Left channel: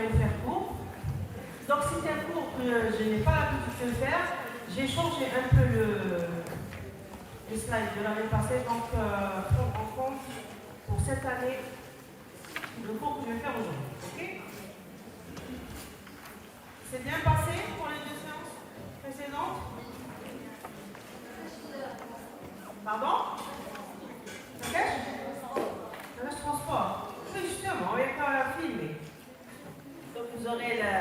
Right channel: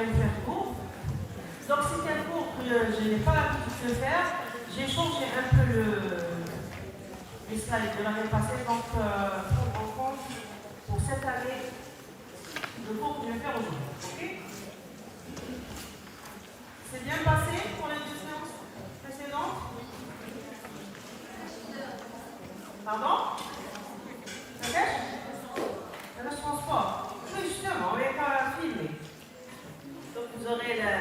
vais vous faire court. Donc c'est un cours que je n'ai pas l'habitude de faire. J'ai changé un peu le slide de l'année passée, donc prendre en compte pour cette année le cours que je vais faire aujourd'hui. Ok? C'est bien passé pour les deux séances précédentes? Pardon? Ok? Le transport. Oui, justement, on n'est pas filmé. Donc vous aurez la...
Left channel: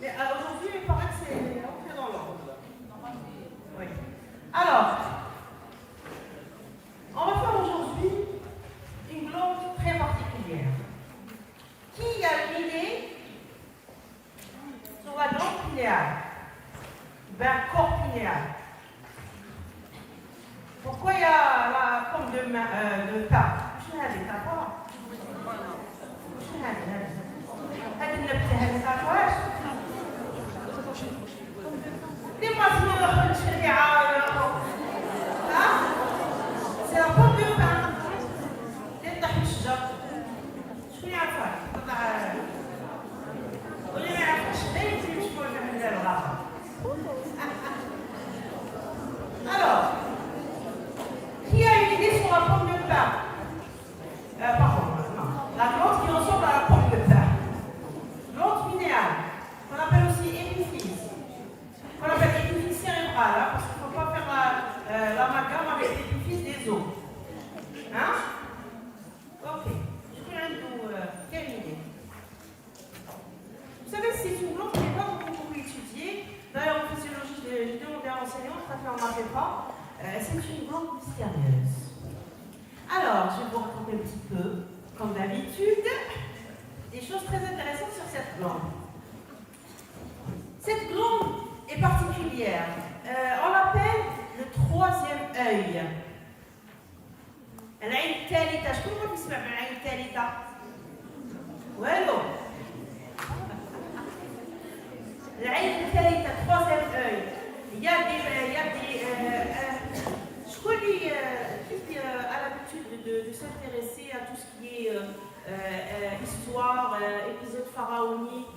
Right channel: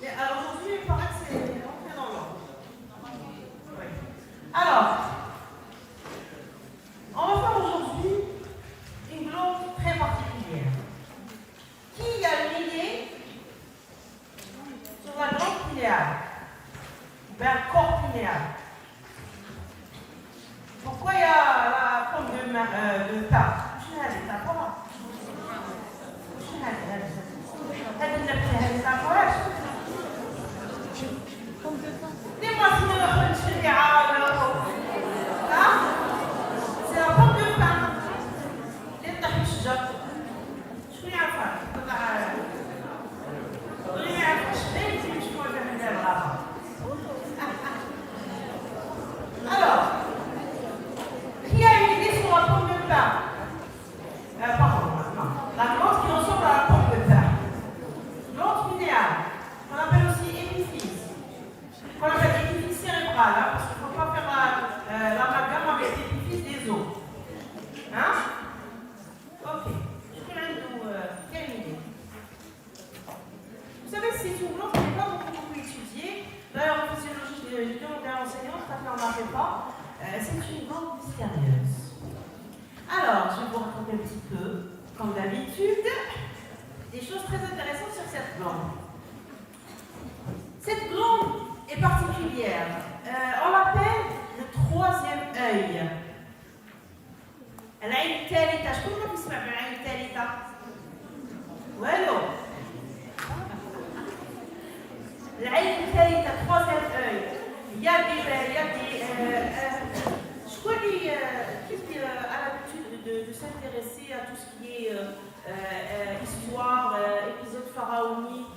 Mais aujourd'hui, il paraît que c'est rentré dans l'ordre. Oui. Alors, on va faire aujourd'hui une glande très particulière. Qui a une idée sur la glande pinéale? Ben, corps pinéal. Pourquoi il y a la pompe de table? Je n'ai pas.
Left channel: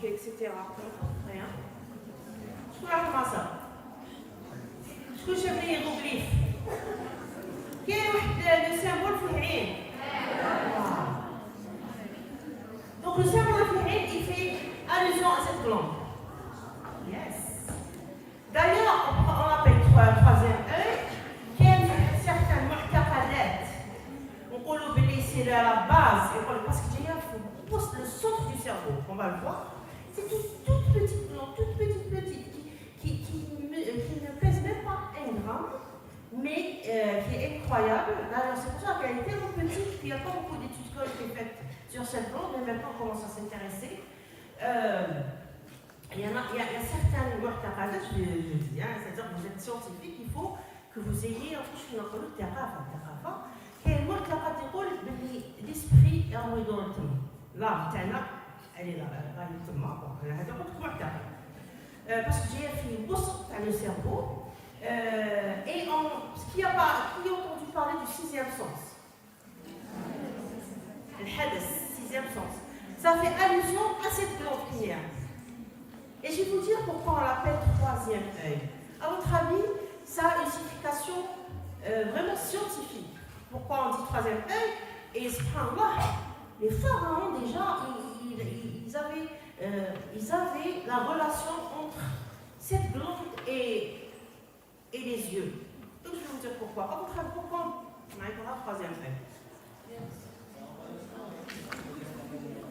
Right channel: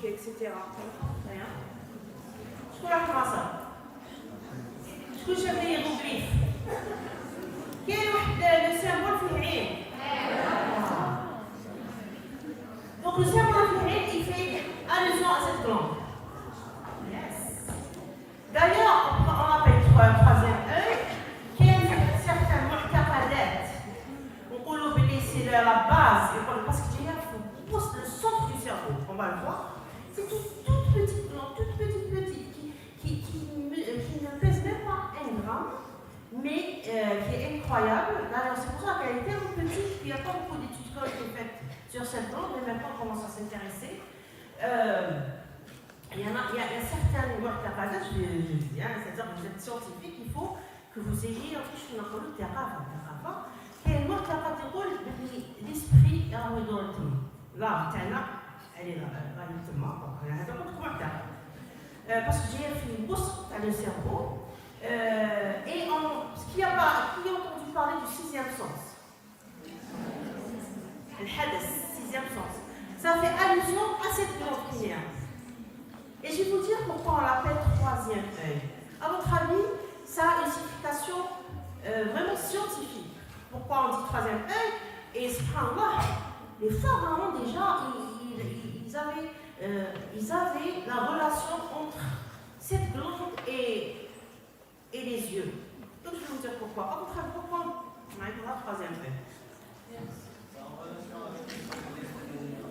Etc. Rien. Je peux faire ça. Je peux chercher les hiéroglyphes. Quel est le symbole في العين? Donc le symbole في العين, il fait allusion à cette glande. Yes. D'ailleurs, on appelle le troisième œil, qui est certains معتقدات. On dit que c'est la base, parce qu'il y a le centre du cerveau. On va le voir. C'est une toute petite glande, qui ne pèse même pas 1 gramme, mais qui est incroyable. Alors c'est pour ça qu'elle est tellement petite, puis il n'y a pas beaucoup d'études qui ont été faites sur cette glande, mais maintenant on commence à s'intéresser. Il y a un certain معتقدات, c'est-à-dire que vous êtes scientifique, il faut que vous ayez un truc qu'on appelle الثقافة. كاين المعتقد يقول باللي l'esprit est en médoritum. Là, elle est là, parce que j'ai fait une bourse dans le cerveau et qui a entendu parler du 6e sens. Le hadith, 6e sens. Ça fait allusion à cette glande pinéale. Et je vais vous dire pourquoi on l'appelle 3e œil. À votre avis, ça a une signification vraiment scientifique. Pourquoi on dit 3e œil? Et subhanallah, les pharaons déjà, ils avaient la relation entre cette glande et les yeux. Donc je vais vous dire pourquoi. À votre avis, pourquoi on a le 3e œil?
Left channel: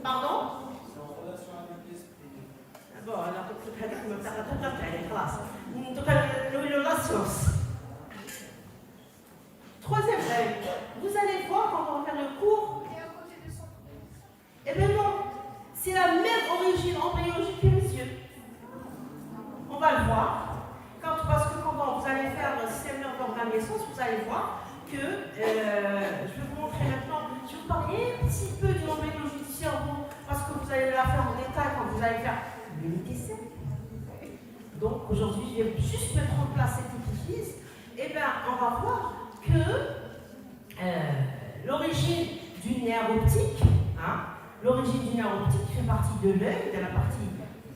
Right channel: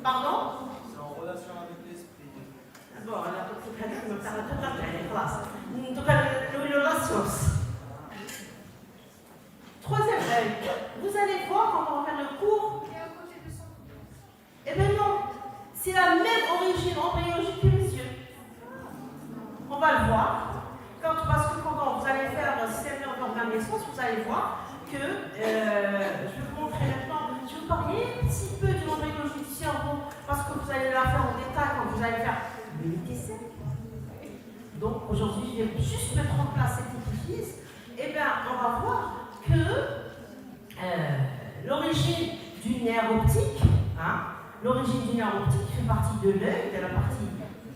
Pardon? C'est en relation avec l'esprit. Bon, alors peut-être que me parle tout à fait, classe. Donc la science. 3e œil. Vous allez voir quand on va faire le cours. Eh bien non, c'est la même origine embryologique que les yeux. On va le voir. Parce que quand vous allez faire le système nerveux de la naissance, vous allez voir que, je vais vous montrer maintenant, je vais vous parler un petit peu de l'embryologie du cerveau, parce que vous allez la faire en détail quand vous allez faire le médecin. Donc aujourd'hui, je vais juste mettre en place cet édifice. Eh bien, on va voir que l'origine du nerf optique, l'origine du nerf optique fait partie de l'œil, de la partie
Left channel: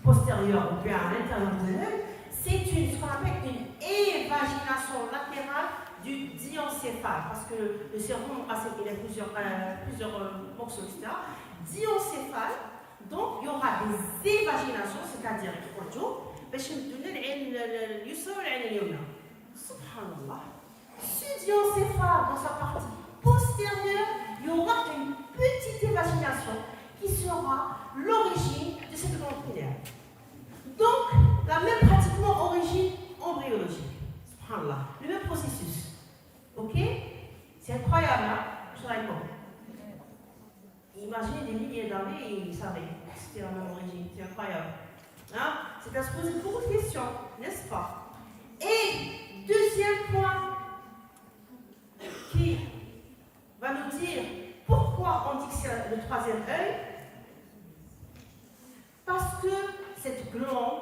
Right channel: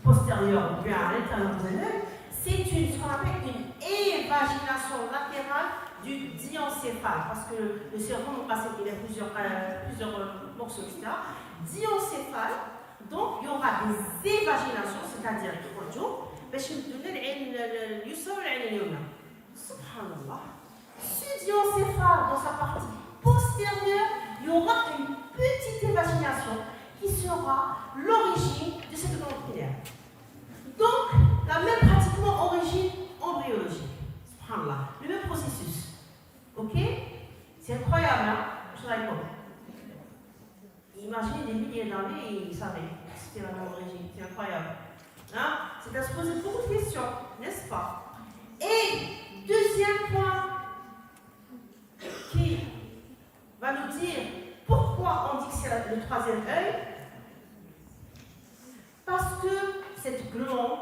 postérieure ou bien à l'intérieur de l'œil. C'est ce qu'on appelle une évagination latérale du diencéphale, parce que le cerveau, il a plusieurs morceaux, etc. Diencéphale, donc il y aura des évaginations, c'est-à-dire باش يمدونا العين اليسرى والعين اليمنى. Subhanallah. Ce diencéphale, dans sa partie postérieure, il y aura une petite évagination qui sera l'origine de cette glande pinéale. Donc, la même pratiquement origine embryologique. Subhanallah. Le même processus. Ok? C'est incroyable, hein? Je dirais quoi? Imaginez des milliers d'années et ils savaient. C'était la même origine. C'est incroyable. Hein? C'est à se poser beaucoup de questions, n'est-ce pas? Et deuxième point qui va nous dire pourquoi on dit que c'est le troisième œil. Parce que cette glande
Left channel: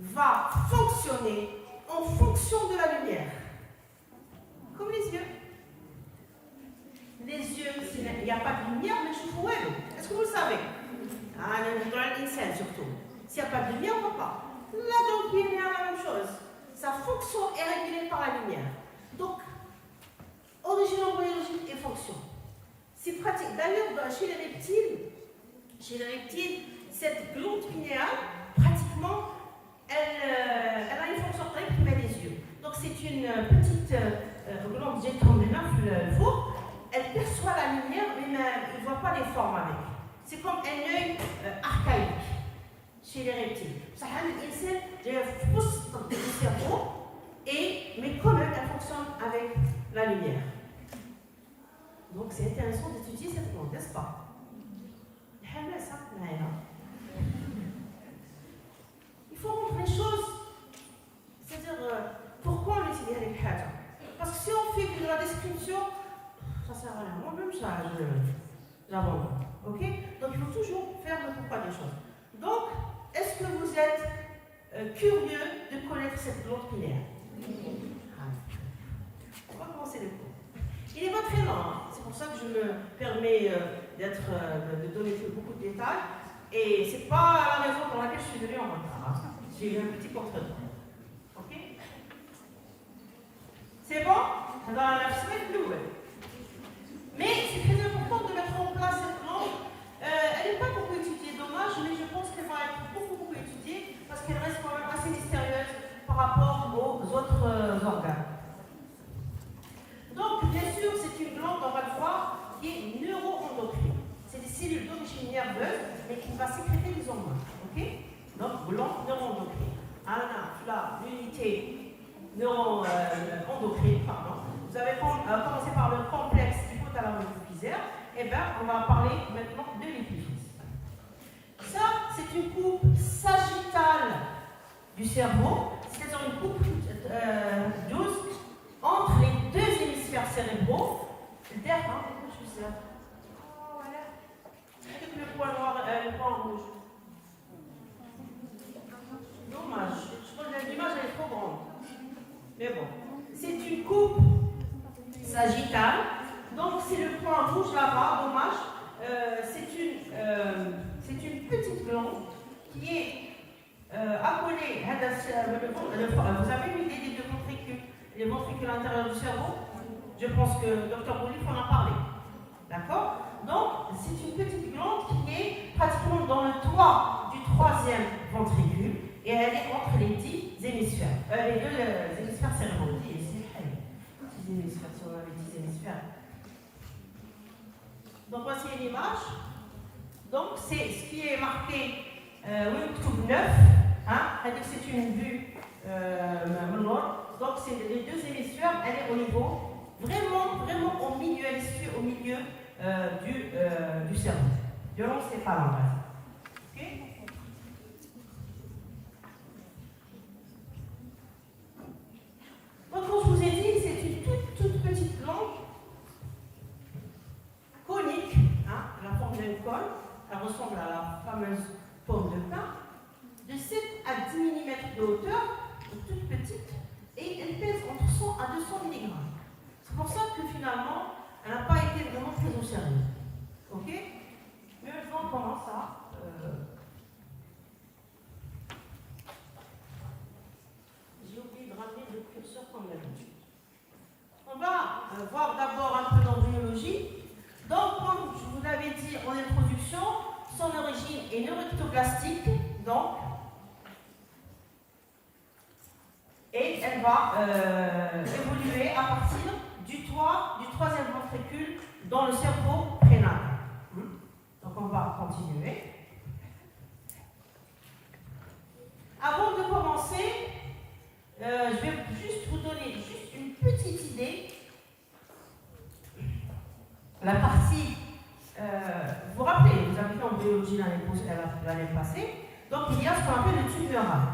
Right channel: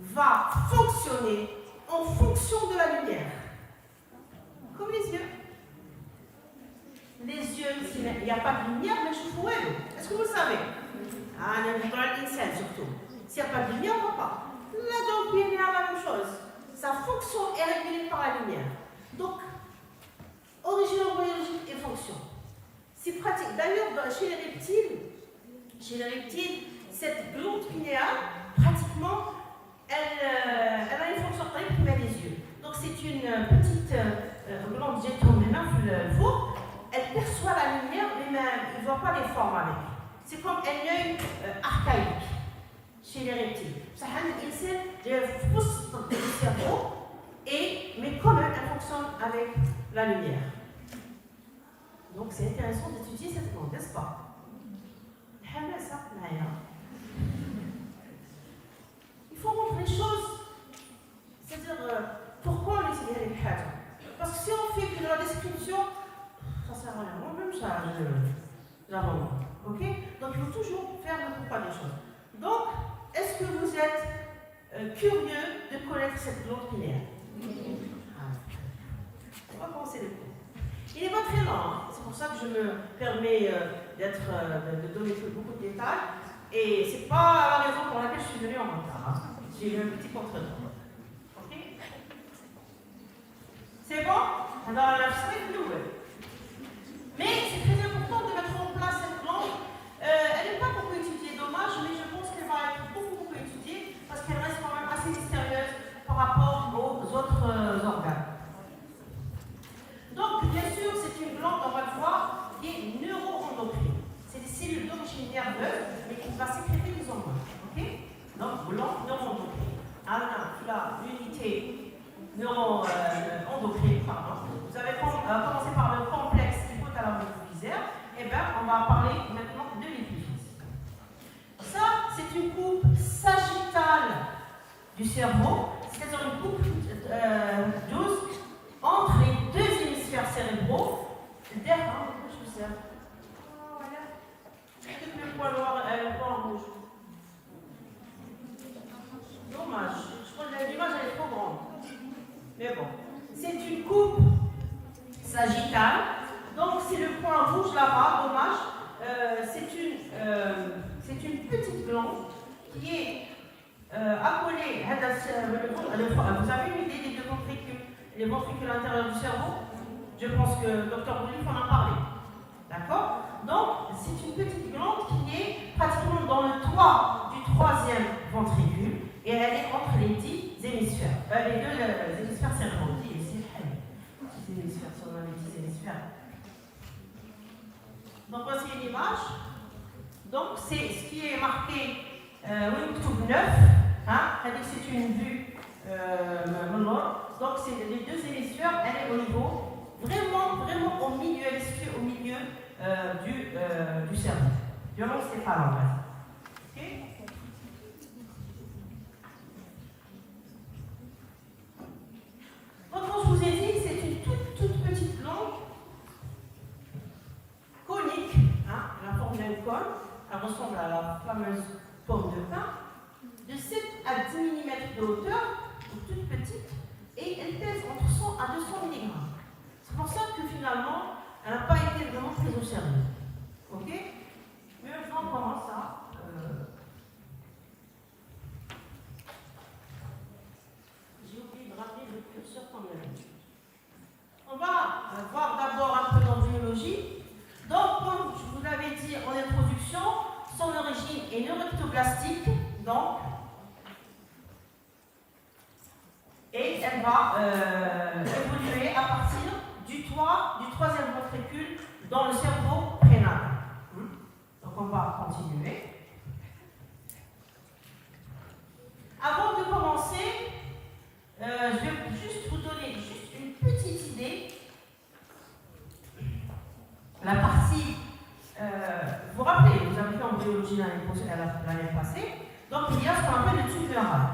va fonctionner en fonction de la lumière. Comme les yeux. Les yeux, il n'y a pas de lumière, mais je vous vois. Est-ce que vous le savez? Dans l'insecte surtout. S'il n'y a pas de lumière, on ne voit pas. La glande pinéale, la même chose. Sa fonction est régulée par la lumière. Donc, origine embryologique et fonction. C'est pratique. D'ailleurs, chez les reptiles, cette glande pinéale, pratiquement, elle a une fonction très qui met les yeux. Donc, c'est une petite glande four. Elle perçoit la lumière, mais même, il ne voit pas les formes avec. C'est comme un œil archaïque chez les reptiles. Ça a une insecte de pousse du cerveau, mais quand même, elle fonctionne avec la lumière. Donc, c'est intéressant d'étudier cette glande, n'est-ce pas? Il faut montrer les choses. C'est-à-dire, pourquoi on étudie les haja? Parce que si on fait que la description, ça sert à rien. Moi-même, j'avance. Ok? Donc, il faut toujours faire le pourquoi des choses. Donc, est-ce que vous êtes curieux de connaître cette glande pinéale? On va commencer les cours. Il n'est pas très lent, hein? C'est pour ça que je me permets de donner beaucoup de détails. Et ce n'est pas la raison pour laquelle je suis venue en retard. J'ai eu un petit contretemps. Ok? C'est bon? Dans la semaine nouvelle. Mais c'est très important de mettre en place cette glande. Elle n'est pas beaucoup étudiée, dommage, mais je pense qu'elle va être beaucoup étudiée parce qu'elle reste quand même assez mystérieuse par rapport aux autres organes. Donc, bien sûr, c'est une glande, on va le voir, qui est neuroendocrine. C'est des cellules d'origine nerveuse, mais qui va sécréter des hormones. Ok? Donc, glande neuroendocrine. Alors, là, l'unité neuroendocrine, pardon. Vous avez commencé par le complexe hypothalamo-hypophysaire. Eh bien, on va parler maintenant de l'épiphyse. Ça, c'est une coupe sagittale du cerveau, c'est-à-dire une coupe douce entre les deux hémisphères cérébraux. Derrière, je fais ça. Voilà. Le point noir, le point rouge. Dommage. Je crois que l'image elle est trop grande. Mais bon, c'est une coupe sagittale. Donc c'est le point rouge là-bas, dommage. C'est une petite glande qui est appelée. Vous avez une idée des deux ventricules, les ventricules intérieurs du cerveau? Je pense que le docteur Boulif en a parlé. D'accord? Donc c'est une petite glande qui est pratiquement dans le toit du troisième ventricule et elle est entre les 10 hémisphères. Les deux hémisphères cérébraux. 10 hémisphères, si on avait 10 hémisphères. Donc voici une image. Donc c'est ce qui est marqué Wingtube 9. Hein, c'est une vue donc c'est les deux hémisphères, elle est au niveau vraiment au milieu, elle est située au milieu du cerveau, du l'encéphale en fait. Ok? Donc comme je vous ai dit, c'est une toute petite glande conique, hein, la forme d'un cône, elle ressemble à la fameuse pomme de pin, de 7 à 10 mm de hauteur, donc toute petite, et elle pèse entre 100 à 200 mg. C'est pour ça que finalement, elle n'a pas été vraiment très au sérieux. Ok? Mais maintenant, évoluer à partir du toit du troisième ventricule dans le cerveau prénatal. Donc on va continuer. Avant de commencer, je vais juste vous donner juste une petite idée. La partie, vous vous rappelez, vous avez fait en biologie l'année passée, donc il y a ce qu'on appelle le tube neural.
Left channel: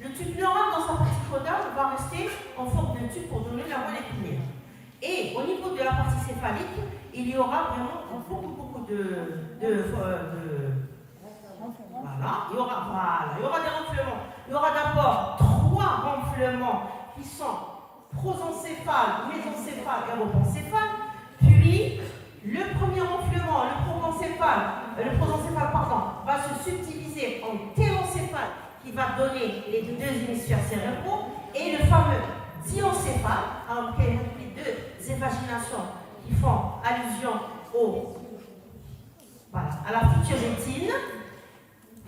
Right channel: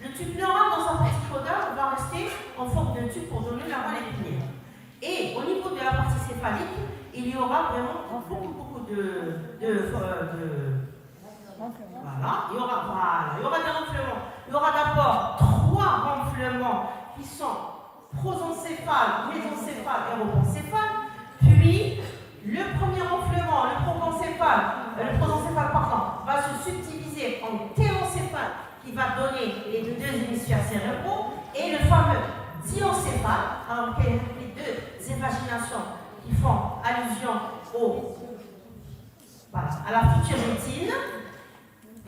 Le tube neural dans sa partie caudale va rester en forme de tube pour donner la voie épinière. Et au niveau de la partie céphalique, il y aura vraiment beaucoup de voilà, il y aura des renflements. Il y aura d'abord 3 renflements qui sont prosencéphale, mésencéphale et rosencéphale. Puis, le premier renflement, le prosencéphale va se subdiviser en télencéphale qui va donner les 2 hémisphères cérébraux et le fameux diencéphale, qui est les 2 évaginations qui font allusion à la future rétine.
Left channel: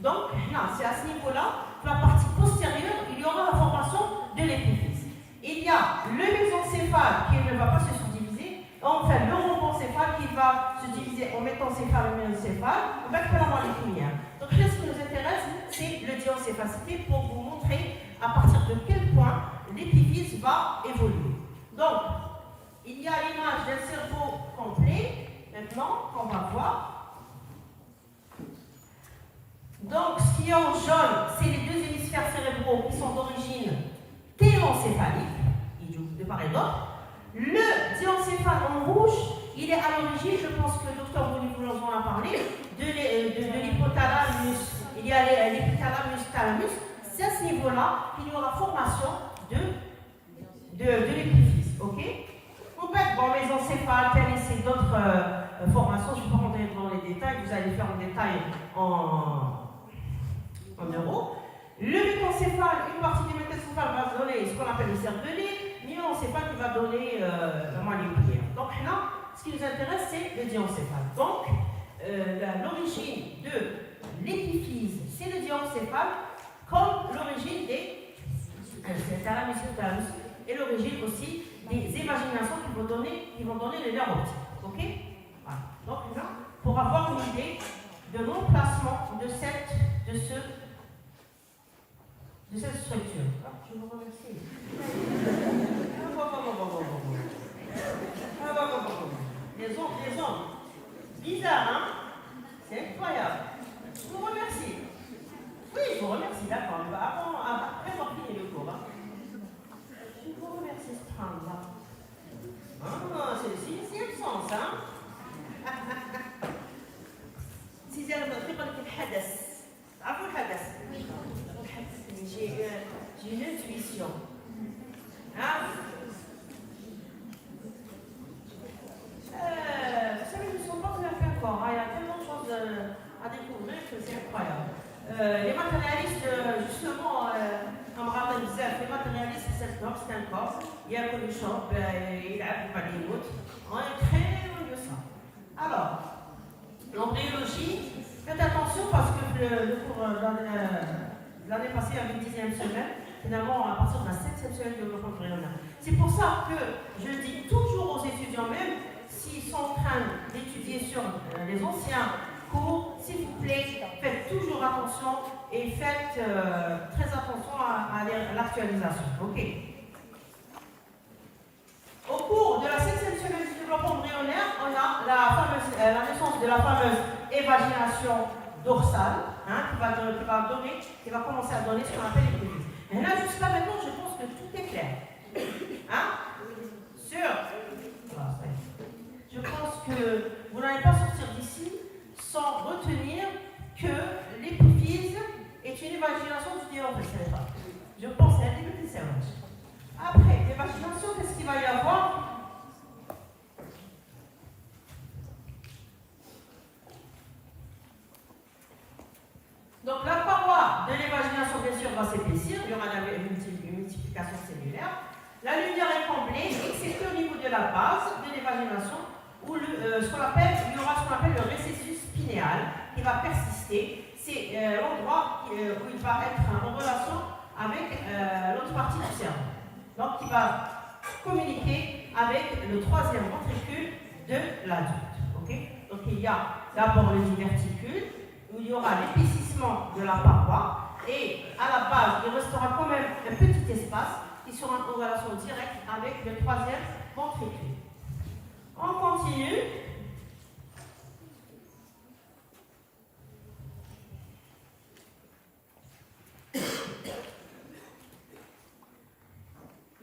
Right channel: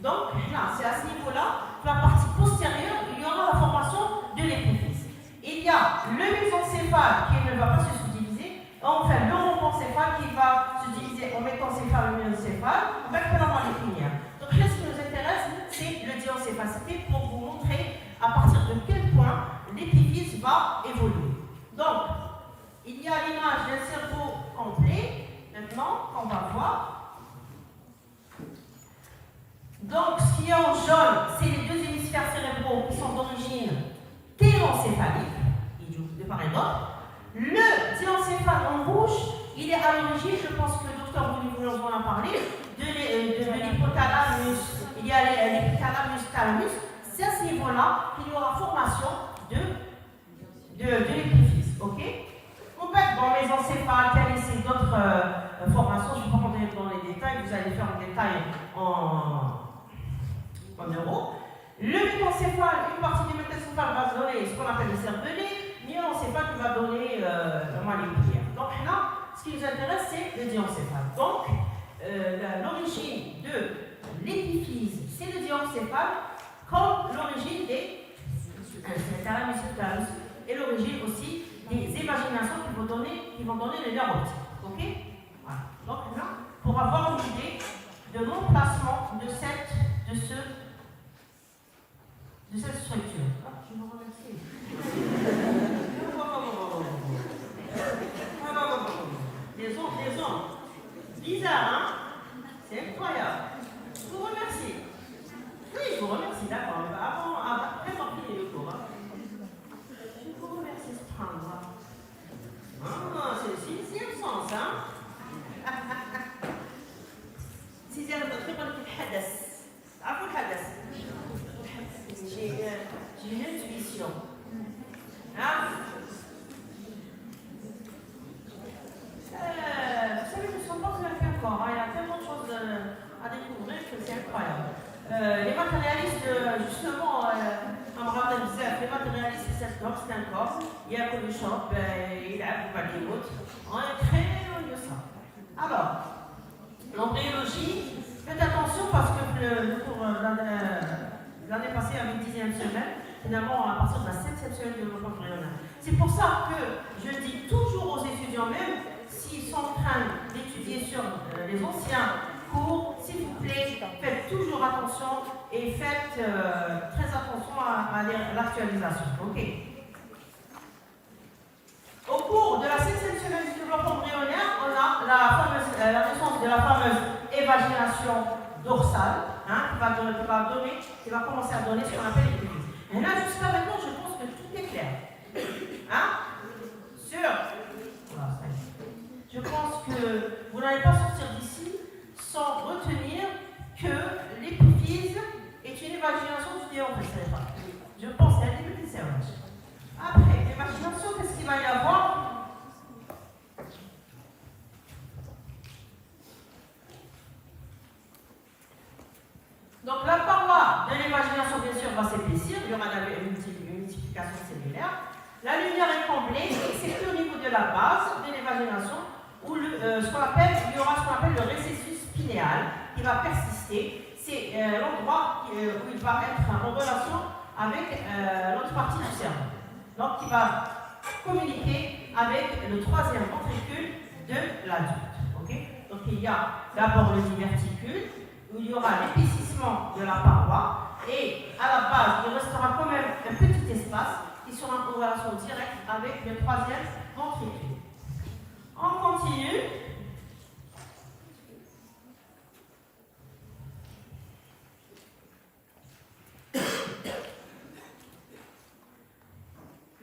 Donc, là, c'est à ce niveau-là, la partie postérieure, il y aura la formation de l'épiphyse. Il y a le mésencéphale qui ne va pas se subdiviser, enfin le rhombocéphale qui va se diviser en mésencéphale et mésencéphale, on va avoir les lumières. Donc, là, ce qui nous intéresse, c'est le diencéphale. C'était pour vous montrer à partir de quel point l'épiphyse va évoluer. Donc, il y a l'image d'un cerveau complet, maintenant, qu'on va voir. Donc, ce qu'il y a en jaune, c'est les 2 hémisphères cérébraux qui sont d'origine télencéphalique, de part et d'autre. Le diencéphale en rouge, il est à l'origine, je pense que le docteur Bonivoulon en a parlé, de l'hypothalamus. Il y a l'hypothalamus-thalamus. C'est à ce niveau-là qu'il y aura formation de l'épiphyse. Ok? En fait, bon, les encéphales, c'est d'autres formations, je ne vais pas rentrer dans les détails, vous allez faire le détail en euros. Le mésencéphale, une partie du mésencéphale va donner ce qu'on appelle le cervelet, l'iencéphale qui va donner les paupières. Donc là, ce qui nous intéresse, c'est le diencéphale. Donc, l'origine de l'épiphyse, c'est le diencéphale, comme l'origine des thalamus et l'origine aussi des imaginations qui vont donner les nerfs optiques. Ok? Voilà. Donc là, pour avoir une idée de l'emplacement de cette structure. Je vous remercie. Les ondes. Bizarre, hein? C'est incroyable. Je vous remercie. Oui, je vous remercie, d'accord. Après, on va finir le cours. Je vous remercie, Strandra. C'est le sens, hein? سيدي انا تقريبا كنتحدث عفوا الحدث j'ai une intuition hein vous savez nous ne sommes pas fait encore il y a tellement de choses à découvrir que c'est incroyable les matérialistes justement on me rappelle les matérialistes c'est un corps il y a un shop il y a un on est très loin de ça alors l'embryologie, faites attention parce que le cours l'année passée avec 10e semaine, finalement à partir de la 7e semaine de développement embryonnaire. C'est pour ça que je dis toujours aux étudiants, même s'ils sont en train d'étudier sur les anciens cours, s'il vous plaît, faites toujours attention et faites très attention à l'actualisation. Ok. Au cours de la 7e semaine du développement embryonnaire, on a la naissance de la fameuse évagination dorsale, qui va commencer à donner ce qu'on appelle l'épiphyse. Et là, jusqu'à maintenant, je pense que tout est clair. Je pense que vous n'allez pas sortir d'ici sans retenir que l'épiphyse est une évagination du diaphragme cérébral. Je pense que c'est un début du cerveau. Après, l'évagination, qu'est-ce qu'il va y avoir? Donc la paroi de l'évagination, bien sûr, va s'épaissir, il y aura une multiplication cellulaire. La lumière est comblée, excepté au niveau de la base de l'évagination, où il y aura ce qu'on appelle le récessus pinéal, qui va persister. C'est l'endroit où il va être en relation avec l'autre partie du cerveau. donc qui va communiquer avec le troisième ventricule de l'adulte. Okay? Donc il y a d'abord le diverticule, où il y aura l'épaississement de la paroi, et à la base, il restera quand même un petit espace qui sera en relation directe avec le troisième ventricule. On continue.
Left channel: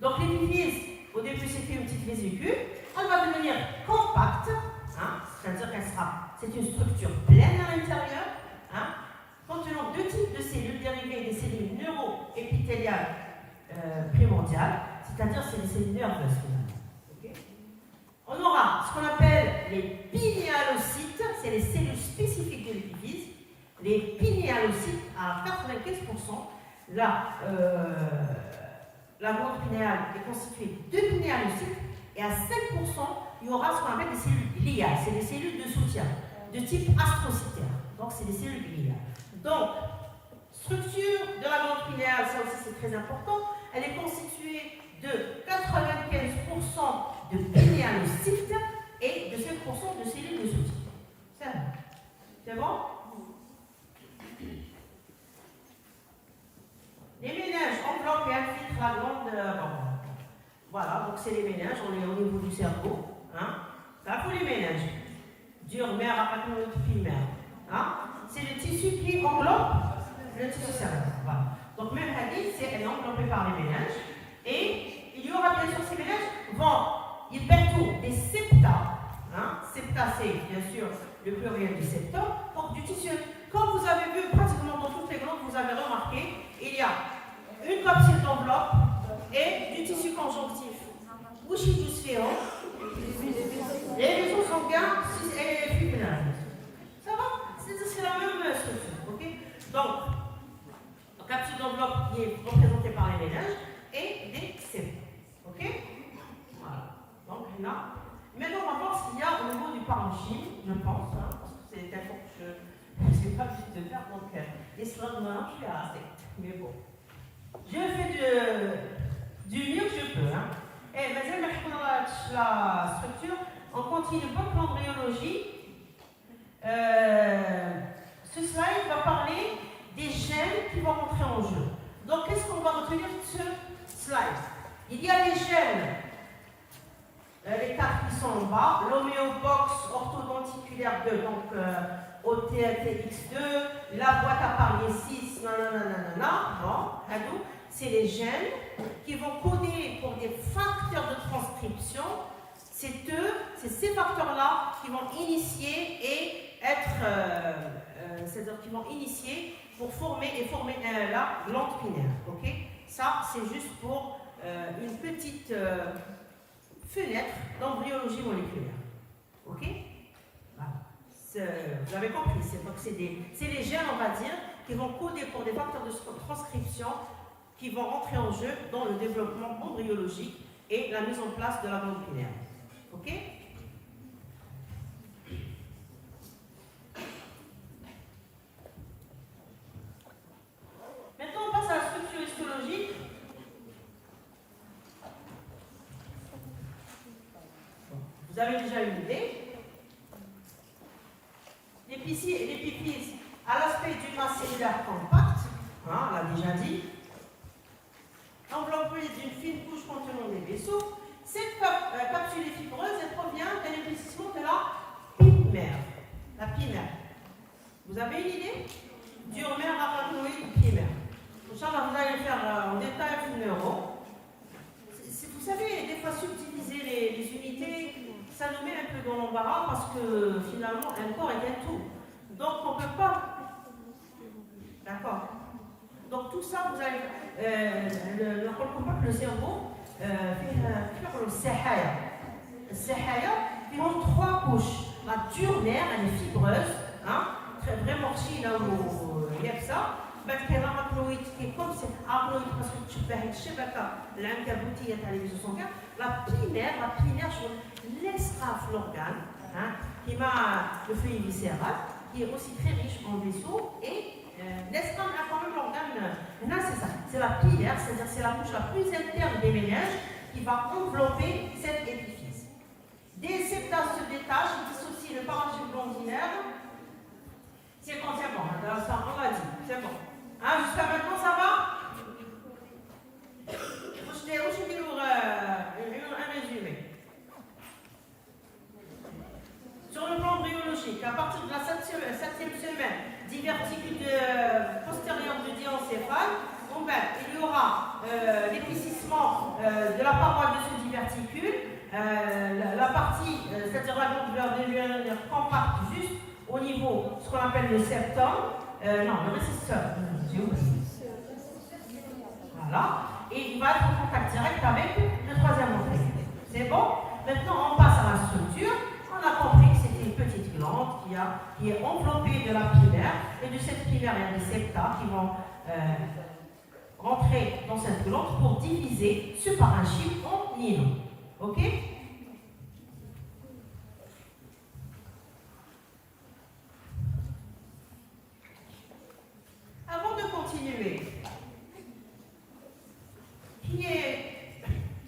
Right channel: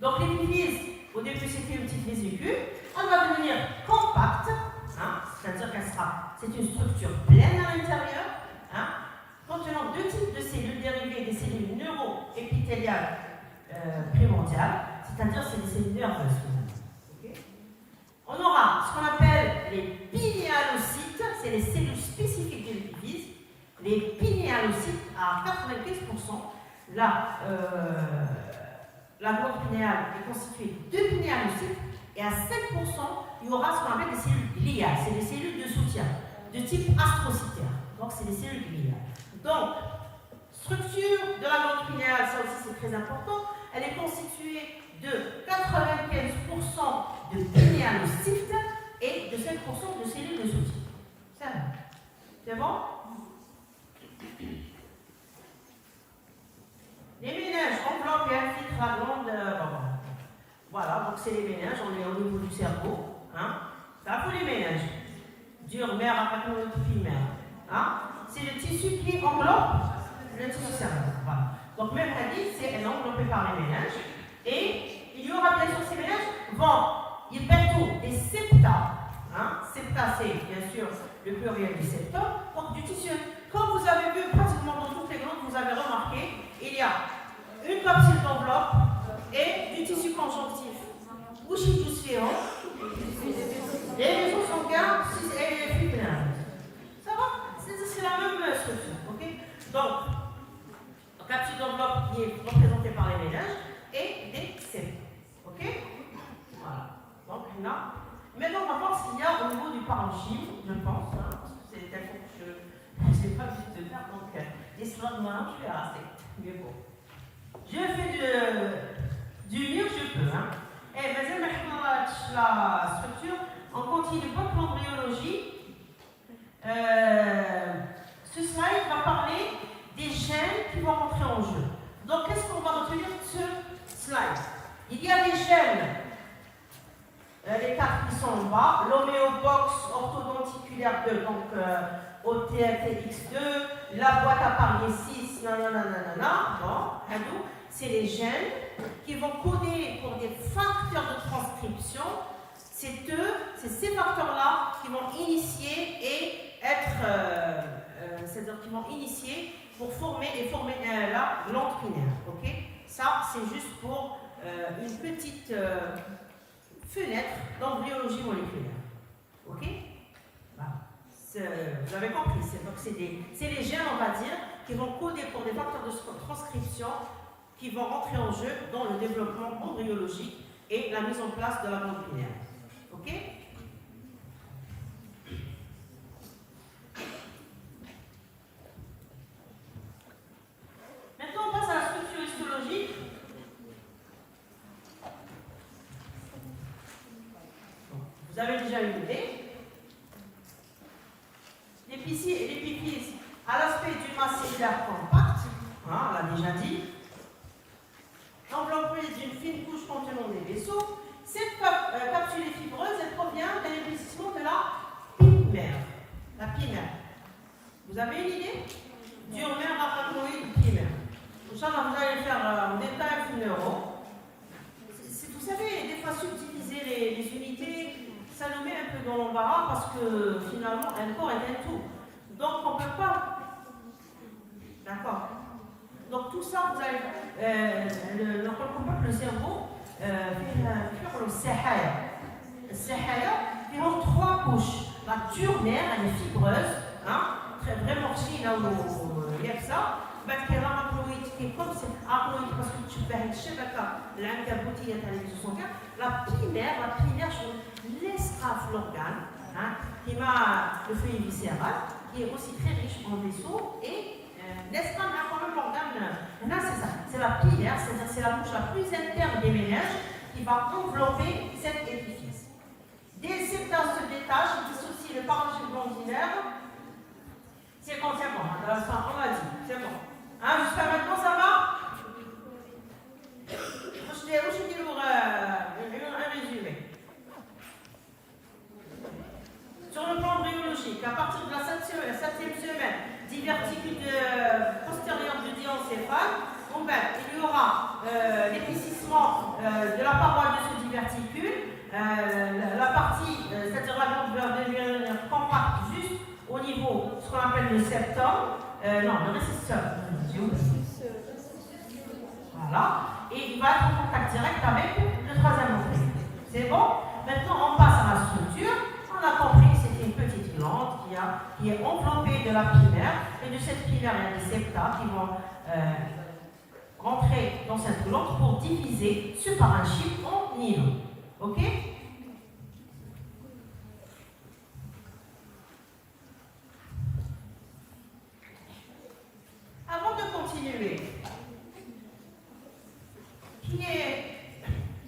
Donc l'épiphyse, au début c'était une petite vésicule, elle va devenir compacte, hein, c'est-à-dire qu'elle sera, c'est une structure pleine à l'intérieur, hein, contenant deux types de cellules dérivées des cellules neuro-épithéliales primordiales, c'est-à-dire c'est les cellules nerveuses. Okay. On aura ce qu'on appelle les pinéalocytes, c'est les cellules spécifiques de l'épiphyse. Les pinéalocytes, à 95%, la glande pinéale est constituée de pinéalocytes et à 5%, il y aura ce qu'on appelle des cellules gliales. C'est des cellules de soutien de type astrocytaire. Donc, c'est des cellules gliales. Donc, structure de la glande pinéale, ça aussi c'est très important. Elle est constituée de 95% de pinéalocytes et de 5% de cellules de soutien. C'est bon? Les méninges enveloppent et infiltrent la glande. Voilà, donc c'est les méninges, on est au niveau du cerveau. Hein. Ça pour les méninges. Dur, mère, arachnoïde, primaire. Hein. C'est le tissu qui enveloppe le tissu cérébral. Voilà. Donc même hadith, c'est enveloppé par les méninges. Et il y aura bien sûr ces méninges ils peinent des septa. Hein. Septa, c'est bien sûr le pluriel du septum. Donc du tissu. Comme vous avez vu pratiquement dans toutes les glandes, vous avez remarqué, il y a une capsule d'enveloppe et du tissu conjonctif. Bouchidus-féon, les vaisseaux sanguins et les flux. Ça va? C'est la même structure. Okay? Donc, la capsule d'enveloppe qui est représentée par les méninges et des cellules. Ok? Voilà. Donc là, maintenant on va voir ce qu'il y a au niveau du parenchyme, je pense, hein, parce que c'est un cours que je n'ai pas vite de faire, donc les slides moi je suis assez. Mais bon. Je fais du mieux que je peux. Hein. Et maintenant, la structure, on continue pour l'embryologie. Ce slide va parler des gènes qui vont rentrer en jeu. Donc, qu'est-ce qu'on va retenir de ce slide? Il y a des gènes, les quatre qui sont en bas, l'homéobox orthodonticulaire 2, donc OTLTX2, la boîte à parier 6, nanana, bon, c'est les gènes qui vont coder pour des facteurs de transcription. C'est ces facteurs-là qui vont initier et c'est-à-dire qui vont initier pour former la glande pinéale. Ok? Ça, c'est juste pour une petite fenêtre d'embryologie moléculaire. Ok? Voilà. Vous avez compris, c'est les gènes, on va dire, qui vont coder pour des facteurs de transcription qui vont rentrer en jeu dans le développement embryologique et la mise en place de la glande pinéale. Ok? Maintenant, on passe à la structure histologique. Vous avez déjà une idée. L'épiphyse a l'aspect du masse cellulaire compact, hein, on l'a déjà dit, enveloppée d'une fine couche contenant des vaisseaux. Cette capsule est fibreuse, elle provient d'un épaississement de la pimère. La pimère. Vous avez une idée? Durmère, arachnoïde, pimère. Inch'Allah, vous allez faire en détail une neuro. Vous savez, des fois subtiliser les unités, ça nous met un peu dans l'embarras parce que finalement, un corps est un tout. Donc, on ne peut pas. D'accord? Donc, tout ça, vous allez. Le cerveau, le sahaya. Le sahaya, il a trois couches. La durmère, elle est fibreuse, hein, très vraiment chiche, là où il y a ça. بعد كده الابلويد كيكون سي ابلويد خاصو تشبه الشبكه العنكبوتيه تاع لي زوسونكا لا بريمير شو laissera l'organe كيما لو فلويد فيسيرال qui est aussi très riche en vaisseaux et laissera quand même l'organe Là, c'est ça. C'est la pilaire, c'est-à-dire c'est la couche la plus interne des méninges qui va envelopper cet épifice. Des septas se détachent et dissocient le parenchyme glandulaire. C'est bon, c'est bon. On l'a dit, c'est bon. Hein, jusqu'à maintenant, ça va? Je vais vous dire un résumé. Sur le plan embryologique, à partir de la 7e semaine, diverticule postérieure du diencéphale, il y aura l'épaississement de la paroi de ce diverticule, la partie, c'est-à-dire la glande va devenir compacte juste au niveau, ce qu'on appelle le septum, le récisseur, j'ai oublié. Voilà, et il va être en contact direct avec le 3e orteil. C'est bon? Maintenant, on passe à la structure. On a compris que c'était une petite glande qui est enveloppée de la pilaire, et de cette pilaire, il y a des septa qui vont rentrer dans cette glande pour diviser ce parenchyme en îlots. Ok? Avant de continuer,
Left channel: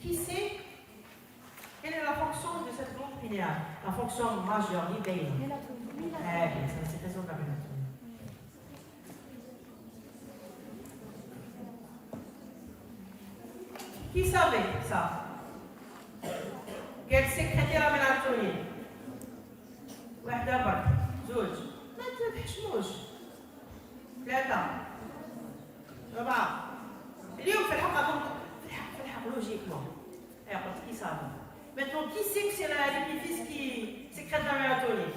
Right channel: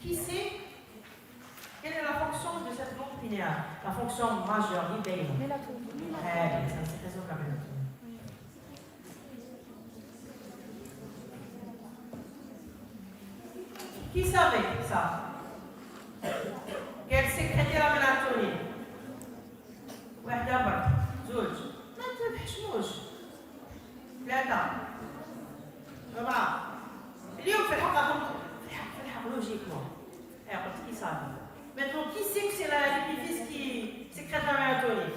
qui sait quelle est la fonction de cette glande pinéale? La fonction majeure, l'idée. C'est très occasionnel. Qui savait ça? Qu'elle sécrétait la mélatonine. واحدة برك، زوج، ما تحشموش. 3 4 اليوم في الحق logiquement. Alors, qui savait? Maintenant, qui sait que c'est l'épifice qui sécrète la mélatonine?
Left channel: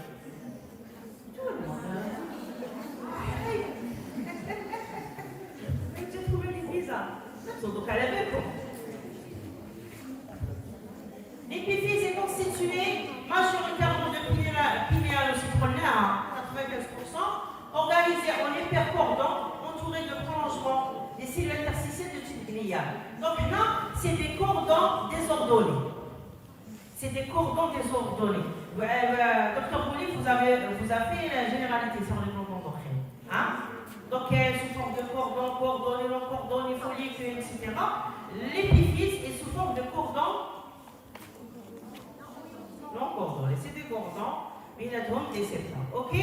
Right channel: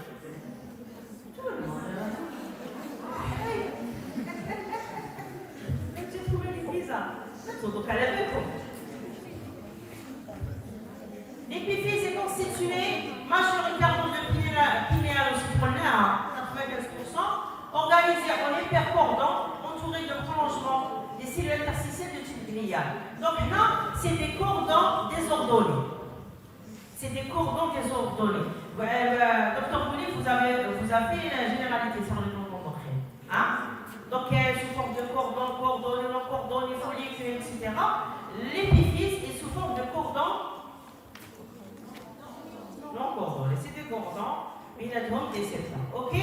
Tout le monde. J'ai trouvé l'épifice là. Donc, à la réponse. L'épiphyse est constituée majoritairement de pinéalo-citronnés à 95%, organisé en hypercordon entouré de prolongements des cellules interstitielles de type glial. Donc là, c'est des cordons désordonnés. C'est des cordons désordonnés. Docteur Bouli, vous avez la généralité sur le plan endocrin. Hein? Donc, sous forme de cordon, cordonné, non cordonné, follicule, etc. L'épiphyse est sous forme de cordon non cordonné. C'est des cordons, mais il y a des septa. Ok?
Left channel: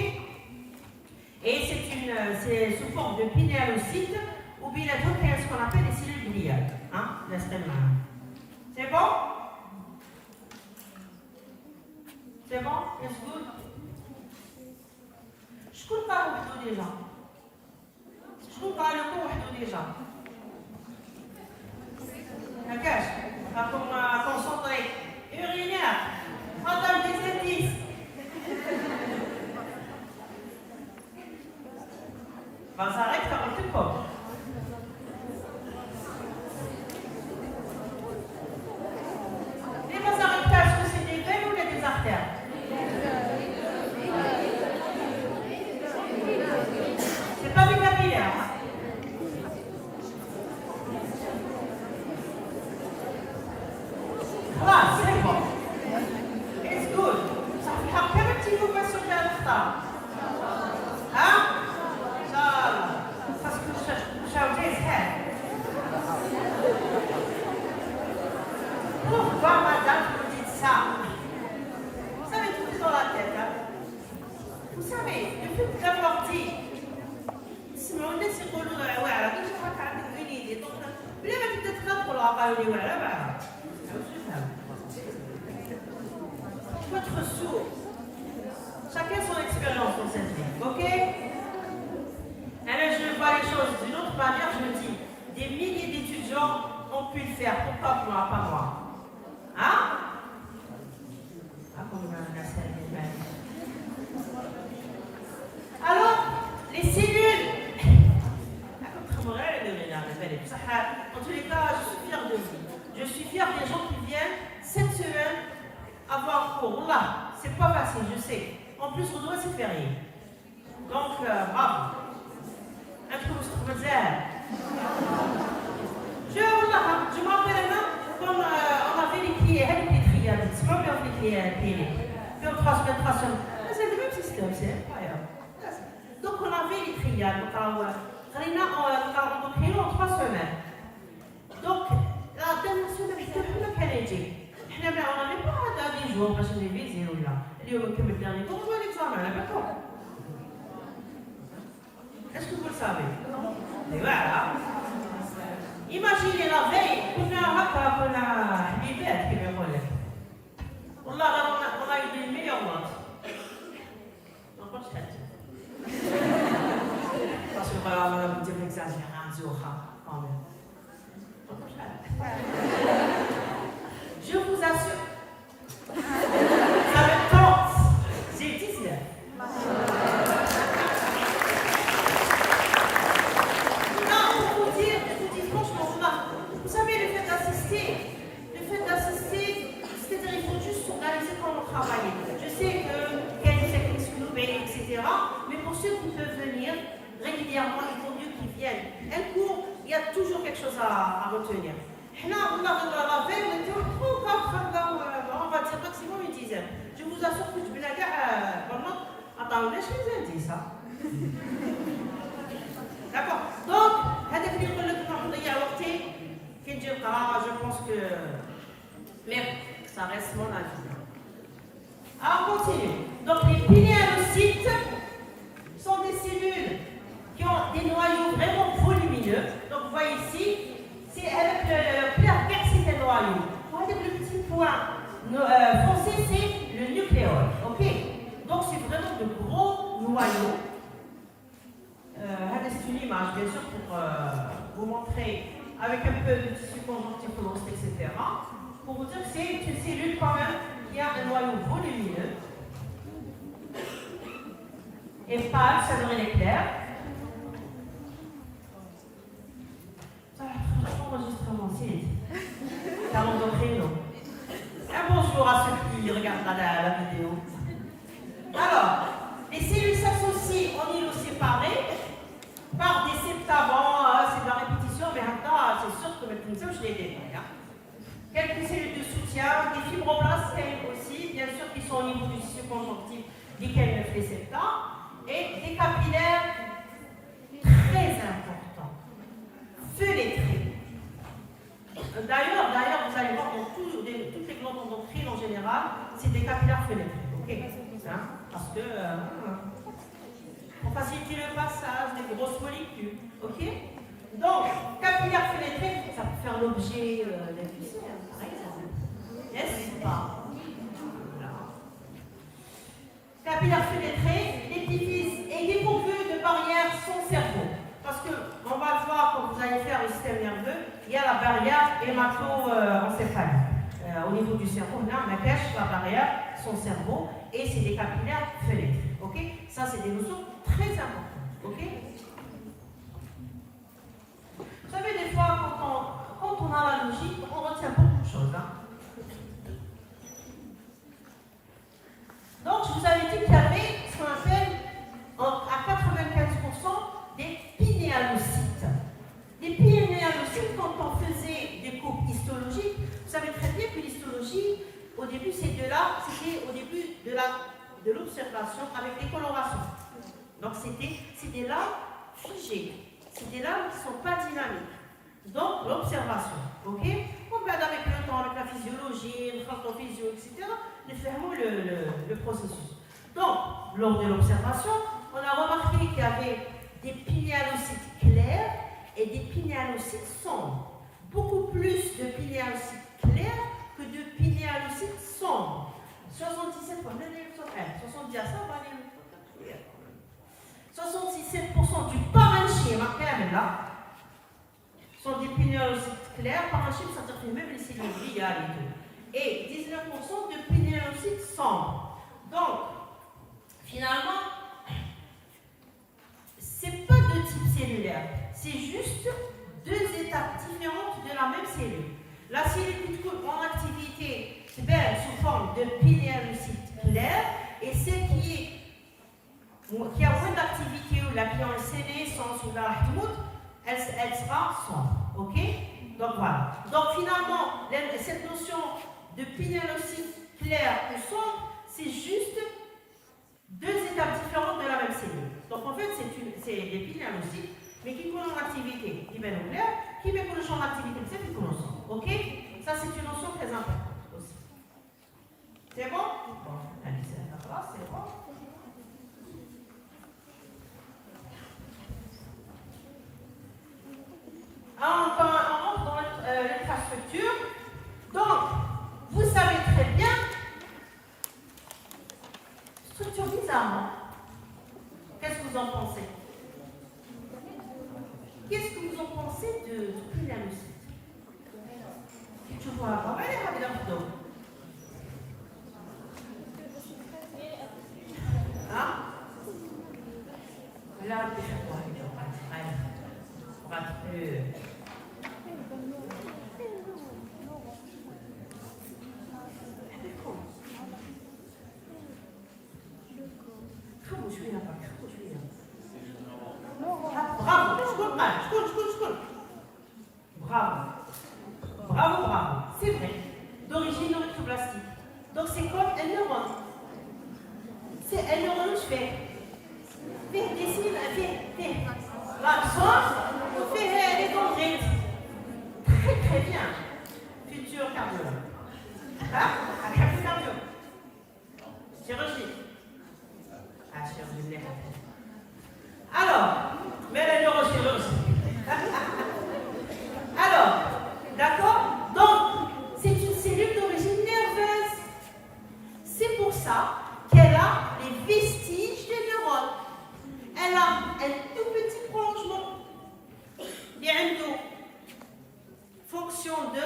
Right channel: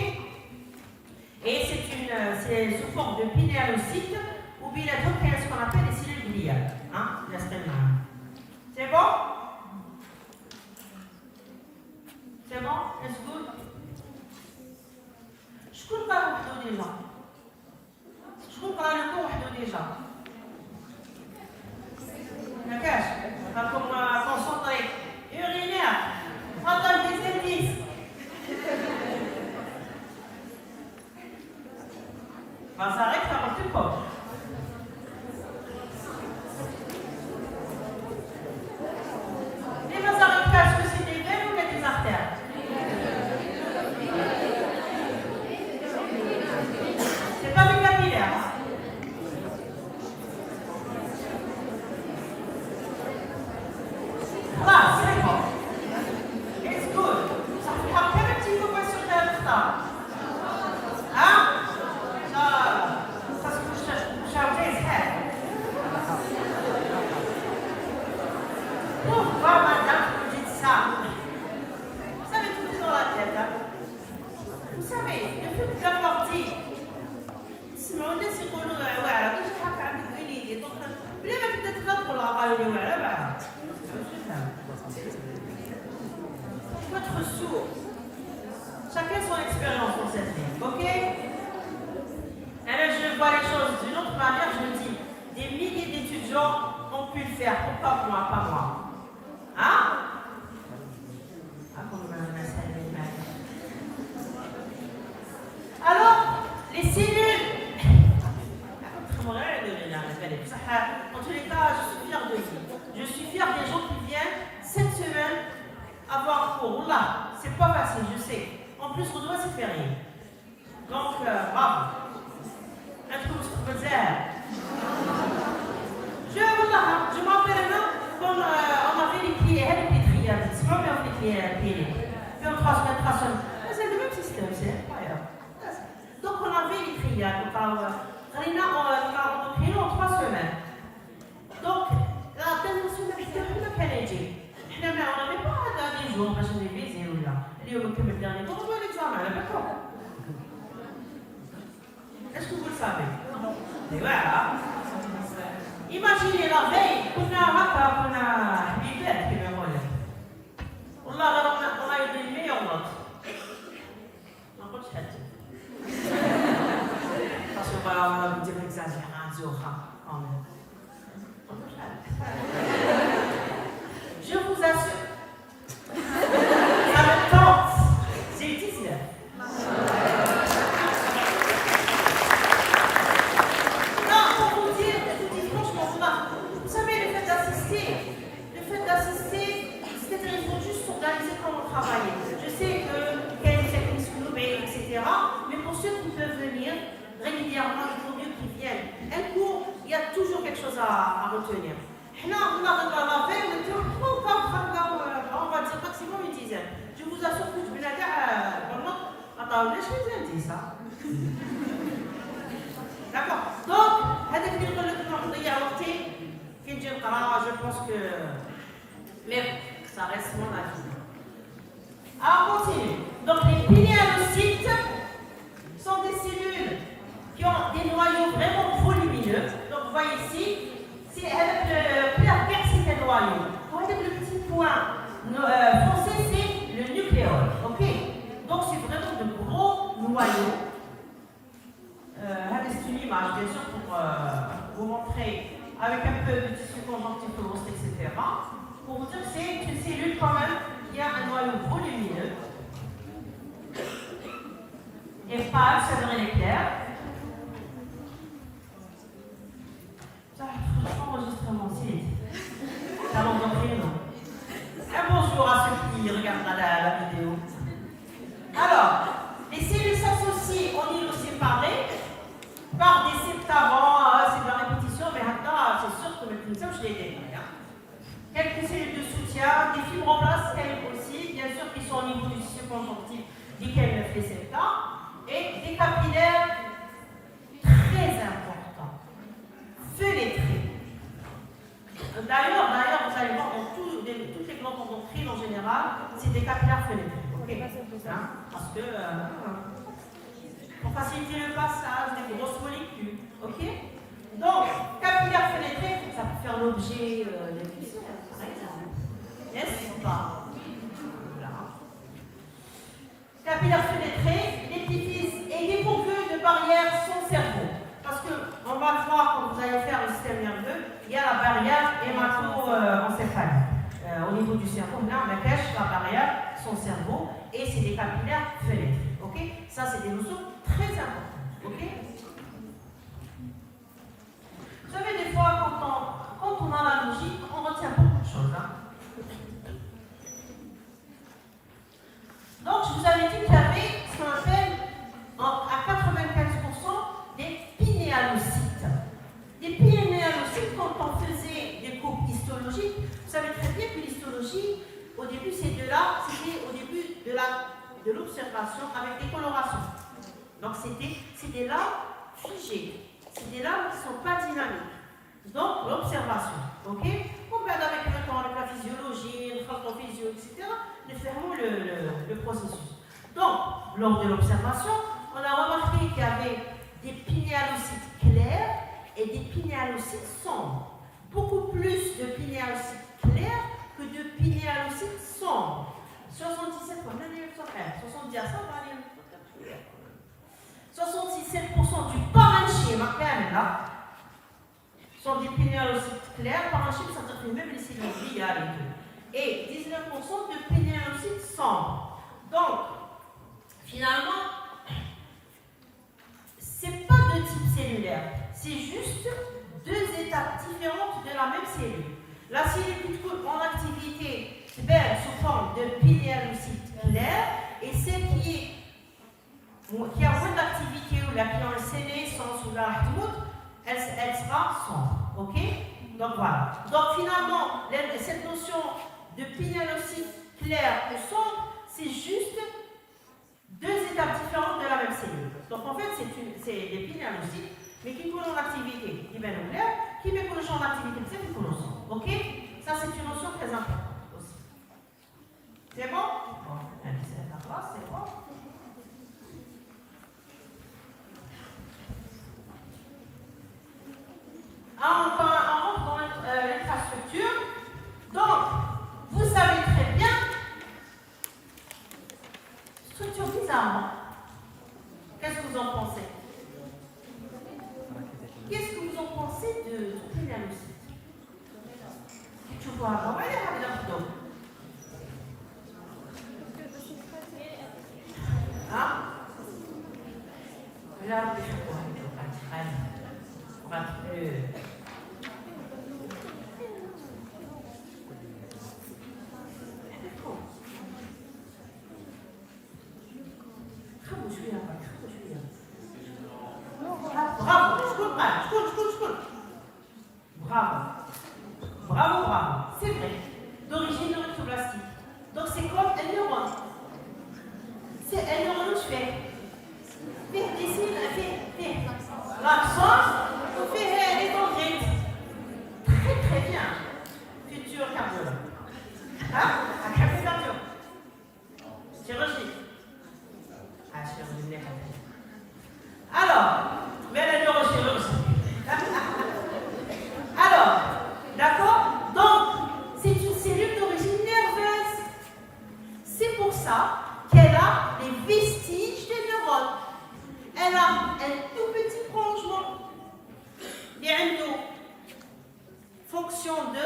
Et c'est sous forme de pinéalocyte ou bien ce qu'on appelle les cellules gliales. Hein? C'est bon? C'est bon? Est-ce good? Je trouve pas le déjà. Je trouve pas le cours déjà. D'accord? On va concentrer. Urinaire. Entendre des indices. Ça s'arrête par le corps. Les vasarictages, est-ce que c'est des veines ou des artères? C'est pas des capillaires. Là, c'est bon. It's good. How can I take over some of that? Hein? Ça se couche des head. Pourquoi, madame, vous dites ça? Vous savez tout dans la tête, hein? Vous savez, le fait de l'avoir dit, sinon on est sur le voilà, je crois qu'elle a une idée. Donc, vous l'avez peut-être là pour la parler, voilà, voilà. Votre sourd. Chacun son expérience dans cette vie, ok? Alors je vois les choses d'une autre manière, je me dis, des milliers d'étudiants ont pu le faire, pourquoi moi, pas moi? Hein? Alors, les cellules. En tous les cas, je suis fière de vous. Je suis fière des gens qui viennent cette semaine avoir cours. Là, c'est pas facile, je sais. En plus, on doit se férié. Donc, bravo. Un truc que je m'appelle là, comme on avait les pieds, les triades. C'est pas bien les pieds. 2 ou 3 semaines, 3 semaines. C'est le même système, c'est incroyable. Donc, on avait les triades. on a rencontré en 3 semaines. Donc, la dernière semaine, on a quel on n'avait pas des jours parce qu'on est visé ou là. Et on a le dernier jour, on doit l'examen, d'accord. Est-ce que vous le savez? Et voilà. Imaginez la veille, on a Maca, on a Biblet qui me relève. On a eu des meilleures notes. Donc, on chat. Parce que voilà, on a vous dire exagéré un jour, quand même. Donc, on chat. Je vous assure. Avec 30, j'ai 19. Non, pour vous dire, je vous dis franchement, vous savez, le fait d'assister, c'est-à-dire il faut juste s'organiser comment travailler. Je sais qu'il y a des techniques snobées, etc. Mais pour ceux qui peuvent venir régulièrement, il vaut mieux qu'ils viennent. Un cours, il y a toujours quelque chose à retenir. Là, on a la veille, on était on va dire maximum une dizaine. Je vous assure que je vais la dire, attends, laissez-moi dire ça. D'accord. Donc, je pense que. Mais ça reste mon avis. Alors, on continue. Donc, les pinéalocytes sont des cellules qui ont des noyaux vraiment volumineux. Donc, vous voyez ici, c'est avec le clair vert, c'est des noyaux. Avec le petit point foncé, c'est le nucléole. Ok. Donc, c'est vraiment de gros noyaux. C'est une image, bien sûr, pour vous montrer avec un peu de tissu conjonctif, etc. Pour vous dire que c'est une cellule quand même qui a un noyau volumineux et pâle, ça devrait être clair. Enregistrement, c'est ça m'endort non. Un bonjour à ceux qui regardent la vidéo. Alors, les cellules s'associent au niveau séparé par des septavants, c'est de la répétition, mais maintenant, c'est sûr que le ça, je l'ai détaillé. Quelques cellules de soutien, des fibroblastes aussi, bien sûr, qui sont au niveau du tissu conjonctif, desquels les septa, et des capillaires très importants, feuillétrés. D'ailleurs, vous allez voir, dans toutes les glandes endocrines en général, c'est des capillaires feuillétrés. Okay. Parce que, pour faciliter le passage des grosses molécules. Ok. Donc, capillaire fenêtré, ça peut faire l'objet d'un cuisseur, par exemple. N'est-ce pas? Voilà. Capillaire fenêtré, l'épiphyse est dépourvu de barrière son cerveau. Parce qu'on va le voir quand vous allez faire le système nerveux, il y a la barrière hémato-encéphalique. Au niveau du cerveau, là, on cache la barrière, son cerveau, et c'est des capillaires fenêtrés. Ok. Ça, c'est des notions très importantes. Ok. Vous savez, des fois, quand on a la logique, on retient beaucoup de choses. Hein. Donc, je vous avais dit qu'il y avait ce qu'on appelle à 95% des pinéalocytes. Les pinéalocytes, quand on faisait des coupes histologiques, vous savez très bien que l'histologie, au début, c'était au début de l'observation avec des colorations. Donc, c'est des lames figées. C'est des lames qui ne sont pas dynamiques. Donc, l'observation. Ok. On regarde avec le temps, avec la physiologie, le physio, etc. Nous fermons le processus. Donc, lors de l'observation, on a remarqué qu'il y avait des pinéalocytes clairs et des pinéalocytes sombres. Beaucoup plus de pinéalocytes clairs que de pinéalocytes sombres. 77 comme 67% du parenchyme, là, sont des pinéalocytes clairs. Parenchyme, ça veut dire même les cellules gliales et tout. Et 19% de pinéalocytes sombres. Donc, finalement, c'est pas de type cellulaire, c'est juste deux étapes différentes de la même cellule. La cellule en activité sous forme de pinéalocyte clair et celle qui a moins d'activité ou la qui a un sénescence ou la rahmoud, elle sera sombre. Ok. Donc voilà. Donc finalement, cette notion de pinéalocyte clair ou sombre, c'est juste deux étapes différentes de la même cellule. Donc en fait, c'est des pinéalocytes Mais qui connaît l'activité, il va nous dire, qui met le champ d'activité, c'est une notion. Ok? Ça, c'est une notion très importante aussi. C'est bon? Bon, c'est bon. On rentre dans l'infrastructure. Donc, vous savez très bien, structure bizarrement. Qu'est-ce que vous en pensez? Qu'est-ce que vous en pensez de la musique? Tu vois, on va aller à la hein? Là, bravo, bravo, c'est vrai, d'origine orthoplastique. Donc c'est comme un neurone. C'est un neurone, je fais. Fais. L'accent, on fait les dendrites. Très bien. Futur cardiologue. Un cardio. Chirurgie. Chirurgie. Alors, mais la neurochirurgie. Alors, d'accord? Donc, c'est une cellule d'origine nerveuse. C'est pour ça qu'elle a les vestiges des neurones. Elle a un tout petit prolongement. Il y a une fonction de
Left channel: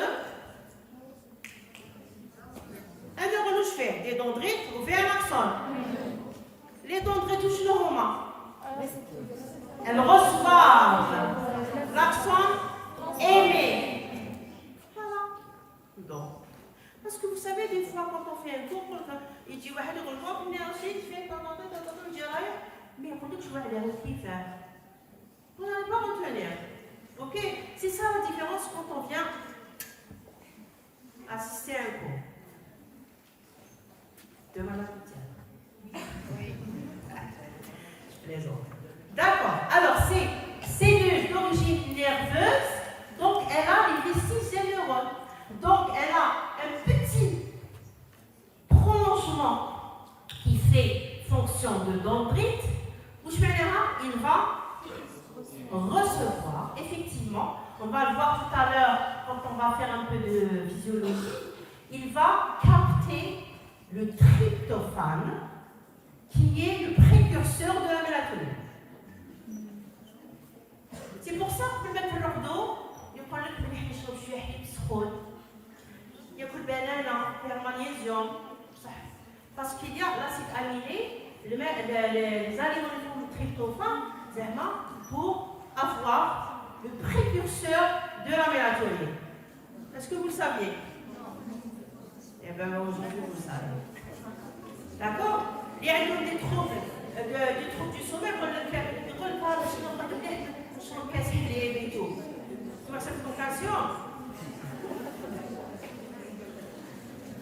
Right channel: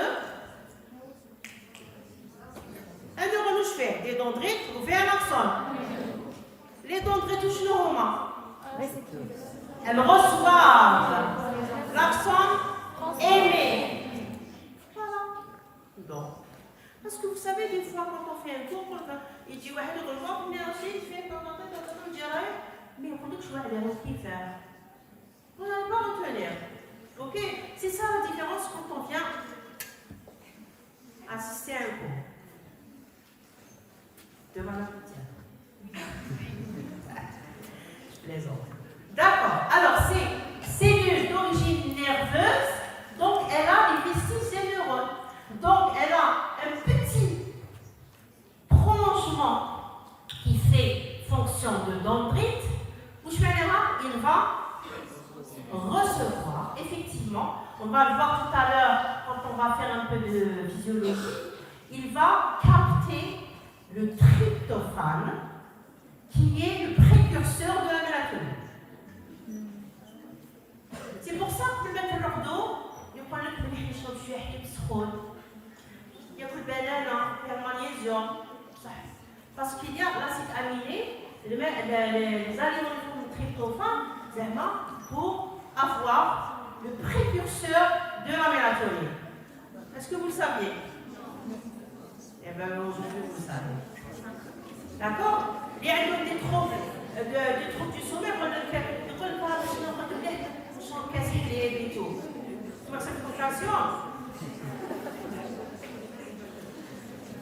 un neurone je fais des dendrites ou un axone. Les dendrites touchent le romain. Elles reçoivent l'axone aimé. Voilà. Donc, parce que vous savez, des fois, quand on fait un cours, il dit, ouais, le rejoint, il fait, mais on dit que je vois les resquifs. On n'allez pas retenir. Ok? C'est ça la différence quand on vient assister à un cours. Devant l'entretien. Je plaisante. D'accord. Alors, c'est cellule d'origine nerveuse. Donc, elle a les vestiges des neurones. Donc, elle a un petit prolongement qui fait fonction de dendrite. Où je vais il va recevoir, effectivement, on va le voir tout à l'heure quand on va faire un peu de physiologie, il va capter le tryptophane qui est le précurseur de la mélatonine. C'est pour ça que le l'ordo, il y a le il y a le banane, il y a le magnésium, parce qu'il y a l'acide aminé, les aliments de tryptophane, pour avoir le précurseur de la mélatonine. Est-ce que vous le saviez? Eh bien, aujourd'hui, vous le savez. D'accord? Il y a des troubles du sommeil, on casse les vétos. C'est cette contation.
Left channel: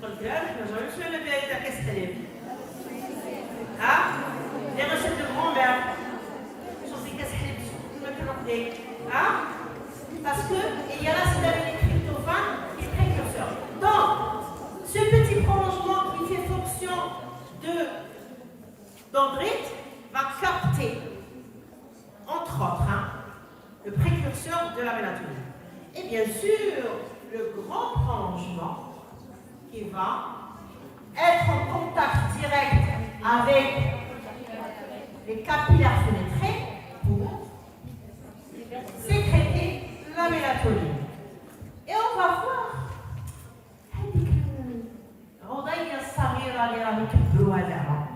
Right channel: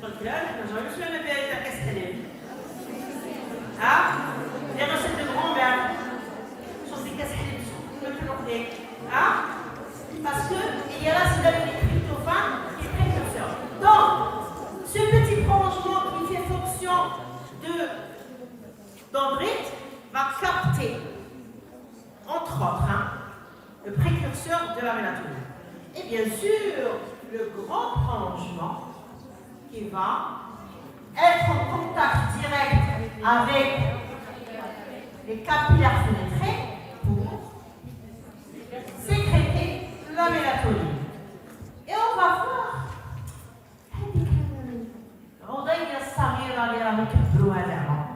Je vais me faire la casse-télé. Les recettes de grand-mère. Parce qu'il y a l'acide aminé tryptophane qui est précurseur. Donc, ce petit prolongement qui fait fonction dendrite va capter, entre autres, le précurseur de la mélatonine. Et bien sûr, le grand prolongement qui va être en contact direct avec les capillaires fenêtrés pour sécréter la mélatonine. Et on va voir الوضعية الصغيرة اللي راهم يكبروها لها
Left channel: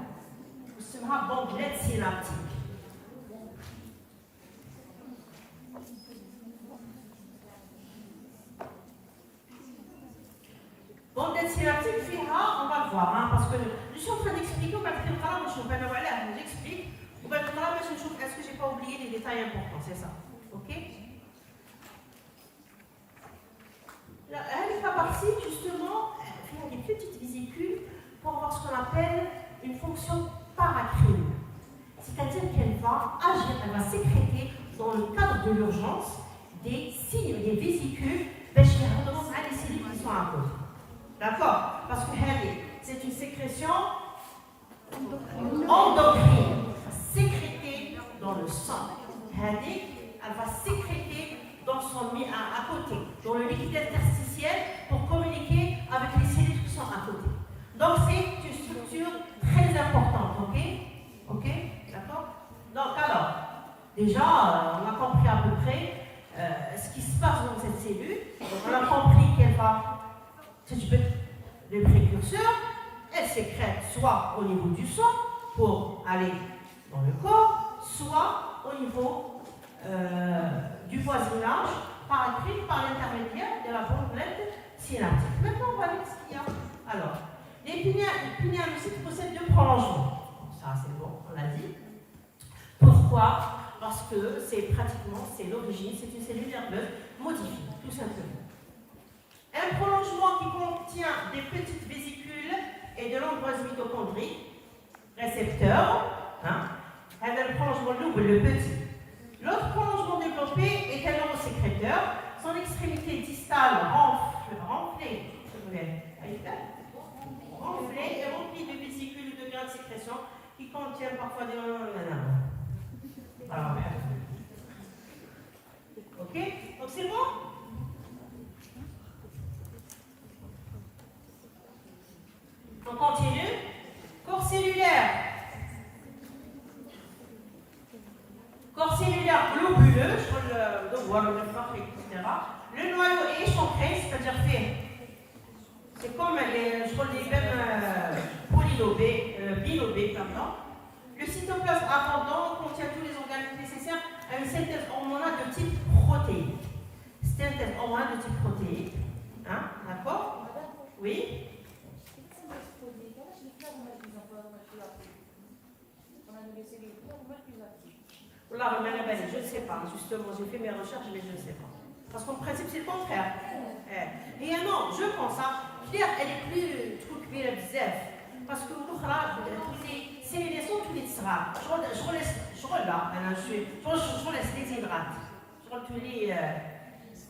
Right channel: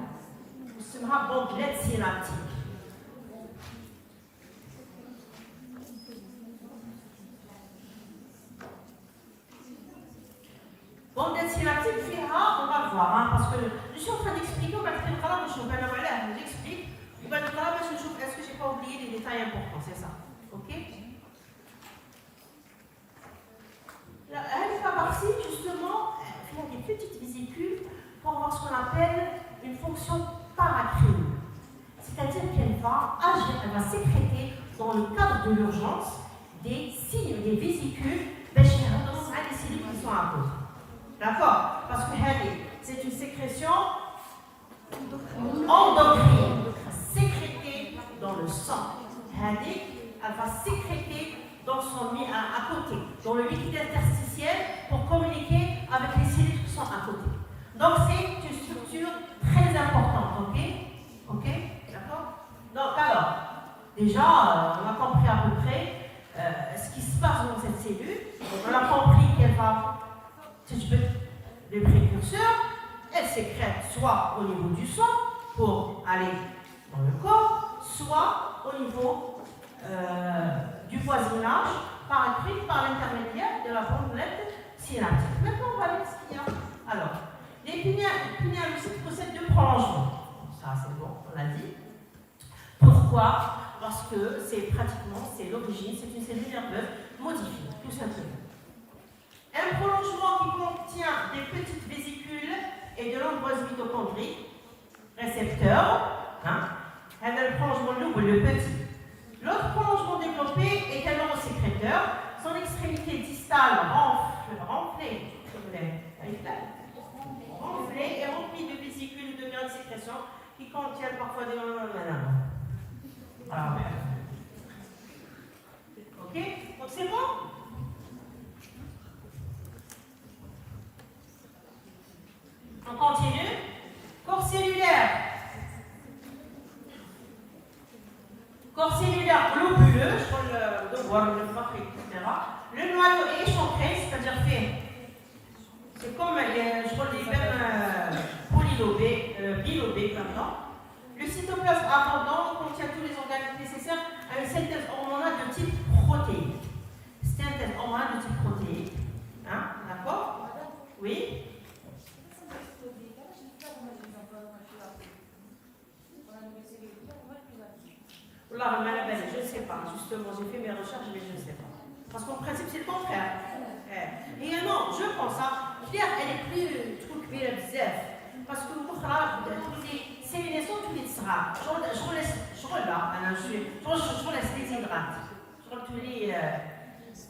اسمها بومبليت سينابتيك. بومبليت سينابتيك فيها on va voir parce que je suis en train d'expliquer وبعد القراءة باش نبان عليها j'explique وبعد القراءة باش نشوف est-ce que j'ai pas oublié des détails importants, c'est ça. OK? Elle fait partie justement faire des petites vésicules pour avoir ce qu'on appelle une fonction paracrine. C'est-à-dire qu'elle va agir, elle va sécréter dans le cadre de l'urgence des signes, des vésicules, les cellules qui sont à côté. D'accord? Parce que c'est une sécrétion endocrine, sécrétée dans le sang. Elle va sécréter dans son à côté, dans le liquide interstitiel, pour communiquer avec les cellules qui sont à côté. Donc c'est une structure très importante, ok? Ok? D'accord? Donc alors, déjà, on a compris à peu près ce qui se passe dans cette cellule. Donc, on a compris qu'elle va, les précurseurs, elle sécrète soit au niveau du sang pour aller dans le corps, soit au niveau du voisinage, par l'intermédiaire de la bombolette synaptique. Maintenant, on va voir ce qu'il y a. Alors, les pinéalocytes possèdent deux prolongements. Ça, c'est bon, on l'a dit. Pourquoi? Parce que c'est l'origine, c'est une cellule nerveuse modifiée, tout simplement. Un prolongement qui contient des petites vésicules et de nombreuses mitochondries, récepteurs, et le prolongement le petit. L'autre prolongement développé est un neurosécréteur, son extrémité distale renflée et remplie de vésicules de grains de sécrétion qui contiennent parfois des... Voilà. Ok? Donc c'est bon? On continue. Corps cellulaire. Corps cellulaire globuleux, sur le devoir, le froid, etc. Le noyau est échancré, c'est-à-dire fait. C'est comme les veines bilobées, comme ça. Le cytoplasme attendant contient tous les organes nécessaires à une synthèse hormonale de type protéique. Synthèse hormonale de type protéique. D'accord? Oui? Je ne sais pas. Justement, j'ai fait mes recherches, mais je ne sais pas. Parce qu'en principe, c'est le contraire. Et non, je pense, Claire, elle est plus truquée bzef. Parce que vous c'est les naissances tous les tsra. Je laisse les hydrates. Je laisse tous les.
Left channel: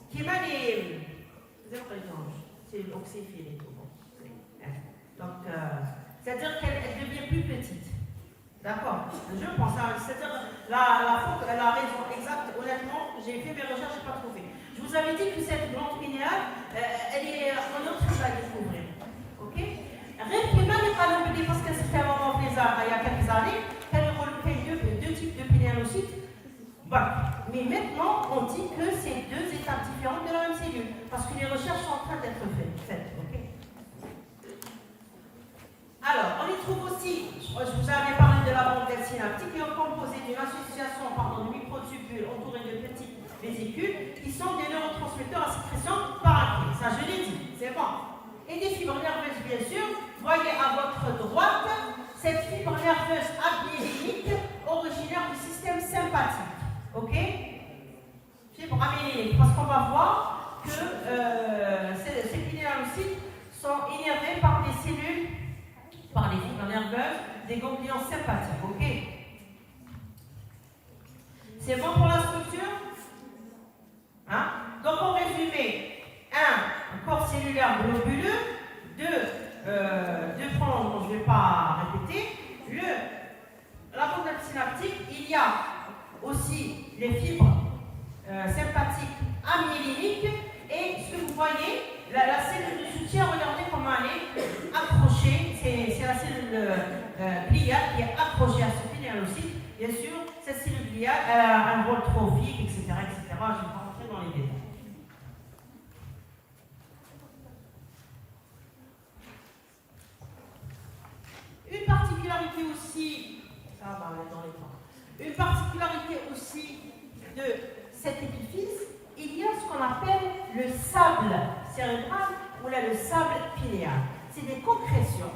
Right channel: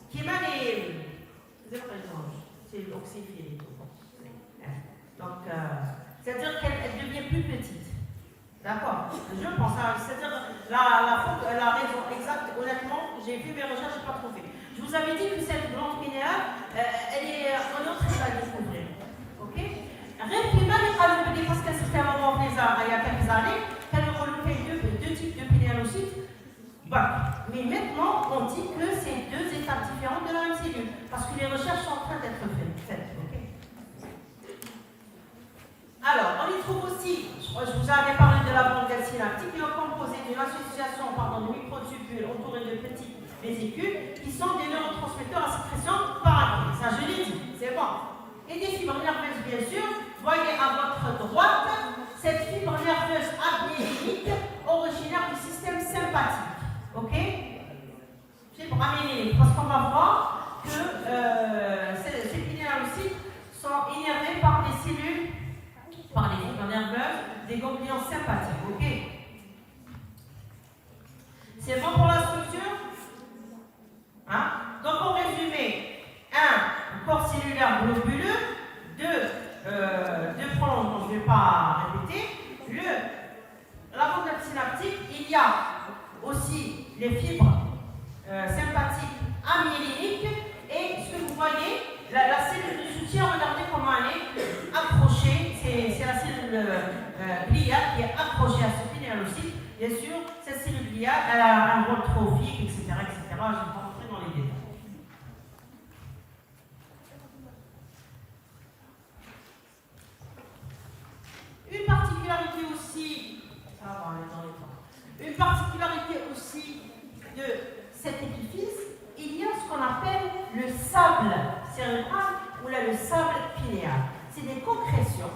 Qui m'a les. C'est l'oxyphile et tout. Donc, c'est-à-dire qu'elle devient plus petite. D'accord? Je pense, c'est-à-dire la raison exacte, honnêtement, j'ai fait mes recherches, je n'ai pas trouvé. Je vous avais dit que cette glande pinéale, elle est en autre chose à découvrir. Ok? Rien n'est pas le parce qu'elle s'est fait un moment il y a quelques années, qu'elle a regroupé deux types de pinéalocytes. Bon. Mais maintenant, on dit que c'est deux étapes différentes de la même cellule, parce que les recherches sont en train d'être faites. Okay? Alors, on y trouve aussi, je vous avais parlé de la bande synaptique, qui est composée d'une association de microtubules entourés de petites vésicules qui sont des neurotransmetteurs à sécrétion parallèle. Ça, je l'ai dit, c'est bon. Et des fibres nerveuses, bien sûr. Voyez à votre droite cette fibre nerveuse amyélique originaire du système sympathique. Ok? Fibre amyélique, parce qu'on va voir que ces pinéalocytes sont innervés par des cellules, par les fibres nerveuses des ganglions sympathiques. Ok? C'est bon pour la structure? Donc, en résumé, un corps cellulaire globuleux, deux prolongements, je ne vais pas répéter. La bande synaptique, il y a aussi les fibres sympathiques amyéliques et ce que vous voyez, la cellule de soutien, regardez comment elle est accrochée, c'est la cellule gliale qui est accrochée à ce pinéalocyte. Bien sûr, cette cellule gliale, elle a un rôle trophique, etc. Je ne vais pas rentrer dans les détails. Une particularité aussi de cet épifice, il y a ce qu'on appelle le sable cérébral ou là, le sable pinéal. C'est des concrétions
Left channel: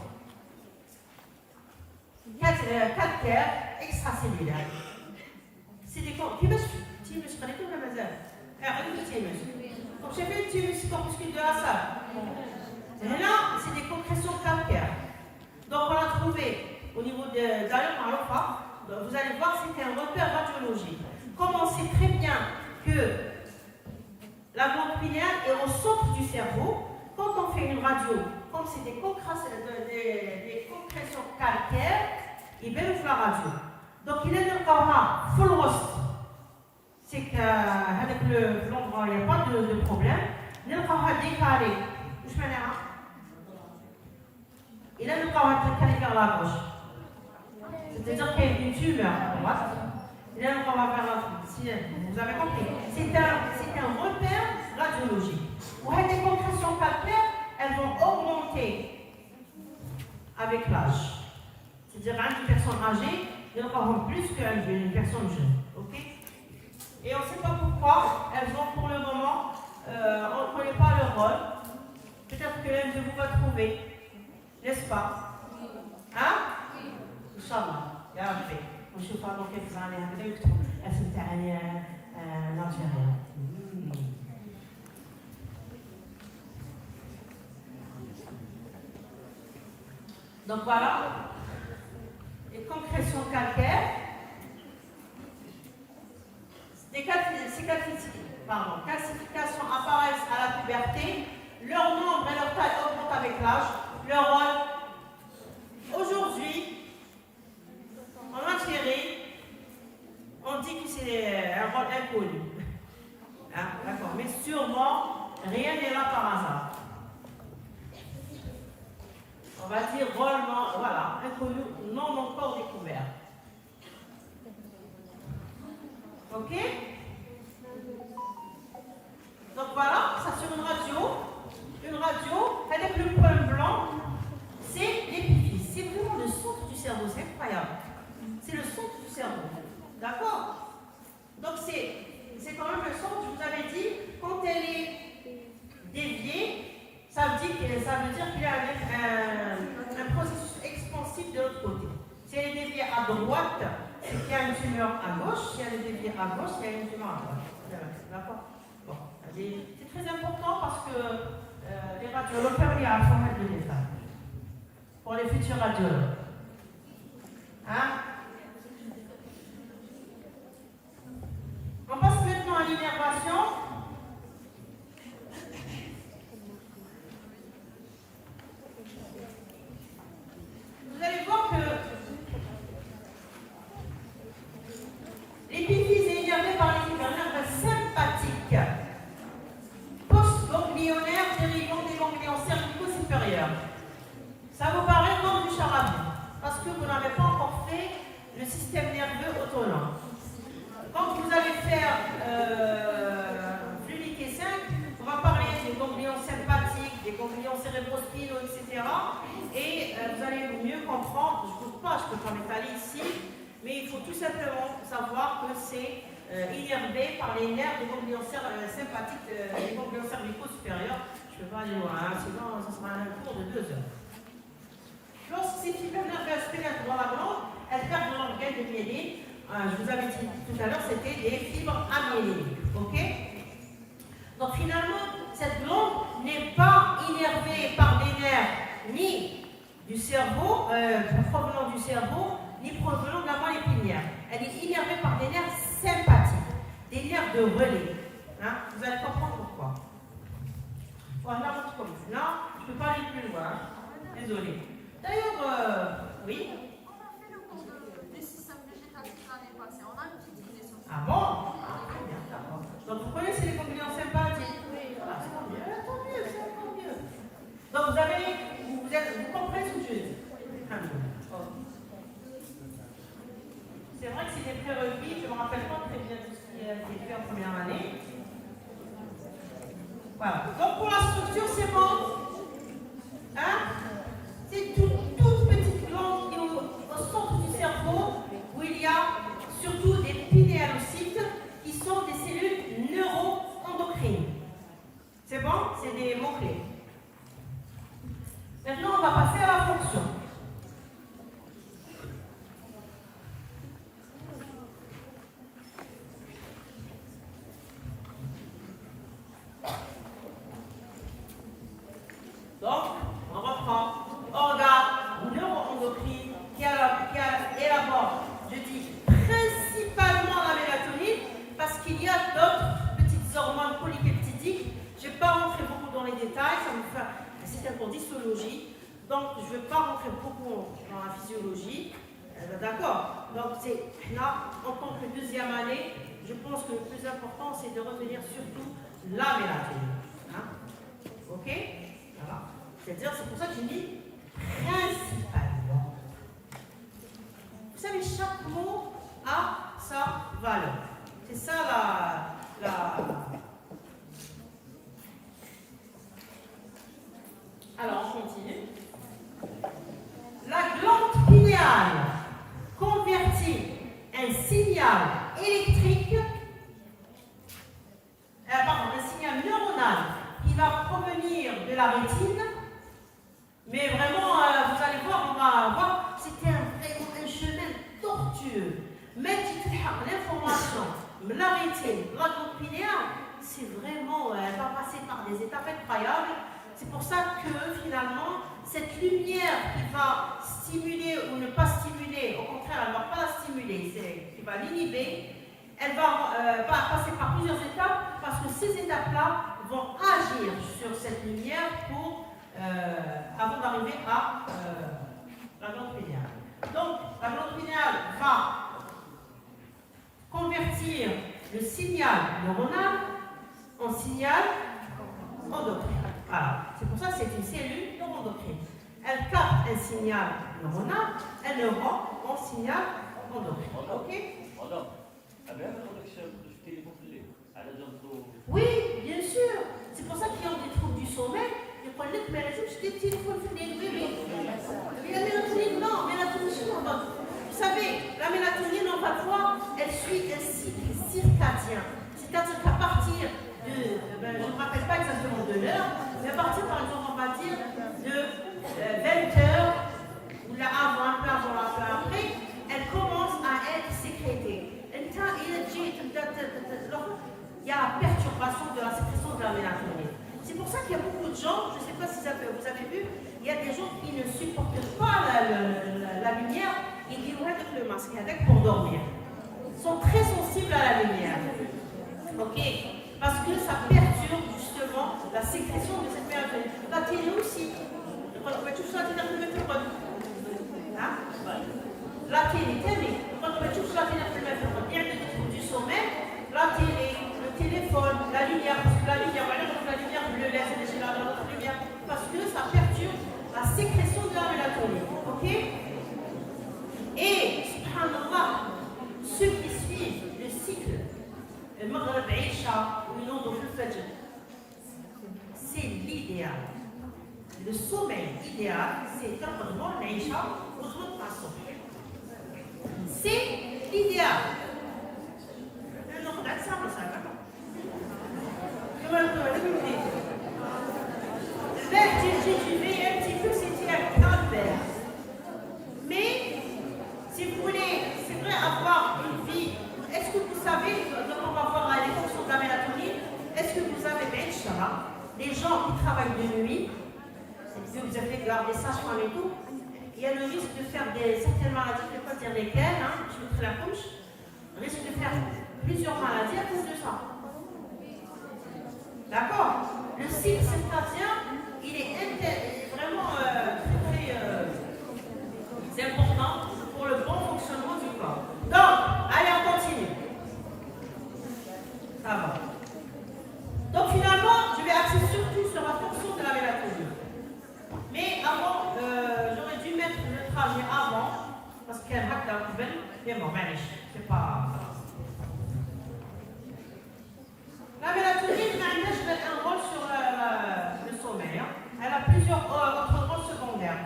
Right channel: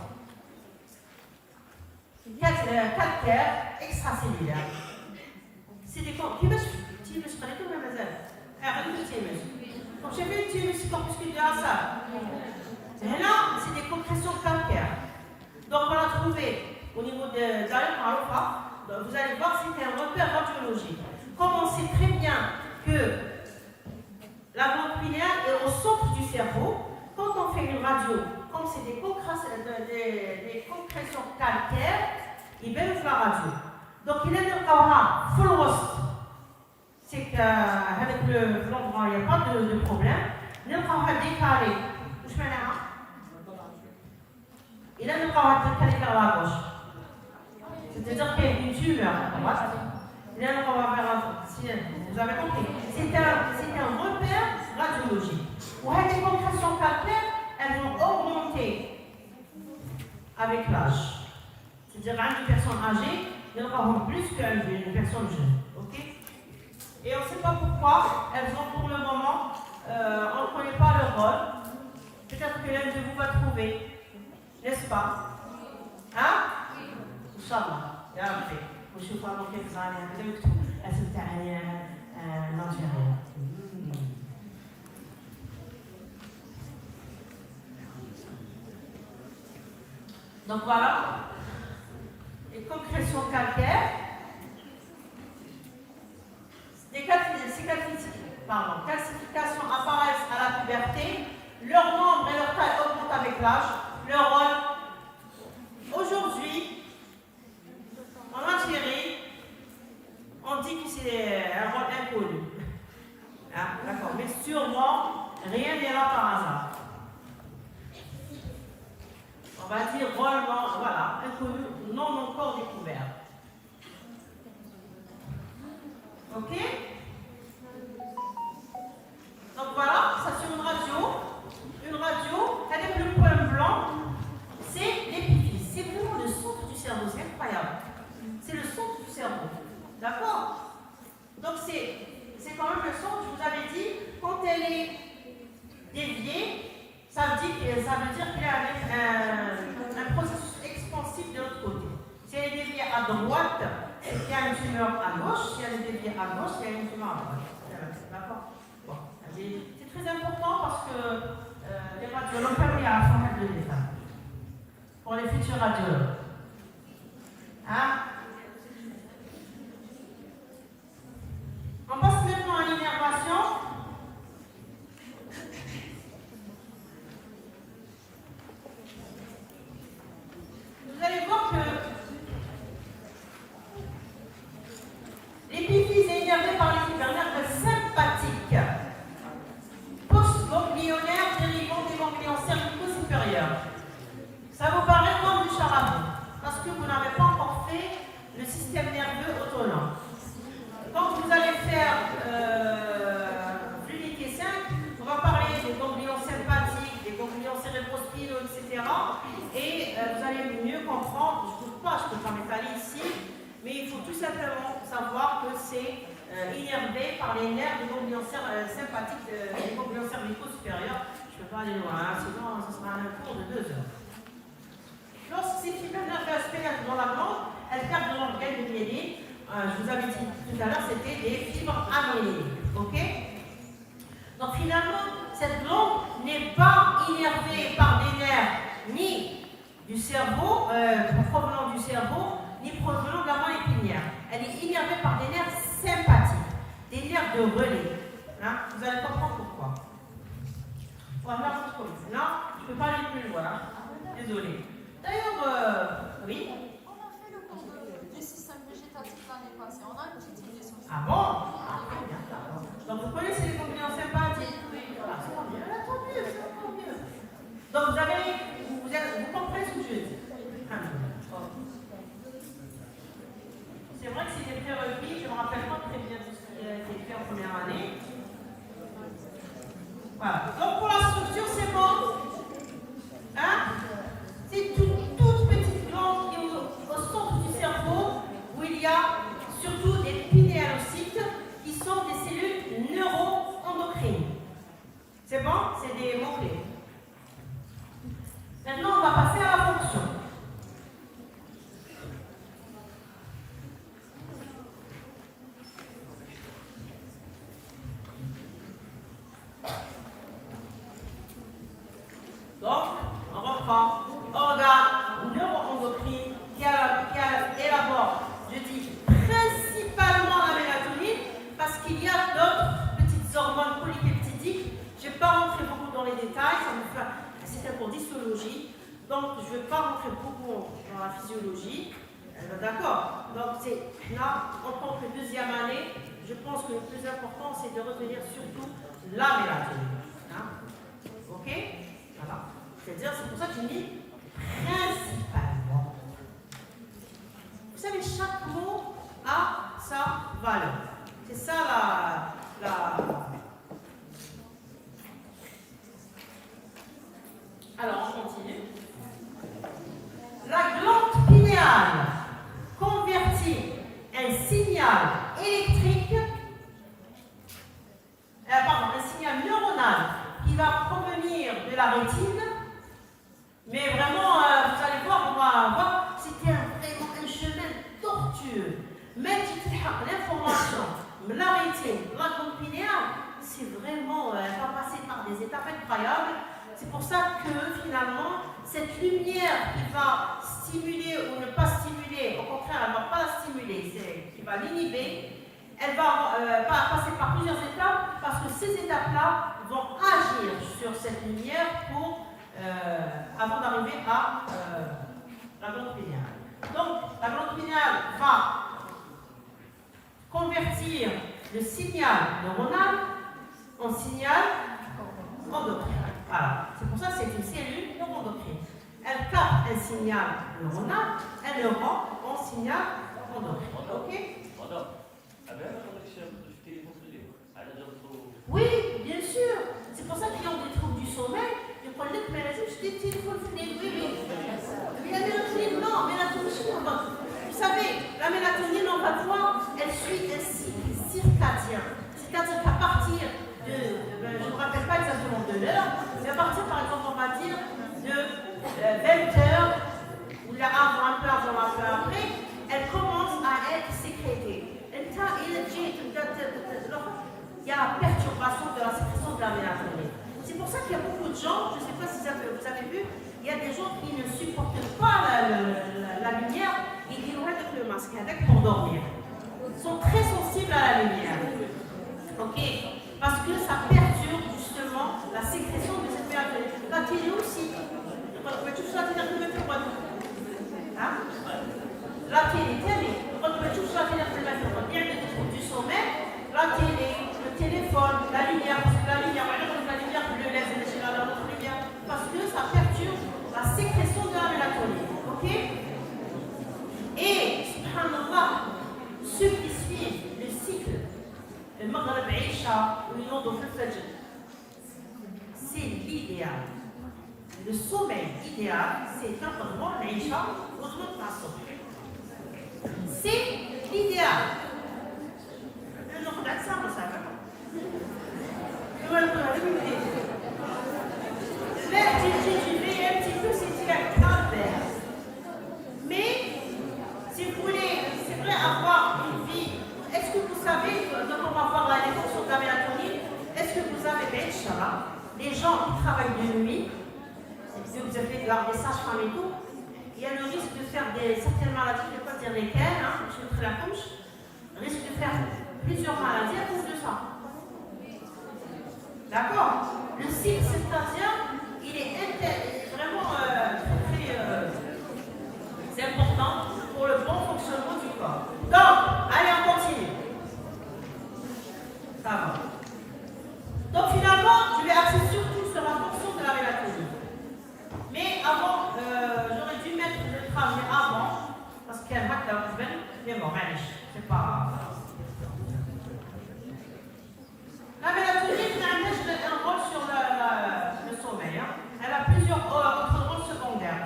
calcaires extracellulaires. C'est des concrétions. Donc j'ai fait une petite corpuscule de la sable. Et là, c'est des concrétions calcaires. Donc on l'a trouvé au niveau d'Alain Marofa. Vous allez voir que c'est un repère radiologique. Comme on sait très bien pinéale est au centre du cerveau. Quand on fait une radio, comme c'est des concrétions calcaires, il baisse la radio. Donc il est encore full roast. C'est qu'avec l'endroit, il n'y a pas de problème. Il est encore décalé. Je mets là. Il est encore décalé vers la gauche. C'est-à-dire qu'il y a une tumeur à droite. Il est encore vers la gauche. Vous avez compris. C'est un repère radiologique. Pour les concrétions calcaires, elles vont augmenter avec l'âge. C'est-à-dire une personne âgée, il y en aura plus qu'une personne jeune. Okay? Et on ne sait pas pourquoi elles ont pour le moment, on ne connaît pas leur rôle. Peut-être que l'un de vous va trouver, n'est-ce pas? Hein? Inch'Allah. Ya Rabbi. ونشوف هذا كيف صانع هذا يكتب اسم تاعي ناجح. Donc voilà, les concrétions calcaires, les calcifications apparaissent à la puberté, leur nombre et leur taille augmentent avec l'âge, leur rôle. Aujourd'hui, en Algérie, on dit que c'est un rôle inconnu. Ah, d'accord, mais sûrement, rien n'est là par hasard. On va dire drôlement, voilà, inconnu, non encore découvert. Ok? Donc voilà, ça sur une radio, avec le point blanc, c'est l'épiphyse. C'est vraiment le centre du cerveau, c'est incroyable. C'est le centre du cerveau. D'accord? Donc c'est quand même le centre, je vous avais dit, quand elle est déviée, ça veut dire qu'il y a un processus expansif de l'autre côté. Si elle est déviée à droite, c'est qu'il y a une tumeur à gauche. Si elle est déviée à gauche, il y a une tumeur à droite. D'accord? Bon, c'est très important parce que les radiologues, il y a à faire de l'État. Pour les futurs radiologues. Hein? On passe maintenant à l'innervation. Vous allez voir que l'épiphyse est innervée par les nerfs sympathiques, post-ganglionnaires, dérivant des ganglions cervico-supérieurs. Ça vous paraît comme du charabia, parce que vous n'avez pas encore fait le système nerveux autonome. Quand vous allez faire l'unité 5, on va parler des ganglions sympathiques, des ganglions cérébrospinaux, etc. Et vous allez mieux comprendre, je ne peux pas m'étaler ici, mais il faut tout simplement savoir que c'est innervé par les nerfs des ganglions sympathiques, des ganglions cervicaux supérieurs. Je ne peux pas aller loin, hein, sinon ce sera un cours de 2 heures. Lorsque ces fibres nerveuses pénètrent dans la glande, elles captent l'organe de myéline. Je vous avais dit tout à l'heure, c'était des fibres amyéniques. Ok? Donc finalement, cette glande n'est pas innervée par des nerfs ni du cerveau, provenant du cerveau, ni provenant de la moelle épinière. Elle est innervée par des nerfs sympathiques, des nerfs de relais. Hein? Vous allez comprendre pourquoi. Voilà, non, je ne peux pas aller plus loin. Désolée. D'ailleurs, oui. On a fait le cours du système végétatif l'année passée. On a une petite idée sur ça. Ah bon? Ah, très bien, d'accord. Donc vous connaissez les ganglions sympathiques? Ah, c'est tant mieux, c'est tant mieux. Donc vous comprenez ce que je dis? C'est vrai que c'est des prérequis, je ne me rappelle pas très bien tout ce qui a été fait en première année. Voilà. Donc pour la structure, c'est bon. Hein? C'est toute petite glande qui est au centre du cerveau où il y a surtout des pinéalocytes qui sont des cellules neuro-endocrines. C'est bon? C'est des mots-clés. Maintenant, on va passer à la fonction. cours d'histologie, donc je ne vais pas rentrer beaucoup dans la physiologie. D'accord. Donc là, en tant que deuxième année, je pense que le plus important, c'est de retenir surtout la mélatonine. Hein? Ok? Voilà. C'est-à-dire, c'est pour ça que j'ai mis principalement. Vous savez, chaque mot a sa valeur. C'est ça Alors, on continue. La glande pinéale convertit un signal électrique, un signal neuronal qui va provenir de la rétine. Mais vraiment, vous allez voir, on va voir, c'était vraiment un chemin tortueux. Mais tu te l'information, la rétine, la glande pinéale, c'est vraiment, elle va passer par des étapes incroyables. C'est pour ça que finalement, cette lumière qui va stimuler ou ne pas stimuler, au contraire, elle ne va pas la stimuler, qui va l'inhiber, elle va passer par plusieurs étapes parce que ces étapes-là vont agir sur cette lumière avant d'arriver à la glande pinéale. Donc, la glande pinéale va convertir le signal neuronal en signal endocrinien. Voilà. C'est pour ça que c'est une cellule neuroendocrine. Elle capte un signal neuronal, elle le rend en signal endocrinien. Ok? Oui, bien sûr. C'est pour ça qu'ils ont des troubles du sommeil. Ils prennent les mélatonine, je dis oui. La mélatonine, non, mélatonine, vous savez, la mélatonine, on va voir, elle suit un cycle circadien. C'est-à-dire qu'à partir de, je ne me rappelle pas exactement de l'heure, mais à partir, par exemple, on va dire de 20h, ou là avant, un peu avant, un peu après, elle commence à être sécrétée. Il y a la perturbation de la sécrétion de la mélatonine. C'est pour ça qu'il y a beaucoup de gens, je ne sais pas si vous avez vu, il y a des gens qui ne supportent pas la lumière et qui vont avec le masque pour dormir. Ils sont très sensibles à la lumière. Ok? Parce que ça perturbe justement la sécrétion de cette mélatonine. La télé aussi. La télé. Il y a des troubles du sommeil, la télé, le téléphone, la lumière, la lumière bleue, la lumière, parce que ça perturbe la sécrétion de la mélatonine. Ok? Et, subhanallah, ceux qui suivent le cycle, le Maghreb Aïcha ou une autre Fajr, c'est l'idéal. Le sommeil idéal, c'est un droit l'Aïcha ou autre façon. C'est l'idéal. ناخذ اجسام مسافه mais si vous voulez, c'est vrai, avoir une vie, est-ce que vous savez, donc on va voir les fonctions de la mélatonine, est-ce que vous avez les gens qui travaillent de nuit, vous avez des sages-femmes et tout, il y a le risque de faire certaines maladies, je ne vais pas dire lesquelles, je vais te la couche, risque de faire plusieurs maladies à cause de ça. D'accord? Le cycle circadien, il est vraiment c'est important pour le bon fonctionnement du corps. Donc, allez, on continue. Ça va. Donc, finalement, je vais axer surtout sur la fonction de la mélatonine. Mais avant, j'aurais dû mettre le trajet avant, parce qu'elle va être mais bon, c'est pas. La mélatonine a un rôle sur le sommeil. Elle a plusieurs autres rôles secondaires.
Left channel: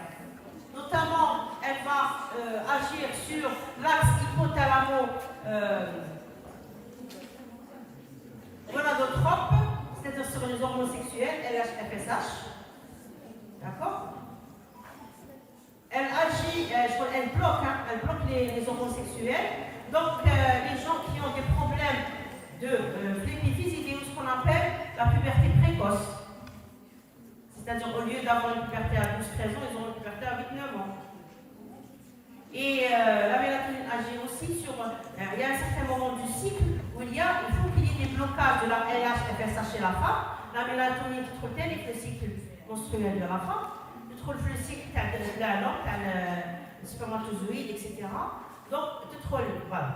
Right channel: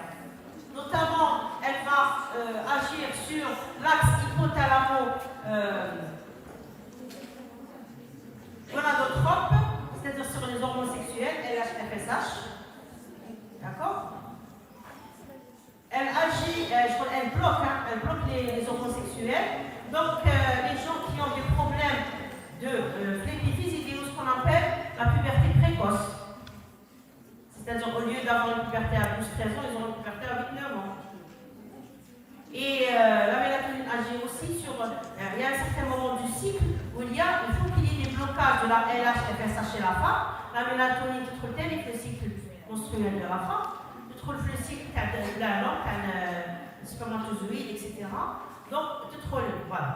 Notamment, elle va agir sur l'axe hypothalamo-gonadotrope, c'est-à-dire sur les hormones sexuelles, LH-FSH. D'accord? Elle agit, elle bloque les hormones sexuelles. Donc, les gens qui ont des problèmes de flépiphyse, ou ce qu'on appelle la puberté précoce. C'est-à-dire, au lieu d'avoir une puberté à 12-13 ans, ils ont une puberté à 8-9 ans. Et la mélatonine agit aussi sur. Il y a un certain moment du cycle où il faut qu'il y ait des blocages de la LH-FSH chez la femme. La mélatonine qui trouve tel est que le cycle menstruel de la femme, تدخل في الcycle تاع البلانة تاع السpermatozoïde etc. Donc تدخل voilà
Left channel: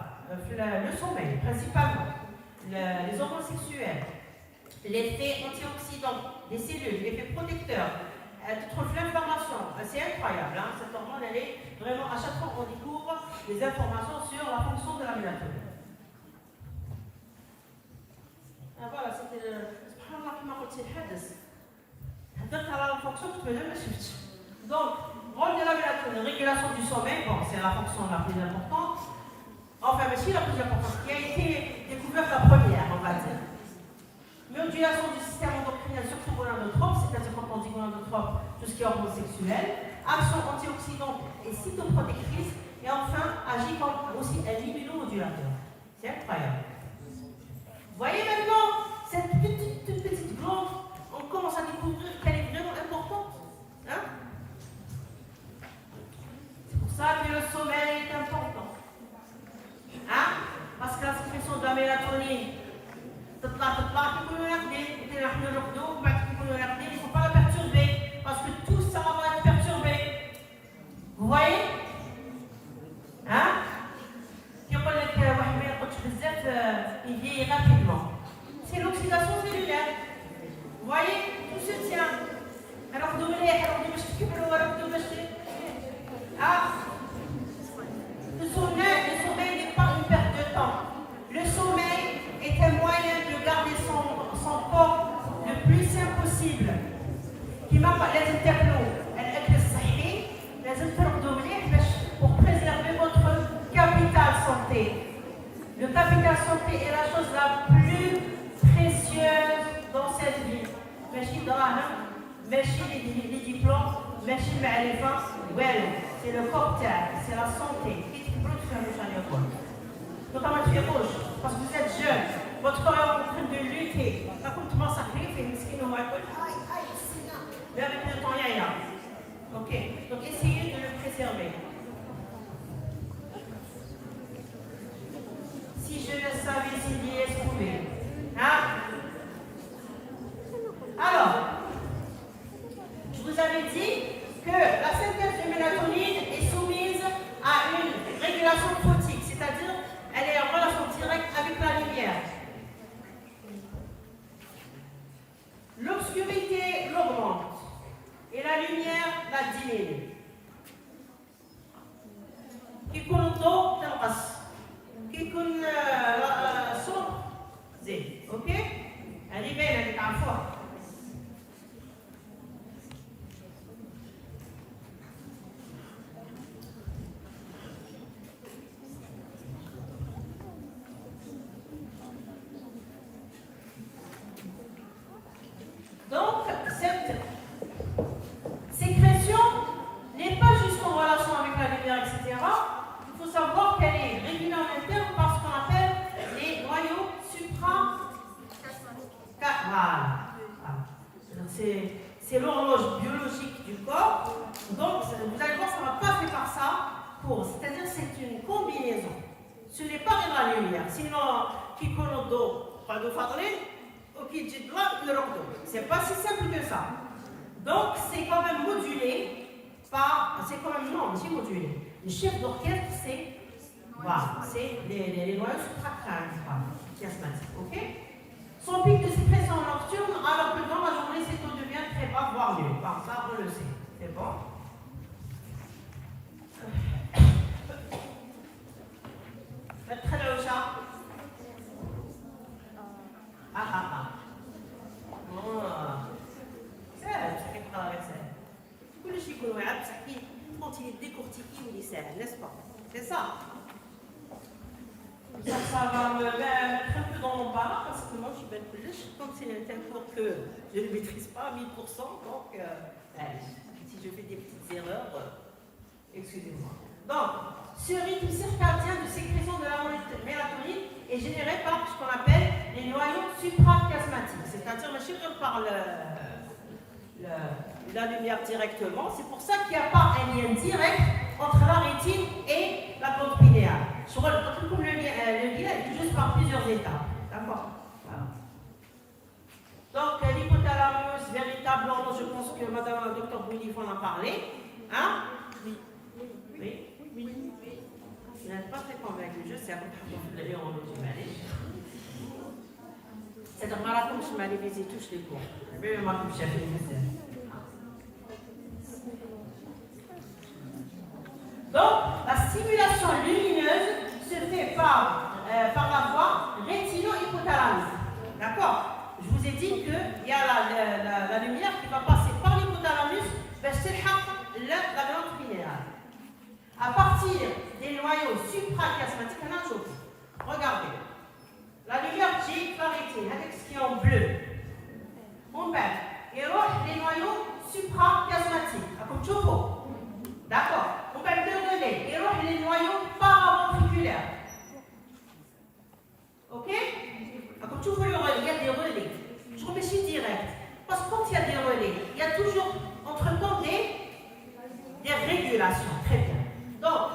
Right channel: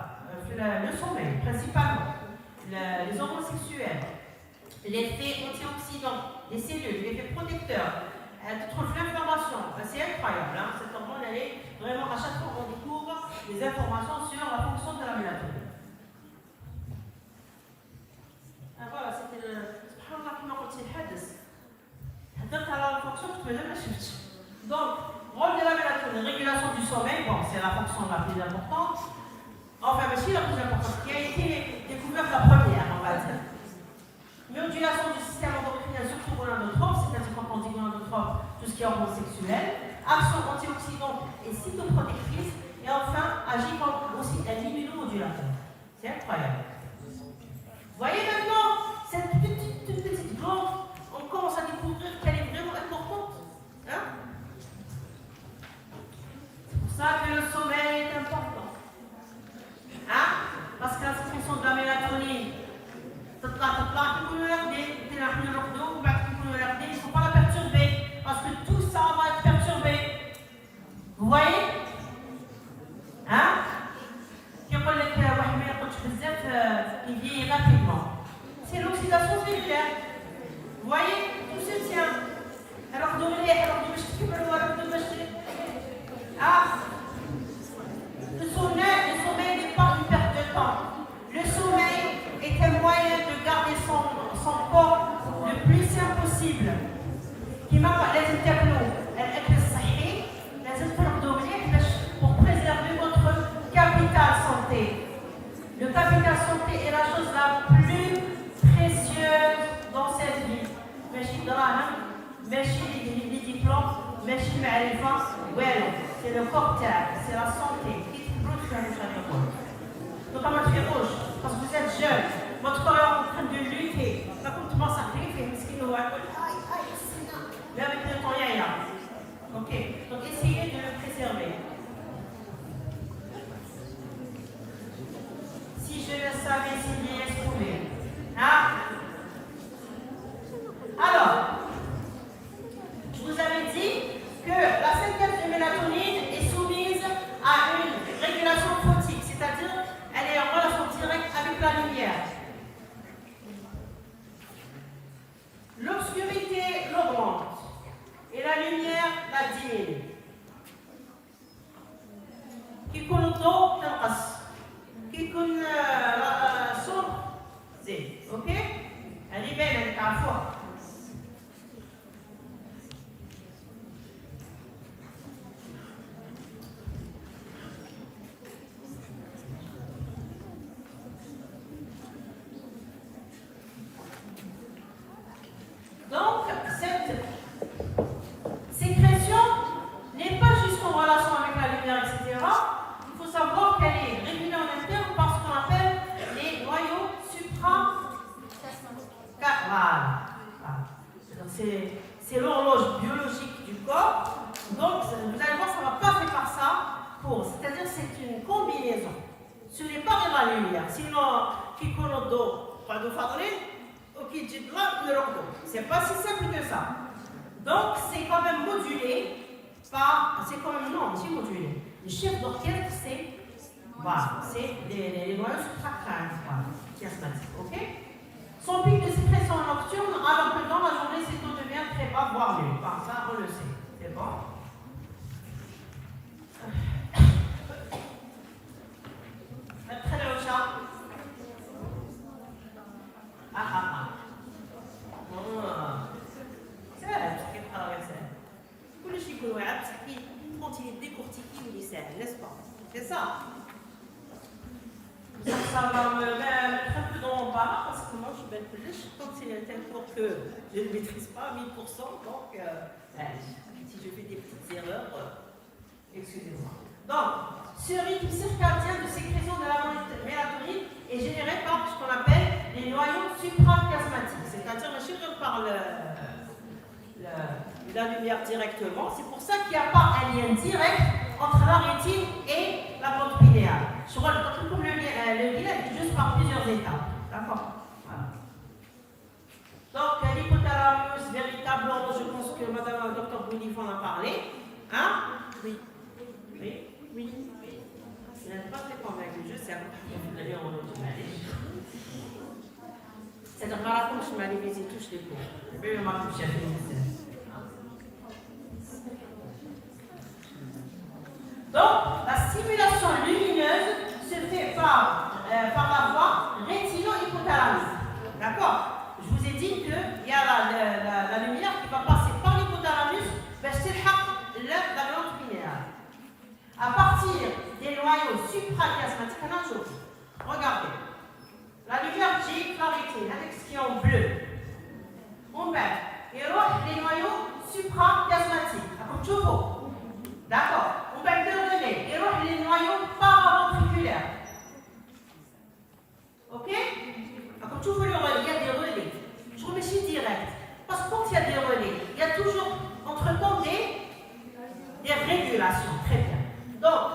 le sommeil principalement, les hormones sexuelles, l'effet antioxydant des cellules, l'effet protecteur, تدخل في l'information. C'est incroyable, hein, cette hormone elle est vraiment à chaque fois on découvre des informations sur la fonction de la mélatonine. Voilà, c'était le سبحان الله كما قلت الحدث هدرت على la fonction que je ne sais. Donc rôle de la mélatonine, régulation du sommeil, bon c'est la fonction la plus importante, enfin mais si la plus importante qui a été découverte la première on va dire. Modulation du système endocrinien surtout gonadotrope, c'est-à-dire quand on dit gonadotrope, tout ce qui est hormones sexuelles, action antioxydante et cytoprotectrice, et enfin agit comme aussi un immunomodulateur. C'est incroyable. Vous voyez maintenant, cette petite glande, on commence à découvrir qu'elle est vraiment importante. Hein? C'est pour ça que le sommeil est important. Hein? Parce que la sécrétion de la mélatonine, تطلع كيكونوا راقدين نحن نرقدوا وبعد كيكونوا راقدين il ne faut pas la perturber parce que tout ça va être perturbé. Vous voyez? Hein? كيقول لك واحد ما يرقدش بزاف il vieillit rapidement. C'est l'oxydation cellulaire. Vous voyez? Tout se tient. Alors مليح يرقدوا باش تكبروا ويرقدوا باش Le sommeil n'est pas une perte de temps. Le sommeil est un moyen de garder son corps le plus sain possible. كما لازم تاكلوا الاكل الصحي لازم ترقدوا مليح باش pour préserver votre capital santé. Le capital santé est la chose la plus précieuse dans cette vie. ماشي دراهم ماشي les diplômes ماشي المعرفه والو. C'est le corps تاعك, c'est la santé. Donc comment tu fais rouge? Parce que vous êtes jeune, votre corps est en train de lutter. Pas comme tu m'en sacrifies, mais ce qui nous va être. Mais avec le temps, il y a. Ok, donc essayez de le préserver. Si je le savais, s'il y est trouvé. Hein? Alors, je vous avais dit que la synthèse de mélatonine est soumise à une régulation photique, c'est-à-dire elle est en relation directe avec la lumière. L'obscurité l'augmente et la lumière la diminue. كيكون الضوء تنقص كيكون الصبح زين اوكي هذه باينه اللي تعرفوها. Donc, cette sécrétion n'est pas juste en relation avec la lumière, etc. Il faut savoir qu'elle est régulée en interne par ce qu'on appelle les noyaux c'est l'horloge biologique du corps. Donc, vous allez voir, ça ne va pas faire par ça. C'est-à-dire c'est une combinaison. Ce n'est pas vraiment la lumière. Sinon, qui connaît d'eau, pas de fadrine, c'est pas si simple que ça. Donc c'est quand même modulé par, c'est quand même non, c'est modulé. Le chef d'orchestre c'est, voilà, c'est les noyaux suprachiasmatiques, ok? Son pic de sécrétion nocturne, alors que dans la journée c'est tout devient très bas, voire mieux. Enfin, ça on le sait, c'est bon. Très bien le chat. N'est-ce pas? C'est ça. Ça va me mettre un peu dans mon bas parce que moi je suis belle plus. Donc c'est un tel cours que je ne maîtrise pas à 1000%. Donc si je fais des petites erreurs, excusez-moi. Donc ce rythme circadien de sécrétion de la mélatonine est généré par ce qu'on appelle les noyaux suprachiasmatiques, c'est-à-dire le chiffre par la lumière directement. C'est pour ça qu'il n'y a pas un lien direct entre la rétine et la glande pinéale. Je retrouve le lien est juste par plusieurs étapes. D'accord? Voilà. Donc l'hypothalamus, véritable tableau, je pense que Madame Dr Bounif en a parlé. Hein? Oui. Oui. Oui. Je n'êtes pas très convaincu, je sais. C'est un marathon que je m'allais visiter tous les cours. Je vais me faire donc, la stimulation lumineuse se fait par la voie rétino-hypothalamique. D'accord? Je vous ai dit qu'il y a la lumière qui va passer par l'hypothalamus vers la glande pinéale. À partir des noyaux suprachiasmatiques, regardez. La lumière J chlorétine, avec ce qui est en bleu. On perd. Et alors, les noyaux suprachiasmatiques. D'accord? On perd le relais. Et alors, les noyaux paraventriculaires. Ok? Quand tu veux le relais, il y a des relais. Je remets ici direct. Parce que quand il y a des relais, il y a toujours entre-temps des régulations. Très bien. Donc,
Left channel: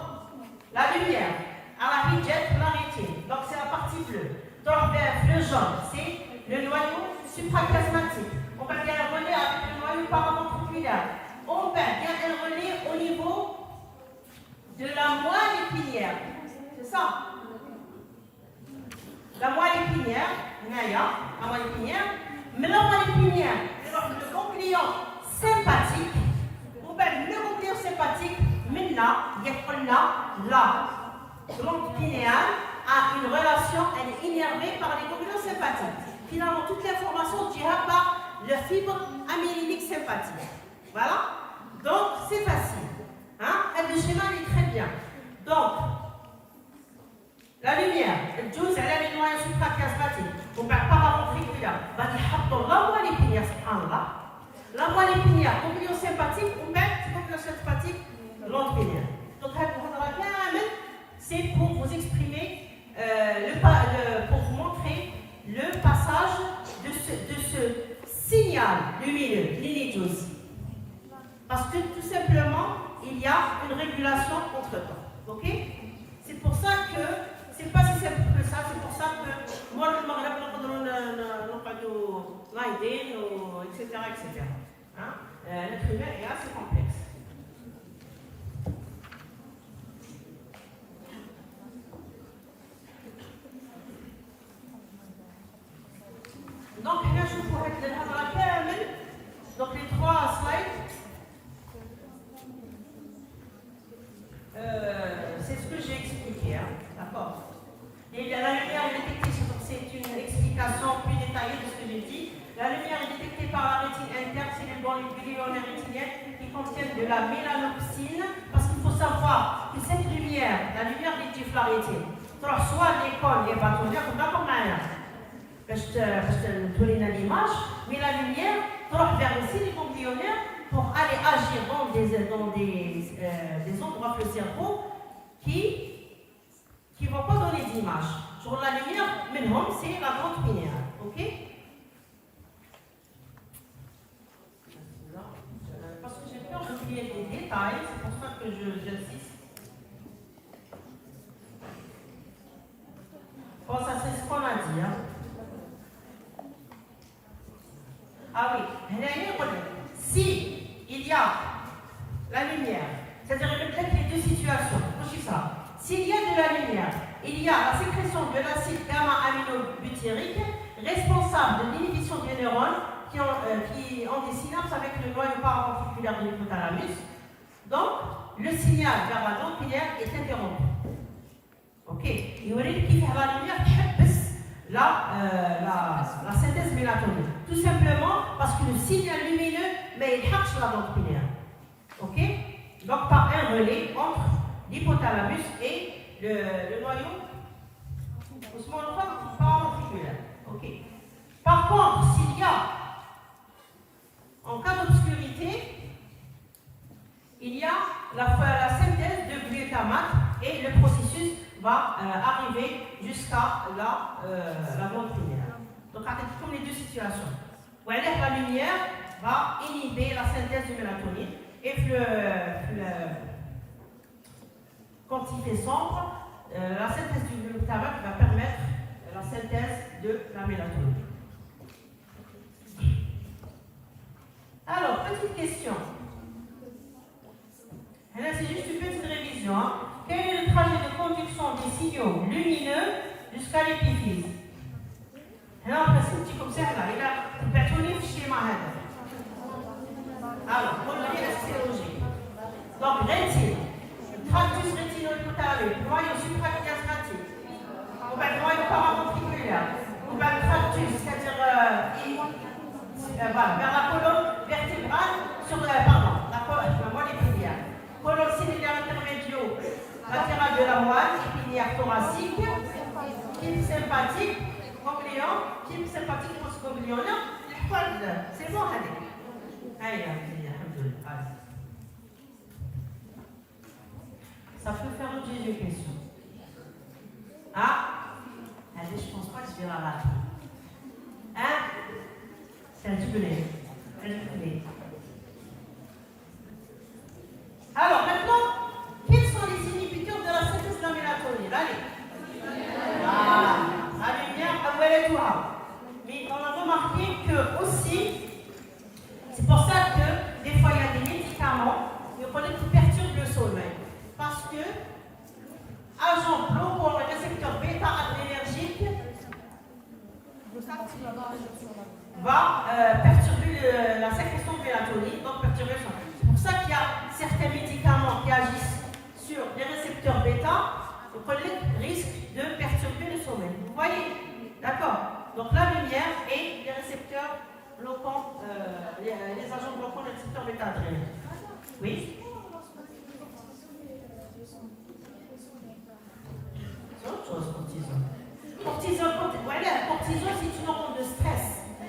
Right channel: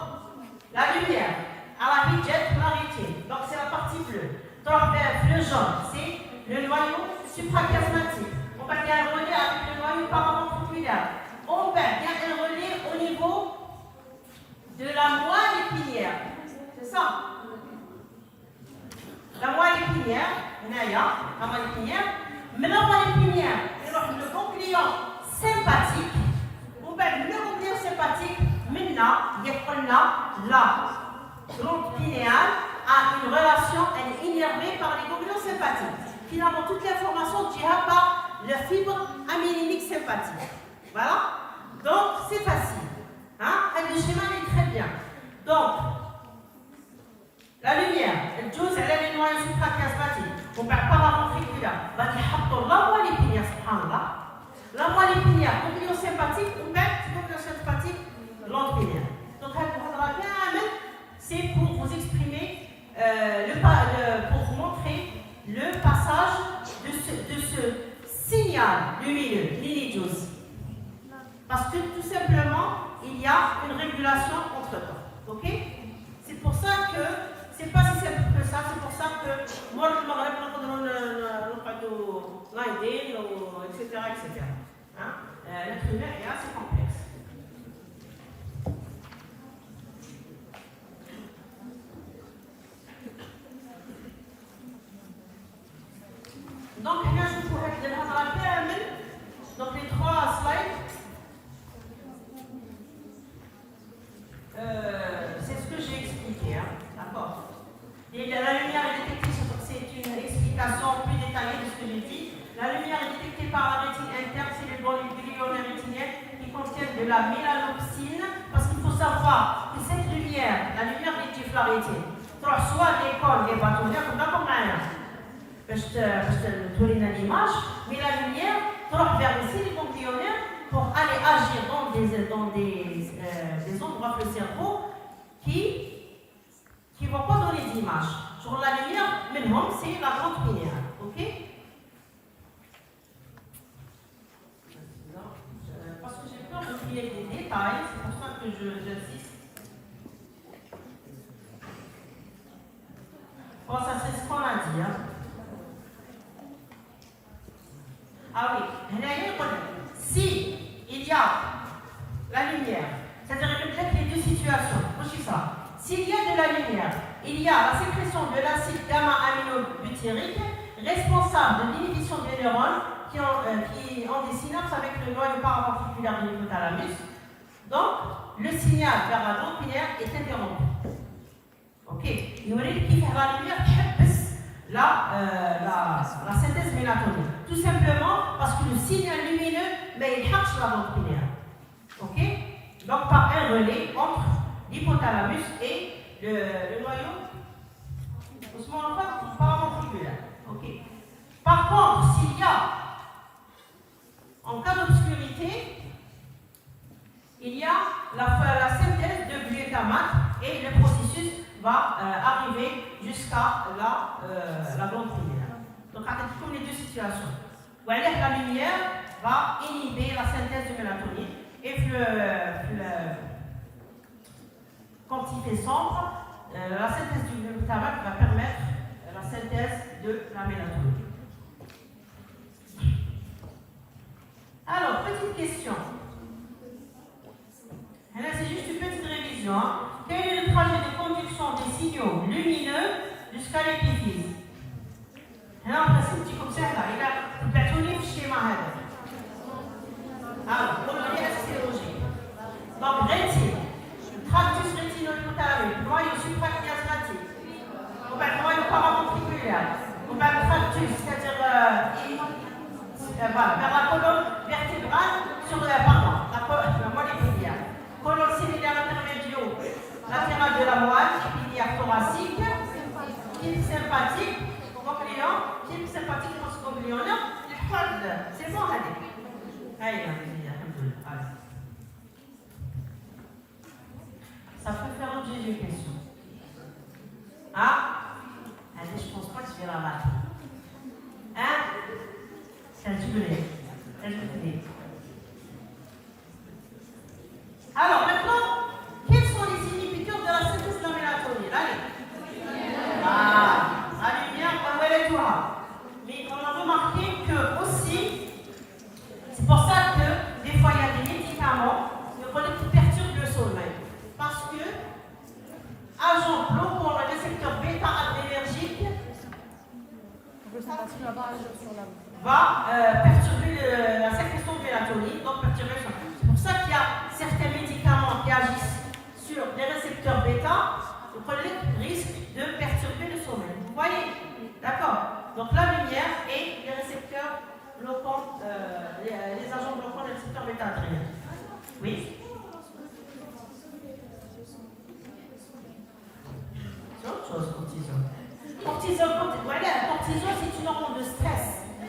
la lumière à la hydrette chlorétine. Donc, c'est la partie bleue. Donc, le jaune, c'est le noyau suprachiasmatique. On va bien un relais avec le noyau paraventriculaire. On va bien un relais au niveau de la moelle épinière. C'est ça? La moelle épinière, la moelle épinière. Mais la moelle épinière, le ganglion sympathique. On va le ganglion sympathique. Maintenant, il y a la glande pinéale a une relation, elle est innervée par les ganglions sympathiques. Finalement, toute l'information dira par le fibre amylinique sympathique. Voilà. Donc, c'est facile. Hein? Le schéma est très bien. Donc, la lumière, elle joue, elle a les noyaux suprachiasmatiques. On perd pas la ventriculaire. La moelle épinière, subhanallah. La moelle épinière, ganglion sympathique, on perd ganglion sympathique, glande pinéale. Donc, c'est pour vous exprimer, pour vous montrer le passage de ce signal lumineux, l'inidose. Parce que tout simplement, il y a une régulation entre-temps. Ok? C'est pour ça que, c'est pas si simple que ça, c'est pour ça que moi, je me rappelle etc. Hein? L'être humain est assez complexe. Donc, là, je pourrais te dire donc les 3 slides, c'est ce que j'ai expliqué, hein? D'accord? Et la lumière est détectée, c'est une explication plus détaillée de ce que j'ai dit. La lumière est détectée par la rétine interne, c'est le ganglion rétinienne qui contient de la mélanopsine, parce qu'il faut savoir que cette lumière, la lumière des types la rétine, soit l'école, les bâtonnières, ou d'accord, parce que tous les l'image, mais la lumière tend vers aussi les ganglionnaires pour aller agir dans des endroits du cerveau qui ne vont pas donner d'images. Sur la lumière, maintenant, c'est la glande pinéale. Ok? Parce que j'ai peur d'oublier des détails, c'est pour ça que j'insiste. Bon, ça c'est ce qu'on a dit. Hein? Ah oui, si il y a la lumière, c'est-à-dire peut-être les deux situations, s'il y a de la lumière, il y a la sécrétion de l'acide gamma-aminobutyrique responsable de l'inhibition des neurones qui ont des synapses avec le noyau paraventriculaire de l'hypothalamus. Donc, le signal vers la glande pinéale est interrompu. Ok? Il y aurait qui fait la lumière la synthèse mélatonine. Tout simplement parce que le signal lumineux, mais il cherche la glande pinéale. Ok? Donc par un relais entre l'hypothalamus et le noyau paraventriculaire. Ok? Par contre, s'il y a, en cas d'obscurité, il y a la synthèse de glutamate et le processus va arriver jusqu'à la glande pinéale. Donc, comme les deux situations. La lumière va inhiber la synthèse de mélatonine et quand il fait sombre, la synthèse du glutamate va permettre la synthèse de la mélatonine. jusqu'à l'épiphyse. هنا الرسم تجيكم سهله الى تبعتوني في الشيما هذا. قولوا لي السيروجي. دونك ريتين tractus rétino-putaire, noyau suprachiasmatique, on va le noyau paraventriculaire, on va le tractus, c'est-à-dire vers la colonne vertébrale sur la moelle épinière, colonne ciliaire intermédio latérale de la moelle épinière thoracique, type sympathique, ganglion, type sympathique postganglionnaire, c'est bon, allez. Allez, ça peut faire l'objet d'une question. Ah, allez, je pense pas que je vais la rater. Hein? C'est un jubilé. Alors maintenant, quels sont les inhibiteurs de la synthèse de la mélatonine? Allez. La lumière, elle est tout là. Mais on a remarqué que aussi, c'est pour ça que des fois il y a des médicaments qui perturbent le sommeil. Parce que agent bloquant le récepteur bêta adrénergique va perturber la sécrétion de mélatonine, donc perturber le sommeil. C'est pour ça qu'il y a certains médicaments qui agissent sur les récepteurs bêta, donc on risque de perturber le sommeil. Vous voyez? D'accord? Donc la lumière et les récepteurs bloquants, les agents bloquants les récepteurs bêta adrénergiques. Oui? C'est autre chose, cortisol. Cortisol, c'est une hormone de stress.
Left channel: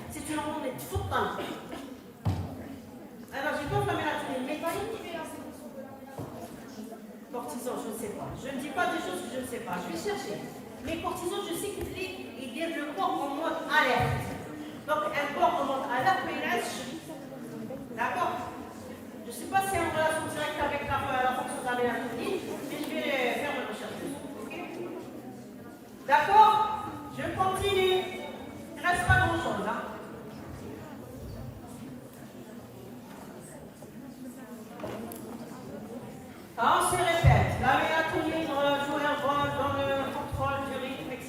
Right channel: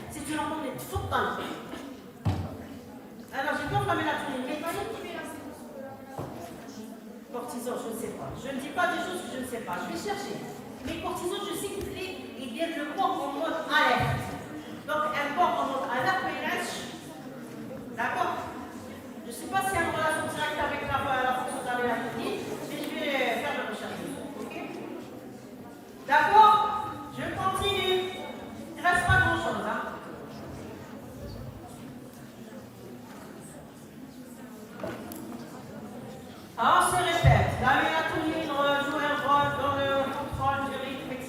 C'est une hormone de tfoutan. Alors, j'ai pas la mélatonine. Mais cortisol, je ne sais pas. Je ne dis pas des choses que je ne sais pas. Je vais chercher. Mais cortisol, je sais qu'il vient le corps en mode alerte. Donc, un corps en mode alerte, mais il lâche. D'accord? Je ne sais pas si c'est en relation directe avec la fonction de la mélatonine, mais je vais faire la recherche. D'accord? Je continue. Il ne reste pas grand-chose. Hein? On se répète. La mélatonine joue un rôle dans le contrôle du rythme, etc.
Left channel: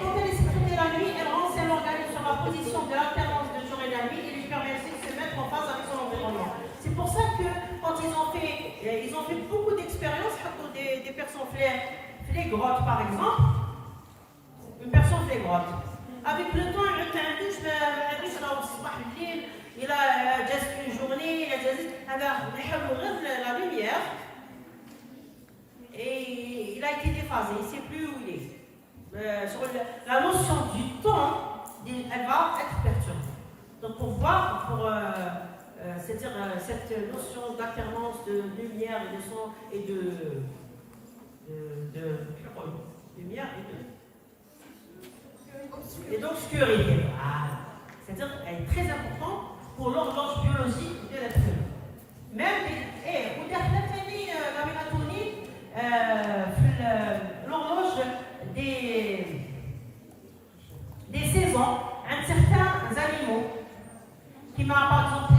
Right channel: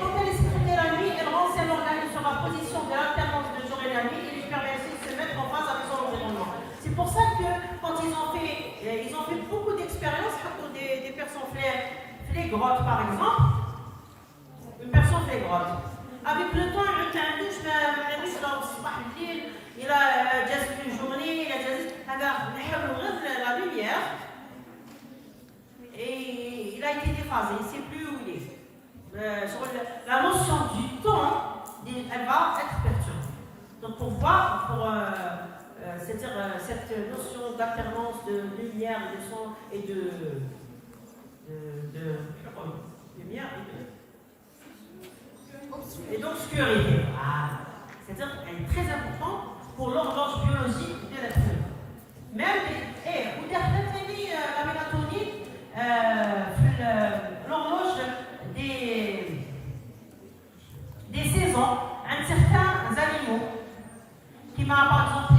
Quand elle est sécrétée la nuit, elle renseigne l'organisme sur la position de l'alternance de jour et la nuit et lui permet aussi de se mettre en phase avec son environnement. C'est pour ça que quand ils ont fait beaucoup d'expériences, des personnes flégrantes par exemple, une personne flégrante. Avec le temps, il a un douche, il a déjà une journée, il a la lumière et il a été déphasé, il ne sait plus où il est. Sur la notion du temps, elle va être perturbée. Donc pour voir, c'est-à-dire cette notion d'alternance de lumière, de son et de lumière et d'obscurité. C'est-à-dire qu'elle est très importante pour l'horloge biologique de l'être humain. Même la mélatonine, l'horloge des saisons, certains animaux qui mettent par exemple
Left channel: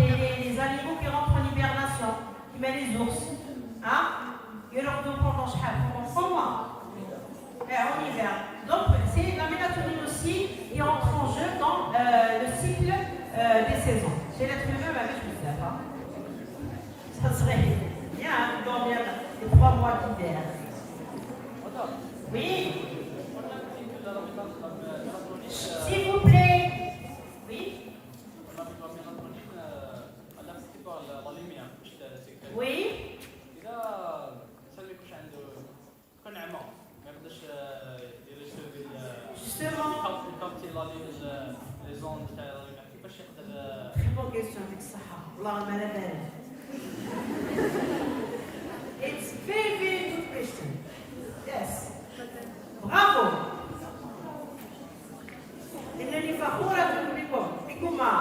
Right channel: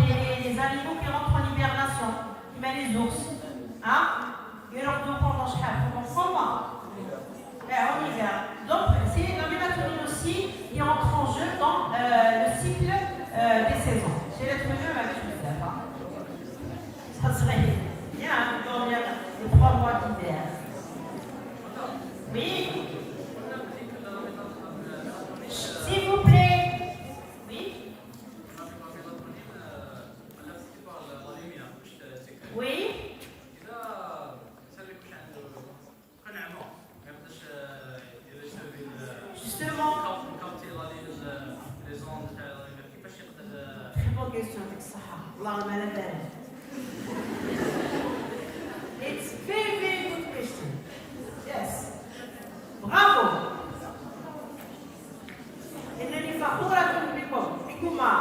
les animaux qui rentrent en hibernation, qui mettent les ours, ils leur donnent pendant 100 mois. En hiver. Donc c'est la mélatonine aussi qui entre en jeu dans le cycle des saisons. Chez l'être humain, je le sais. Ça serait bien de dormir les 3 mois d'hiver. Oui. S'il vous plaît. Oui. Oui. Justement. Très bonne question avec ça. It's very, very good question. Yes. Bravo. إنني فخورة بكما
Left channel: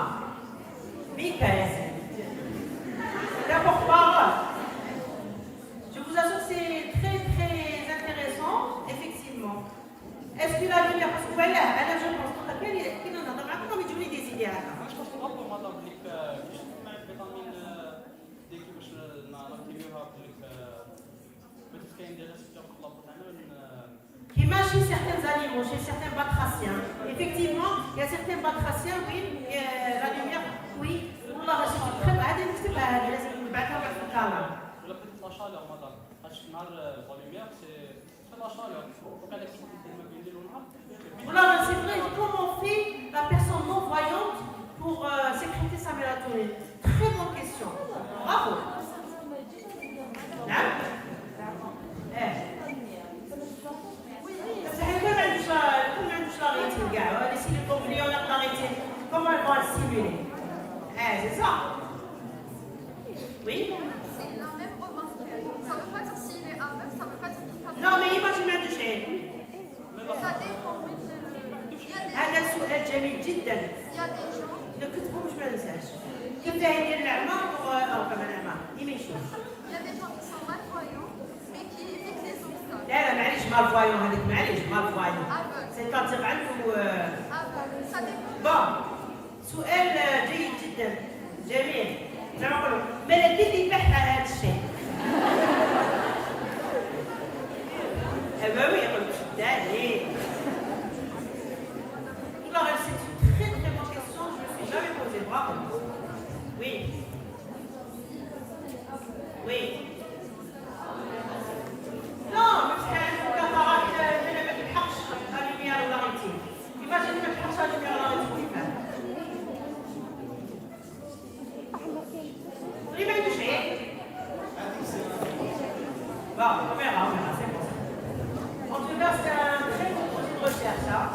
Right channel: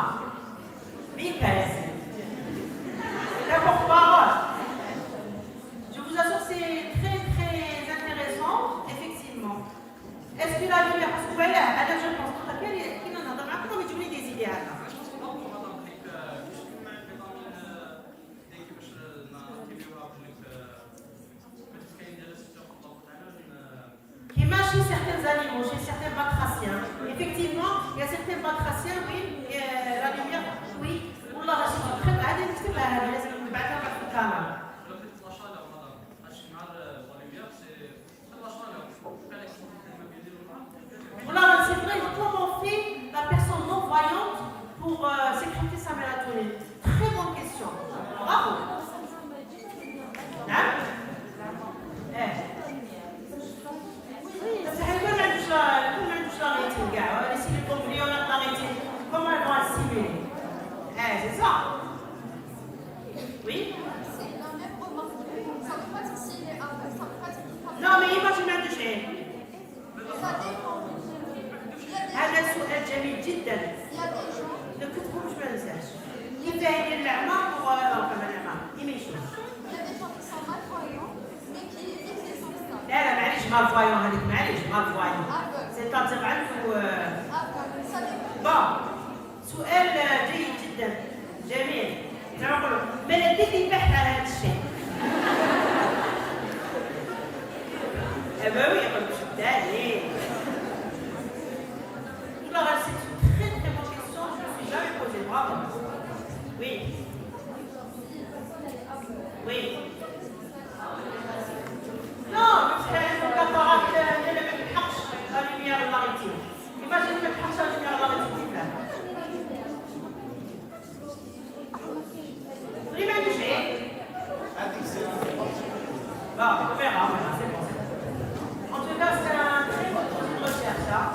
Michael. La porte-parole. Je vous assure que c'est très, très intéressant, effectivement. Est-ce que la lumière, parce que voilà, je pense qu'il en a comme il dit des idées. animaux, chez certains batraciens. Effectivement, il y a certains batraciens, oui, la lumière, oui. والله غاشي تكتب هذه نكتب لها لازم نبعثها واحد في الكاميرا. La chaleur, madame. مع la lumière, c'est la chaleur. Faut qu'elle explique Voilà, c'est vrai, comment fait la personne non-voyante pour sécréter sa mélatonine? Très bonne question. Bravo. Hein? بس حنا كل ما عندوش لا ريتين كاع، لي سيلي كومبليون لا ريتين، comment elles vont être stimulées? C'est ça. Oui? C'est la même remarque. Ça ne veut pas dire s'il est aveugle, ça ne veut pas dire qu'il parle. Non, mais imagine ما عندوش عين. Ça dépend. هذا سؤال جميل جدا. Il y a des gens. لو كنت باش ما ننساش. كيف يدير الأعمى pour كمان الأعمى؟ إيه ما يشوف. Il y a des gens qui sont malvoyants, mais qui évitent les obstacles. لا لا معليش مالفوايون هذيك معليش مالفوايون. Aveugle. سيتاتيغ عنده Aveugle. Ça dépend. بون سؤال جيد جدا جميل. زعما نقولوا ما لديك البحث على هذا الشيء. أبوي يقول لك شد عليه. Alors, c'est une très très bonne question, je ne me suis jamais posée. Bravo. Oui. Oui. Non, parce qu'elle est capable de ne pas la lumière de la rétine. Imagine que tu la lumière de la rétine. Vous l'avez touché? Bon, on verra, c'est bon. En tout cas, c'est un très bon projet de recherche. Hein?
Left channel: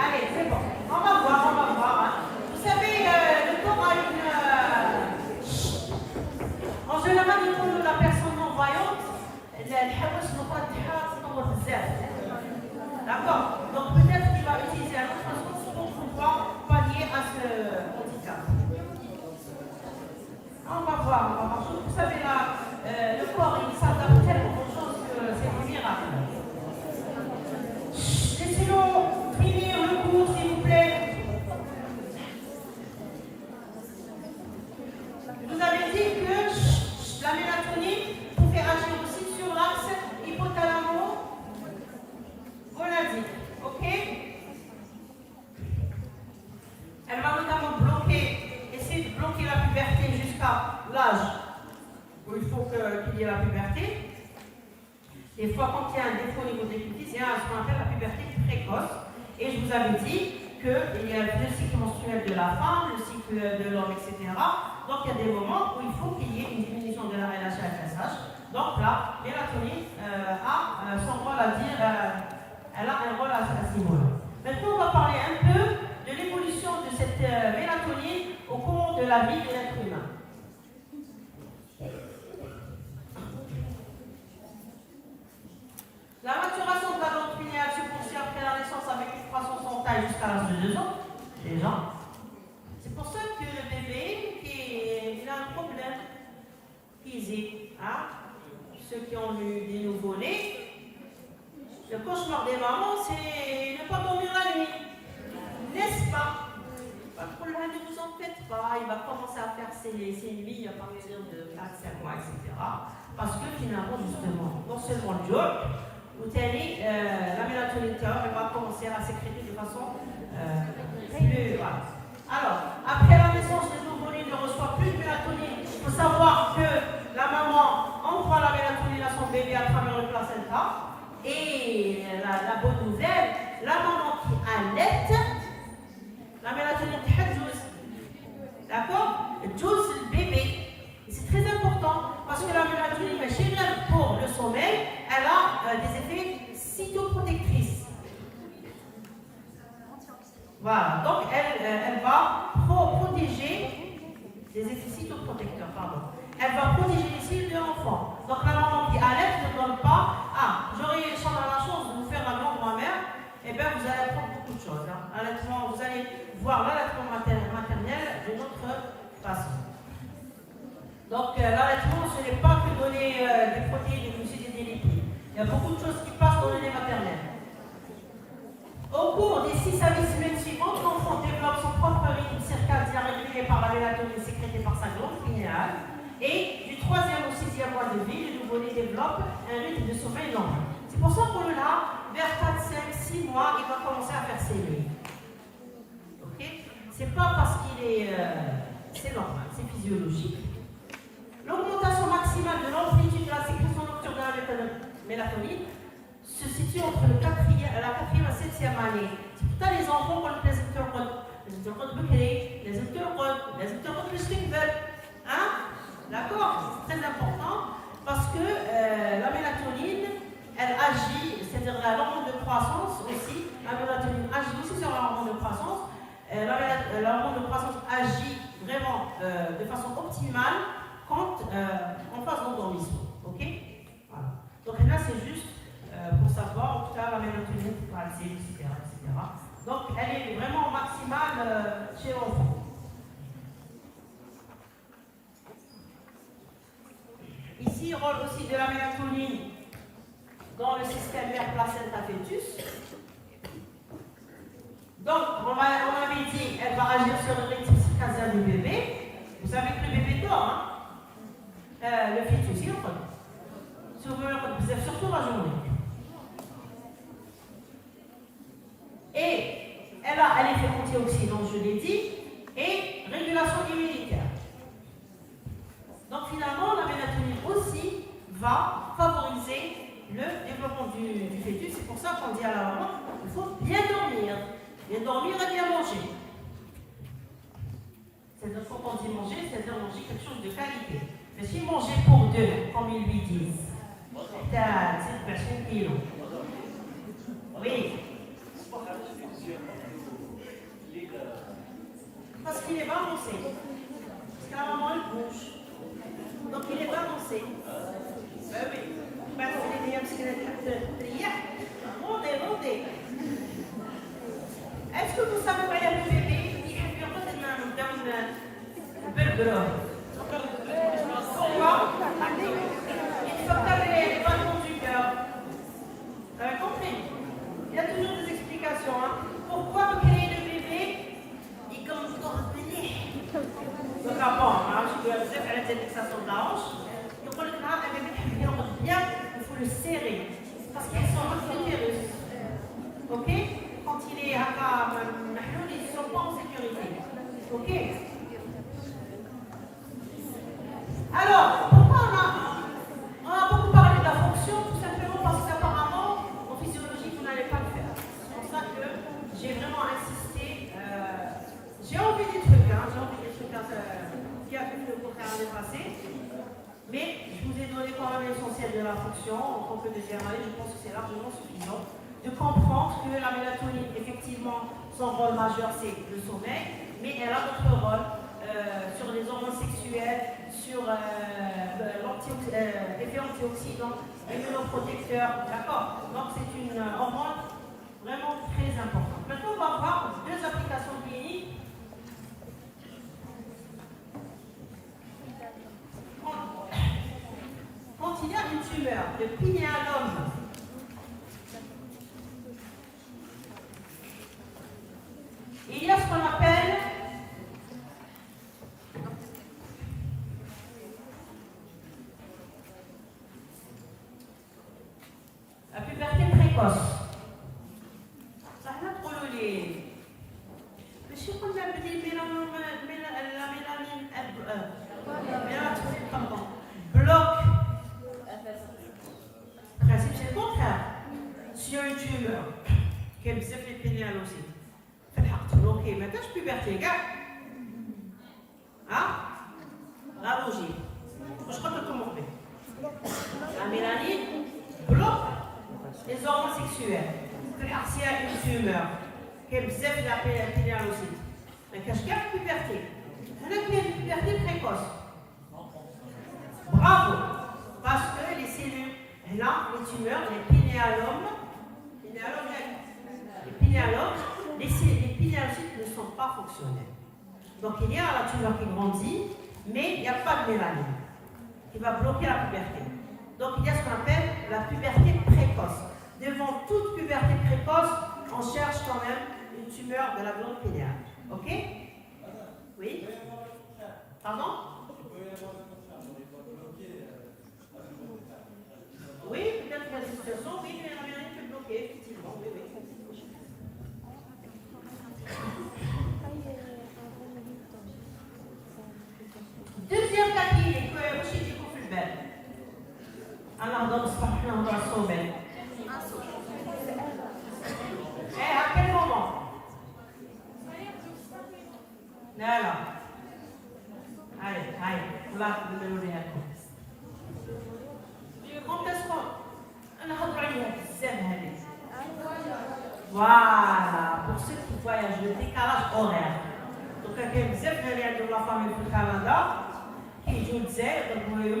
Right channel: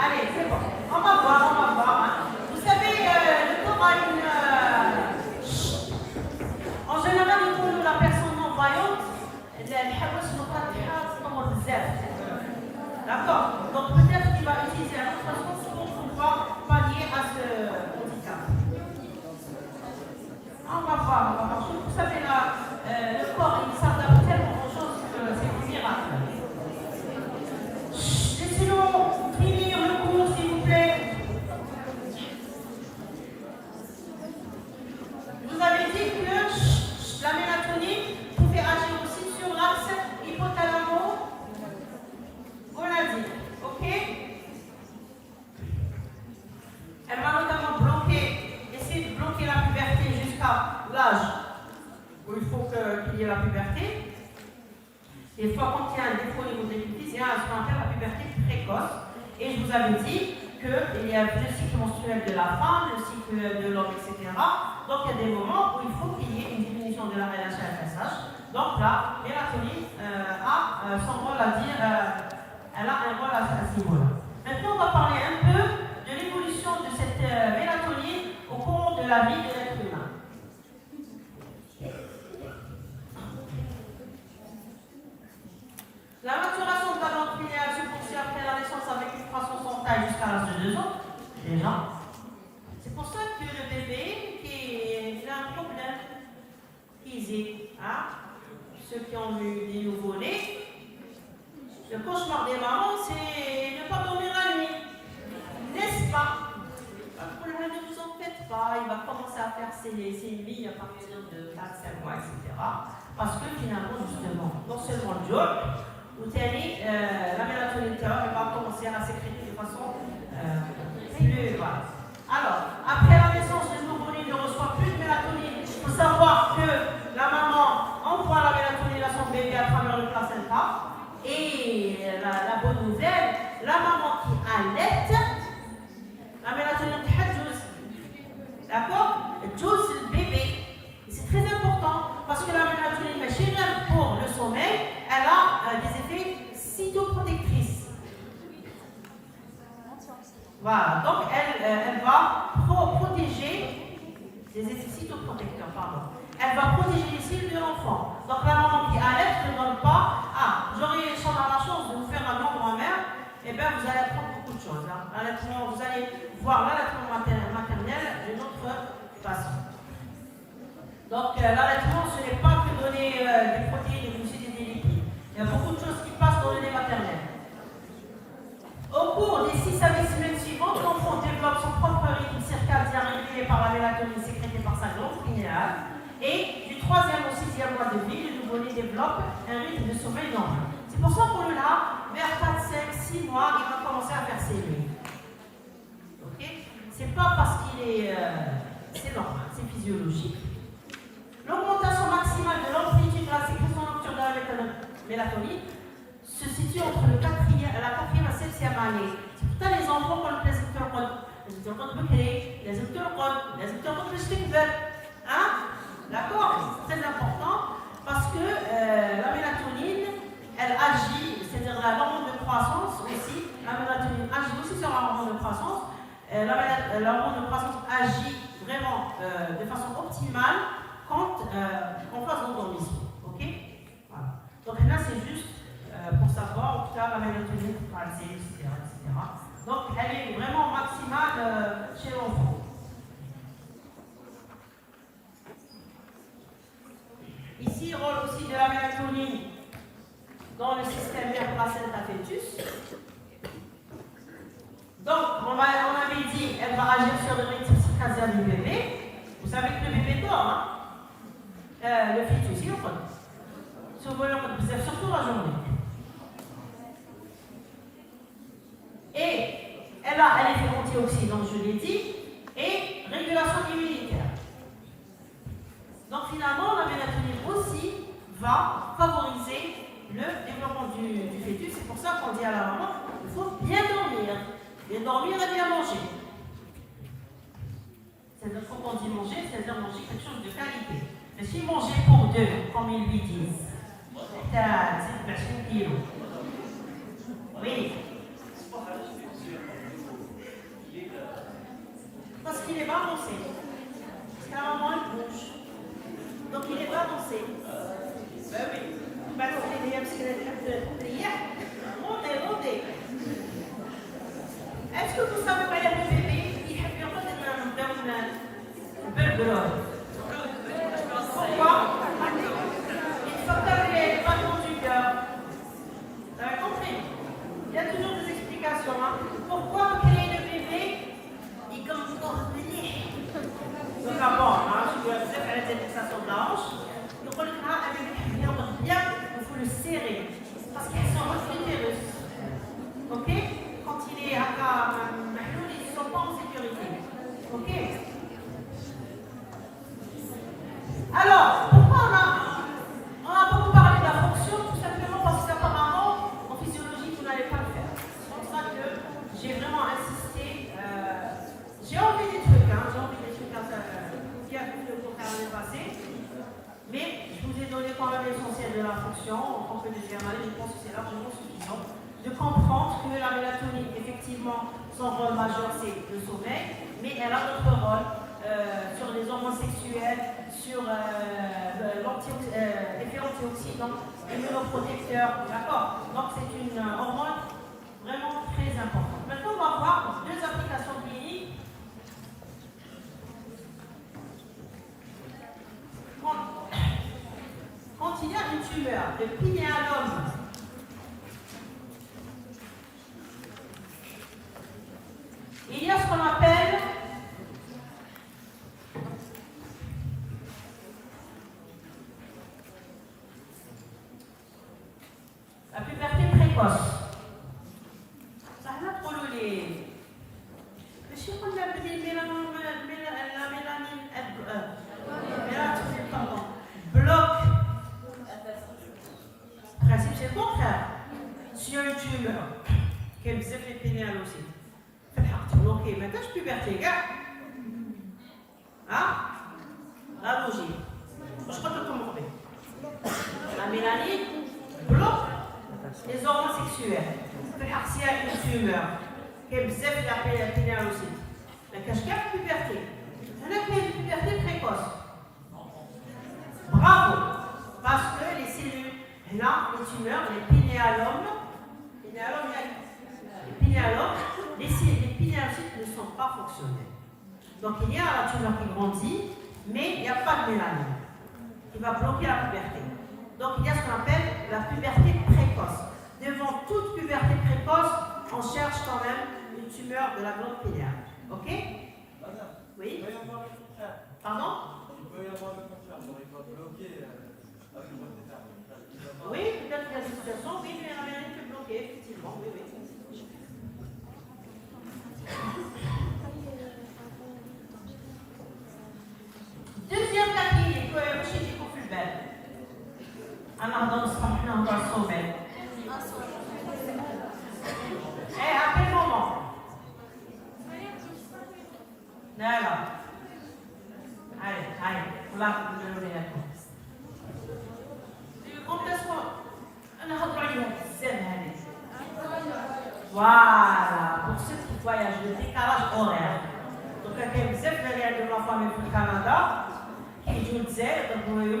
Allez, c'est bon. On va voir, on va voir. Vous savez, le corps a une... En général, pour la personne non-voyante, الحواس مفتحة تنور بزاف. D'accord? Donc peut-être qu'il va utiliser un autre façon pour pouvoir pallier à ce handicap. On va voir. Vous savez, là, le corps, il s'adapte tellement aux choses que c'est un miracle. Laissez-nous finir le cours, s'il vous plaît. Vous avez dit que la mélatonine pouvait agir aussi sur l'axe hypothalamo-gonadique. Ok? Elle va notamment essayer de bloquer la puberté jusqu'à l'âge où il faut qu'il y ait la puberté. Des fois, quand il y a un défaut au niveau des pupilles, il y a ce qu'on appelle la puberté précoce. Et je vous avais dit qu'il y a le cycle menstruel de la femme, le cycle de l'homme, etc. Donc, il y a des moments où il faut qu'il y ait une diminution de la LH-FSH. Donc, la mélatonine a son rôle à dire, elle a un rôle à ce niveau-là. Maintenant, on va parler un peu de l'évolution de cette mélatonine au cours de la vie de l'être humain. La maturation de la glande pinéale se poursuit après la naissance avec une croissance en taille jusqu'à l'âge de 2 ans. Déjà. C'est pour ça que le bébé, il a un problème physique. Hein? Ceux qui ont eu des nouveau-nés, le cauchemar des mamans, c'est ne pas dormir la nuit. N'est-ce pas? Pas de problème, ne vous en faites pas. Il va commencer à faire ses nuits à partir de 4-5 mois, etc. Parce que finalement, justement, non seulement le job, la mélatonine va commencer à sécréter de façon plus... Voilà. Alors, après la naissance, le nouveau-né ne reçoit plus de mélatonine. Il faut savoir que la maman envoie la mélatonine à son bébé à travers le placenta. Et la bonne nouvelle, la maman qui allaite, la mélatonine تحجز. D'accord? Juice le bébé. Et c'est très important parce que la mélatonine, pour le sommeil, elle a des effets cytoprotectrices. Voilà, donc elle va protéger des effets cytoprotecteurs, pardon. Elle va protéger les cellules de l'enfant. Donc la maman qui allaite ne donne pas, j'aurais la chance de vous faire un grand-mère, et bien vous allez apprendre beaucoup de choses. Hein. Vous allez voir l'allaitement maternel d'une autre façon. Donc l'allaitement, ce n'est pas que donner des protéines, des glucides et des lipides. Il y a beaucoup de choses qui passent dans le lait maternel. Au cours des 6 à 8 semaines suivantes, l'enfant développe son propre rythme circadien régulé par la mélatonine sécrétée par sa glande pinéale. Et du 3e au on y développe un rythme de sommeil normal. C'est pour ça qu'on là, vers 4, 5, 6 mois, il va commencer à faire ses nuits. Ok? C'est pas parce qu'il est. C'est normal, c'est physiologique. L'augmentation maximale de l'amplitude de la sécrétion nocturne de la mélatonine se situe entre la 4e et la 7e année. C'est pour ça les enfants, quand les يرقد بكري لازم ترقد باش تكبر d'accord, c'est très important parce que la mélatonine elle agit, c'est-à-dire l'hormone de croissance aussi, la mélatonine agit aussi sur l'hormone de croissance. L'hormone de croissance agit vraiment de façon optimale quand en phase d'endormissement, ok? Voilà. Donc là c'est juste pour savoir en tout cas la mélatonine pour passer, etc. Donc, elle est vraiment maximale chez l'enfant. Ici, rôle aussi de la mélatonine dans le système mère placenta fœtus. Donc, on avait dit, elle va agir sur le rythme circadien du bébé. Vous savez que le bébé dort, le fœtus, il dort. Surtout la journée. Et elle a un effet antioxydant, je l'ai dit, et régulation immunitaire. Donc finalement, la mélatonine aussi va favoriser le développement du fœtus. C'est pour ça qu'on dit à la maman, il faut bien dormir et bien manger. C'est-à-dire quand on dit manger, c'est-à-dire manger quelque chose de qualité. Mais si manger pour deux, comme ils lui disent, c'est personne qui est. Oui. Parce qu'il est balancé. Parce qu'à un moment, il bouge. Donc il est balancé. Ben oui. Ben quand il est parce qu'il est montez. Est-ce que vous savez pas, il y a le bébé qui a fait un peu pourquoi? Il faut faire les battements du cœur. Vous avez compris? Il y a toujours des explications. Pourquoi vous créez le bébé? Il commence à revenir. Donc avant, je dois dire qu'elle était de sa sonage. Donc on le crâne, un bébé qui rentre bien, il faut le serrer. Parce qu'il sent l'utérus. Ok? Quand il est à la mahloul, ils ne sont pas en sécurité. Ok? Alors, pourquoi on a beaucoup parlé de la fonction? Tout simplement parce qu'apparemment, en physiologie, vous n'allez pas le faire. C'est pour ça que j'ai vraiment insisté. J'ai envie des trucs, qui a pu le contraire l'année passée. Mais je vous ai donné quand même l'essentiel de la fonction. En tant que deuxième année, je pense que c'est largement suffisant de comprendre que la mélatonine, effectivement, son rôle majeur, c'est le sommeil, mais elle a d'autres rôles sur les hormones sexuelles, sur l'effet antioxydant, immunoprotecteur, d'accord? Donc c'est une hormone vraiment très importante. Maintenant, on va voir deux applications cliniques. Quand il y a une tumeur de pinéalome, il y a ce qu'on appelle la puberté précoce. Ça n'a pas les. Mais je sais qu'on a dit la mélanine. Pardon. Bloc. Le principe, c'est le contraire. S'il y a une tumeur, qui est le pénéal aussi. Ok, maintenant je puberté, gars. La logique. Je crois que comment on fait. La mélanine bloque les hormones sexuelles. S'il y a une tumeur, qui est la pénéal aussi. Mais qu'est-ce qu'il y a de puberté? On a une puberté précoce. Bravo. Parce que les cellules, là, les tumeurs, les pinéalomes, les pinéalocytes ne sont pas fonctionnels. Donc il y a la tumeur qui grandit, mais il n'y a pas de mélanine qui va bloquer la puberté. Donc il y a ce qu'on appelle la puberté précoce. Devant toute puberté précoce, on cherche quand même une tumeur de la glande pinéale. Ok? Oui? Pardon? Il peut y avoir le contraire, il va bloquer avec le الله نوريها لكم. كومبلاسمون نهضروا عليها بزاف هذه. Voilà, pour ceux qui voyagent, le décalage horaire. Donc, il y a des gens qui ont la famille au Canada qui jouent de zèle, donc vous voyez,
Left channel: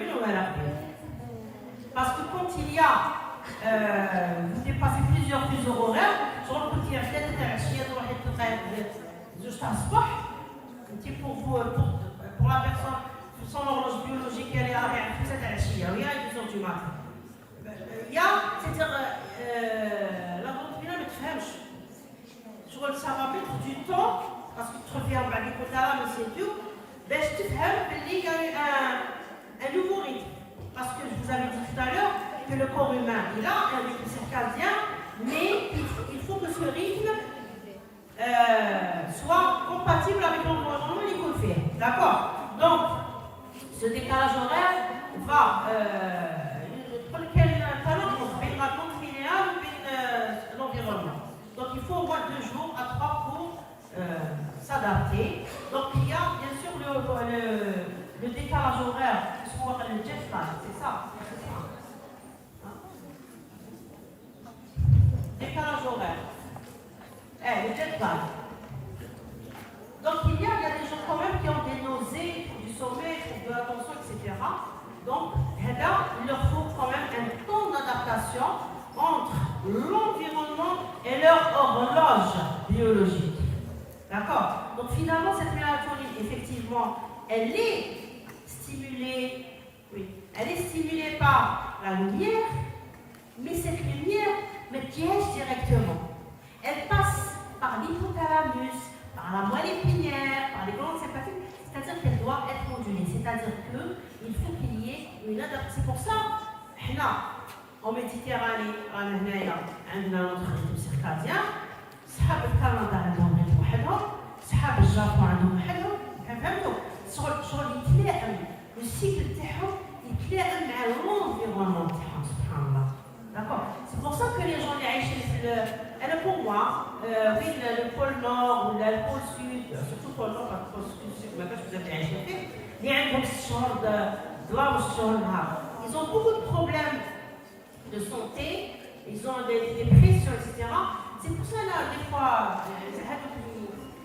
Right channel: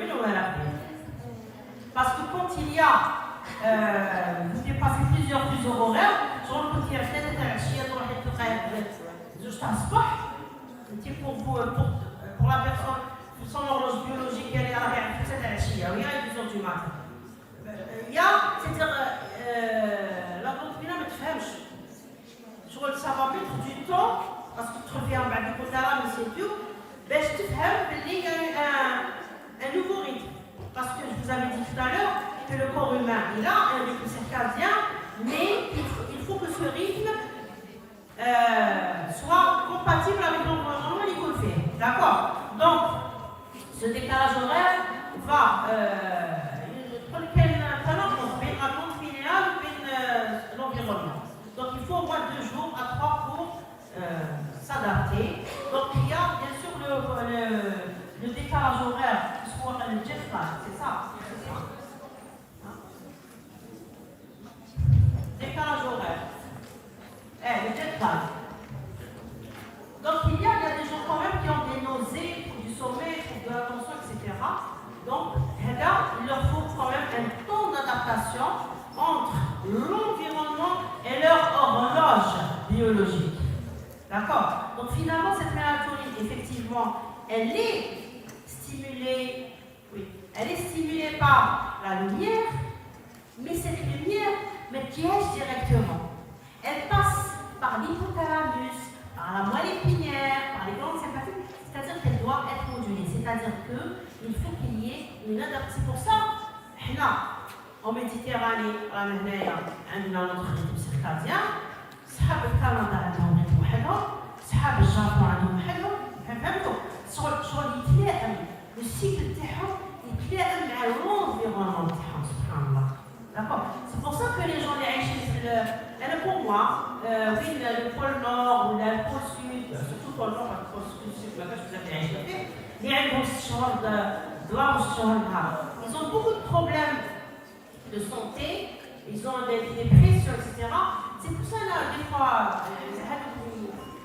parce que quand il y a, vous dépassez plusieurs horaires, sur le côté, il y a peut-être un chien, juste un sport, pour la personne, son horloge biologique, elle est arrière, c'est un chien, il y a une heure du matin. Il y a, c'est-à-dire, la doctrine ne te fait ça va mettre du temps, parce que tu reviens à du côté là, mais c'est tout, ben je te fais qu'il y a un nouveau rythme. Parce que je vous avais dit tout à l'heure que le corps humain, il a un rythme circadien, mais il faut que ce rythme soit compatible avec l'environnement et qu'on fait. D'accord? Donc, ce décalage horaire va l'environnement. Donc il faut au moins 2 jours à 3 pour s'adapter. Donc il y a bien sûr le décalage horaire, ce qu'on appelle le jet lag, c'est ça. Décalage horaire. Le jet lag. Donc il y a des gens quand même qui ont des nausées, du sommeil, de la tension, etc. Donc là, il leur faut quand même un temps d'adaptation entre l'environnement et leur horloge biologique. D'accord? Donc finalement, cette mélatonine, effectivement, elle est stimulée, elle est stimulée par la lumière, mais cette lumière me piège directement. Elle passe par l'hypothalamus, par la moelle épinière, par les glandes sympathiques, c'est-à-dire qu'elle doit être modulée. C'est-à-dire qu'il faut qu'il y ait une adaptation. C'est pour ça, en Méditerranée, عندنا notre rythme circadien. صحاب الكندا عندهم ريتم وحدهم، صحاب الجابون عندهم وحدهم، فهمتوا؟ شغل يتلائم، والسيكل تاعهم يتلائم مع l'environnement تاعهم سبحان الله. D'accord? C'est pour ça que les gens اللي عايشين في أنا pour moi, oui, le pôle nord ou le pôle sud, surtout le pôle nord, le pôle sud, ما كانش بزاف عايشين فيه، اللي عندهم 6 شهور ظلام و6 شهور نهار. Ils ont beaucoup de problèmes de santé, ils ont des pressions, etc. C'est pour ça, là, des fois,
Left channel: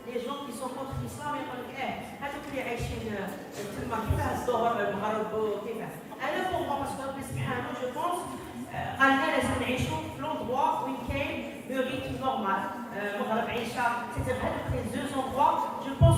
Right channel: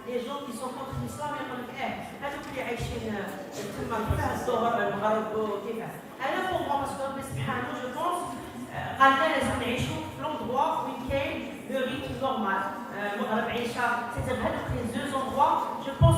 les gens qui sont contre l'islam, ils disent هذوك اللي عايشين تما كيفاه الظهر المغرب وكيفاه. أنا pour moi, parce que ربي سبحانه, je pense, قال لنا لازم نعيشوا في l'endroit où كاين le rythme normal. المغرب عيشة, c'est-à-dire هذوك les 2 endroits, je pense